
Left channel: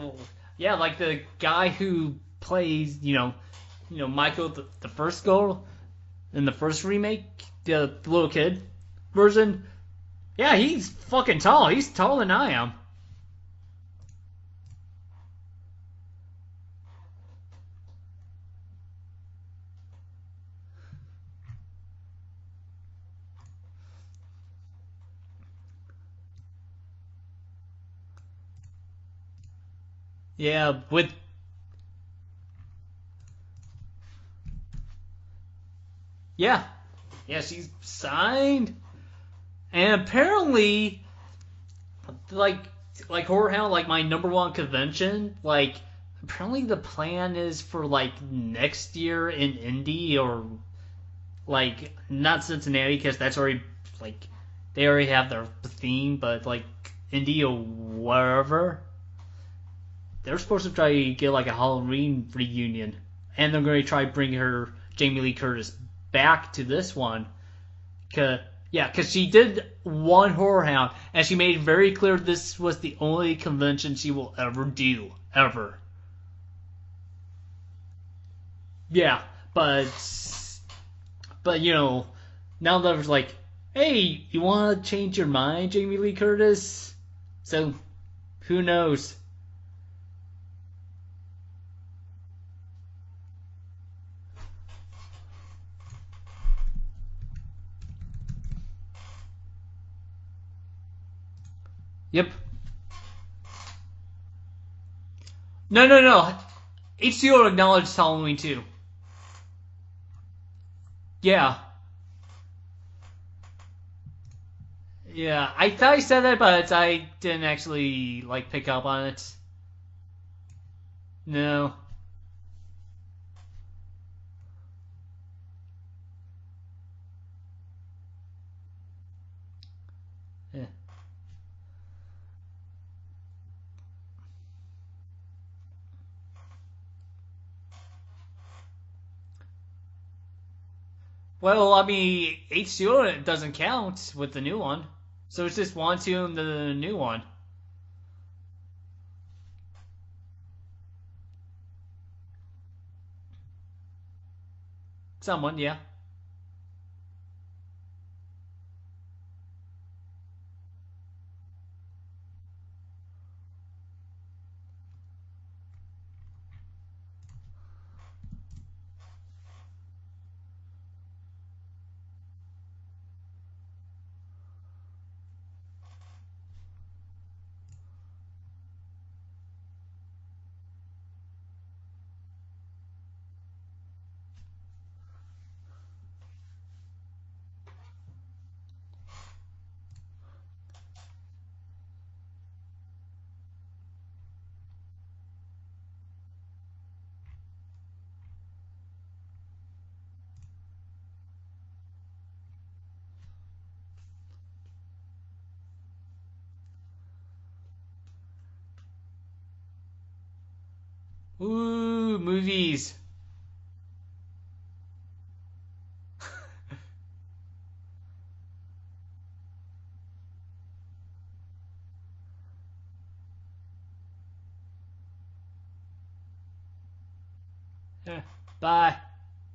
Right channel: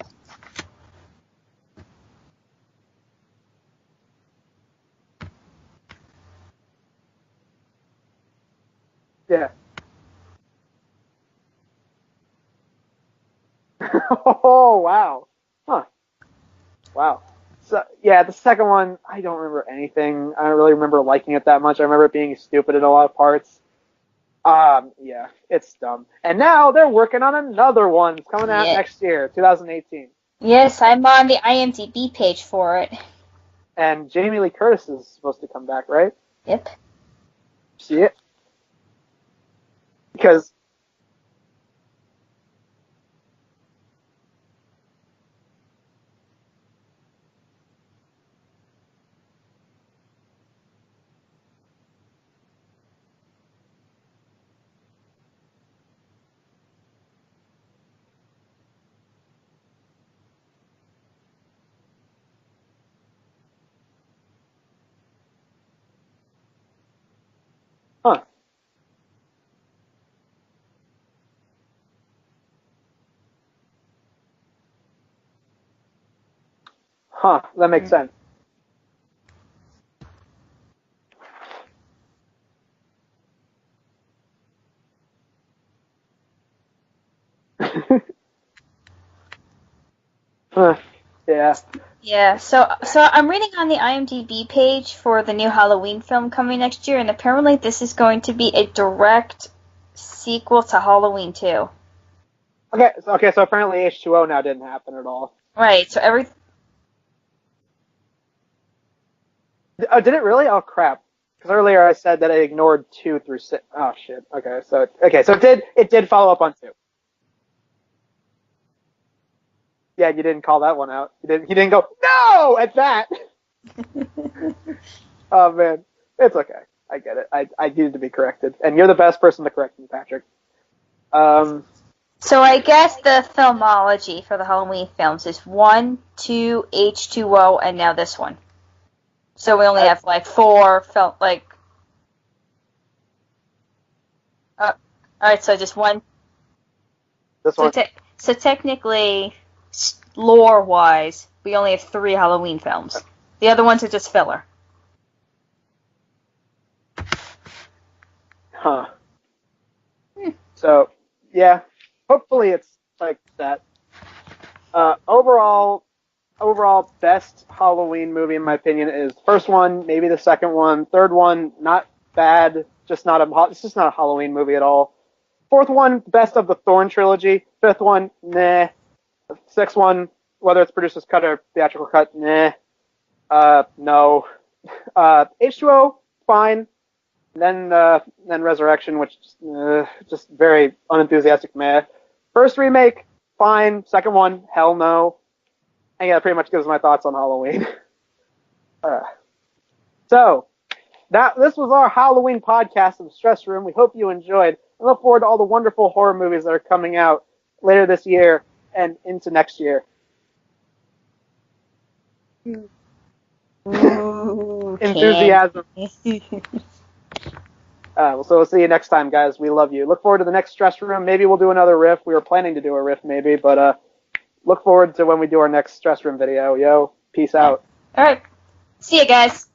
Yeah, the guy who plays, Michael, the first girl in the first remake, the little kid version. Yeah, he's fucking tall. He's taller than I am. Oh, wow. Huh. Wow. So, yeah, the second one, I don't remember anything. I don't really remember liking it that much. I remember it being stupid in a lot of parts. Yeah, it's dumb. And now they're working on another one. It's coming out next year, 2018. Yeah, yes, I'm on the IMDb page for it. And Jamie Lee Curtis is supposed to come back, right? Yeah. Yep. Yeah, she's signed. And apparently, Horror Hound, my number one convention, apparently the plan is for, next year in Indy or, not Cincinnati, because that's already, they already have their theme, but, Indy or wherever. They're supposed to try to get, a Halloween reunion. And they're going to try to bring Jamie Lee Curtis, back to this one. Huh. Because she did one Horror Hound, and she made it very clear this was the only convention she will ever do. Ever. Huh, that makes sense. Yeah, but now that it's hey, you want to change your mind, Jamie Lee Curtis? So, Who knows? Huh. Yeah. Yeah, so I'm reading on the IMDb page for the new Halloween film coming next year, and apparently this is going to be a direct sequel to Halloween 2. Yep. Okay, so apparently H2O now didn't happen at all. Right. No. H2O acknowledged Halloween 2. Oh, did it really? Oh, crap. Yeah. Earlier I said that I ignored 2 through 6. Oh, shit. Okay, so it did. I It thought I did said follow it, up on. but I didn't actually pick up on it. Yeah, you didn't call that one out. You No. didn't go no at that. Oh man, it's okay. I get it. I needed to be corrected, and you're the best person to correct me, Patrick. Yeah. So I guess the filmology for the Halloween films is 1, 2, H2O, and now this one. So we only have 4 film Well, I mean, H2O doesn't count with the new one. All right, so it's just 1, one. 2, and the new one. This one. So technically, lore-wise, we only have 3 Halloween films. The other ones are just filler. Someone, yeah. Huh. So, yeah. Hopefully it's like that. Overall, best Halloween movie in my opinion is first one, maybe the second one, third one, not bad, it's just not a Halloween movie at all. Fourth one, best of the Thorn trilogy. Fifth one, nah. Sixth one, whether it's producer's cut or theatrical cut, nah. No. H2O, fine. Then Resurrection, which just very unenthusiastic, meh. First remake, fine. Second one, hell no. And yeah, that pretty much gives my thoughts on Halloween. So, this was our Halloween podcast of the Stress Room. We hope you enjoyed. I look forward to all the wonderful horror movies that are coming out later this year and into next year. Ooh, movies. Ooh, Enthusiasm. So we'll see you next time, guys. We love you. Look forward to the next Stress Room. Maybe we'll do another riff. We were planning to do a riff maybe, but look forward to when we do our next Stress Room video. Yo, peace out. All right. Bye. See you guys.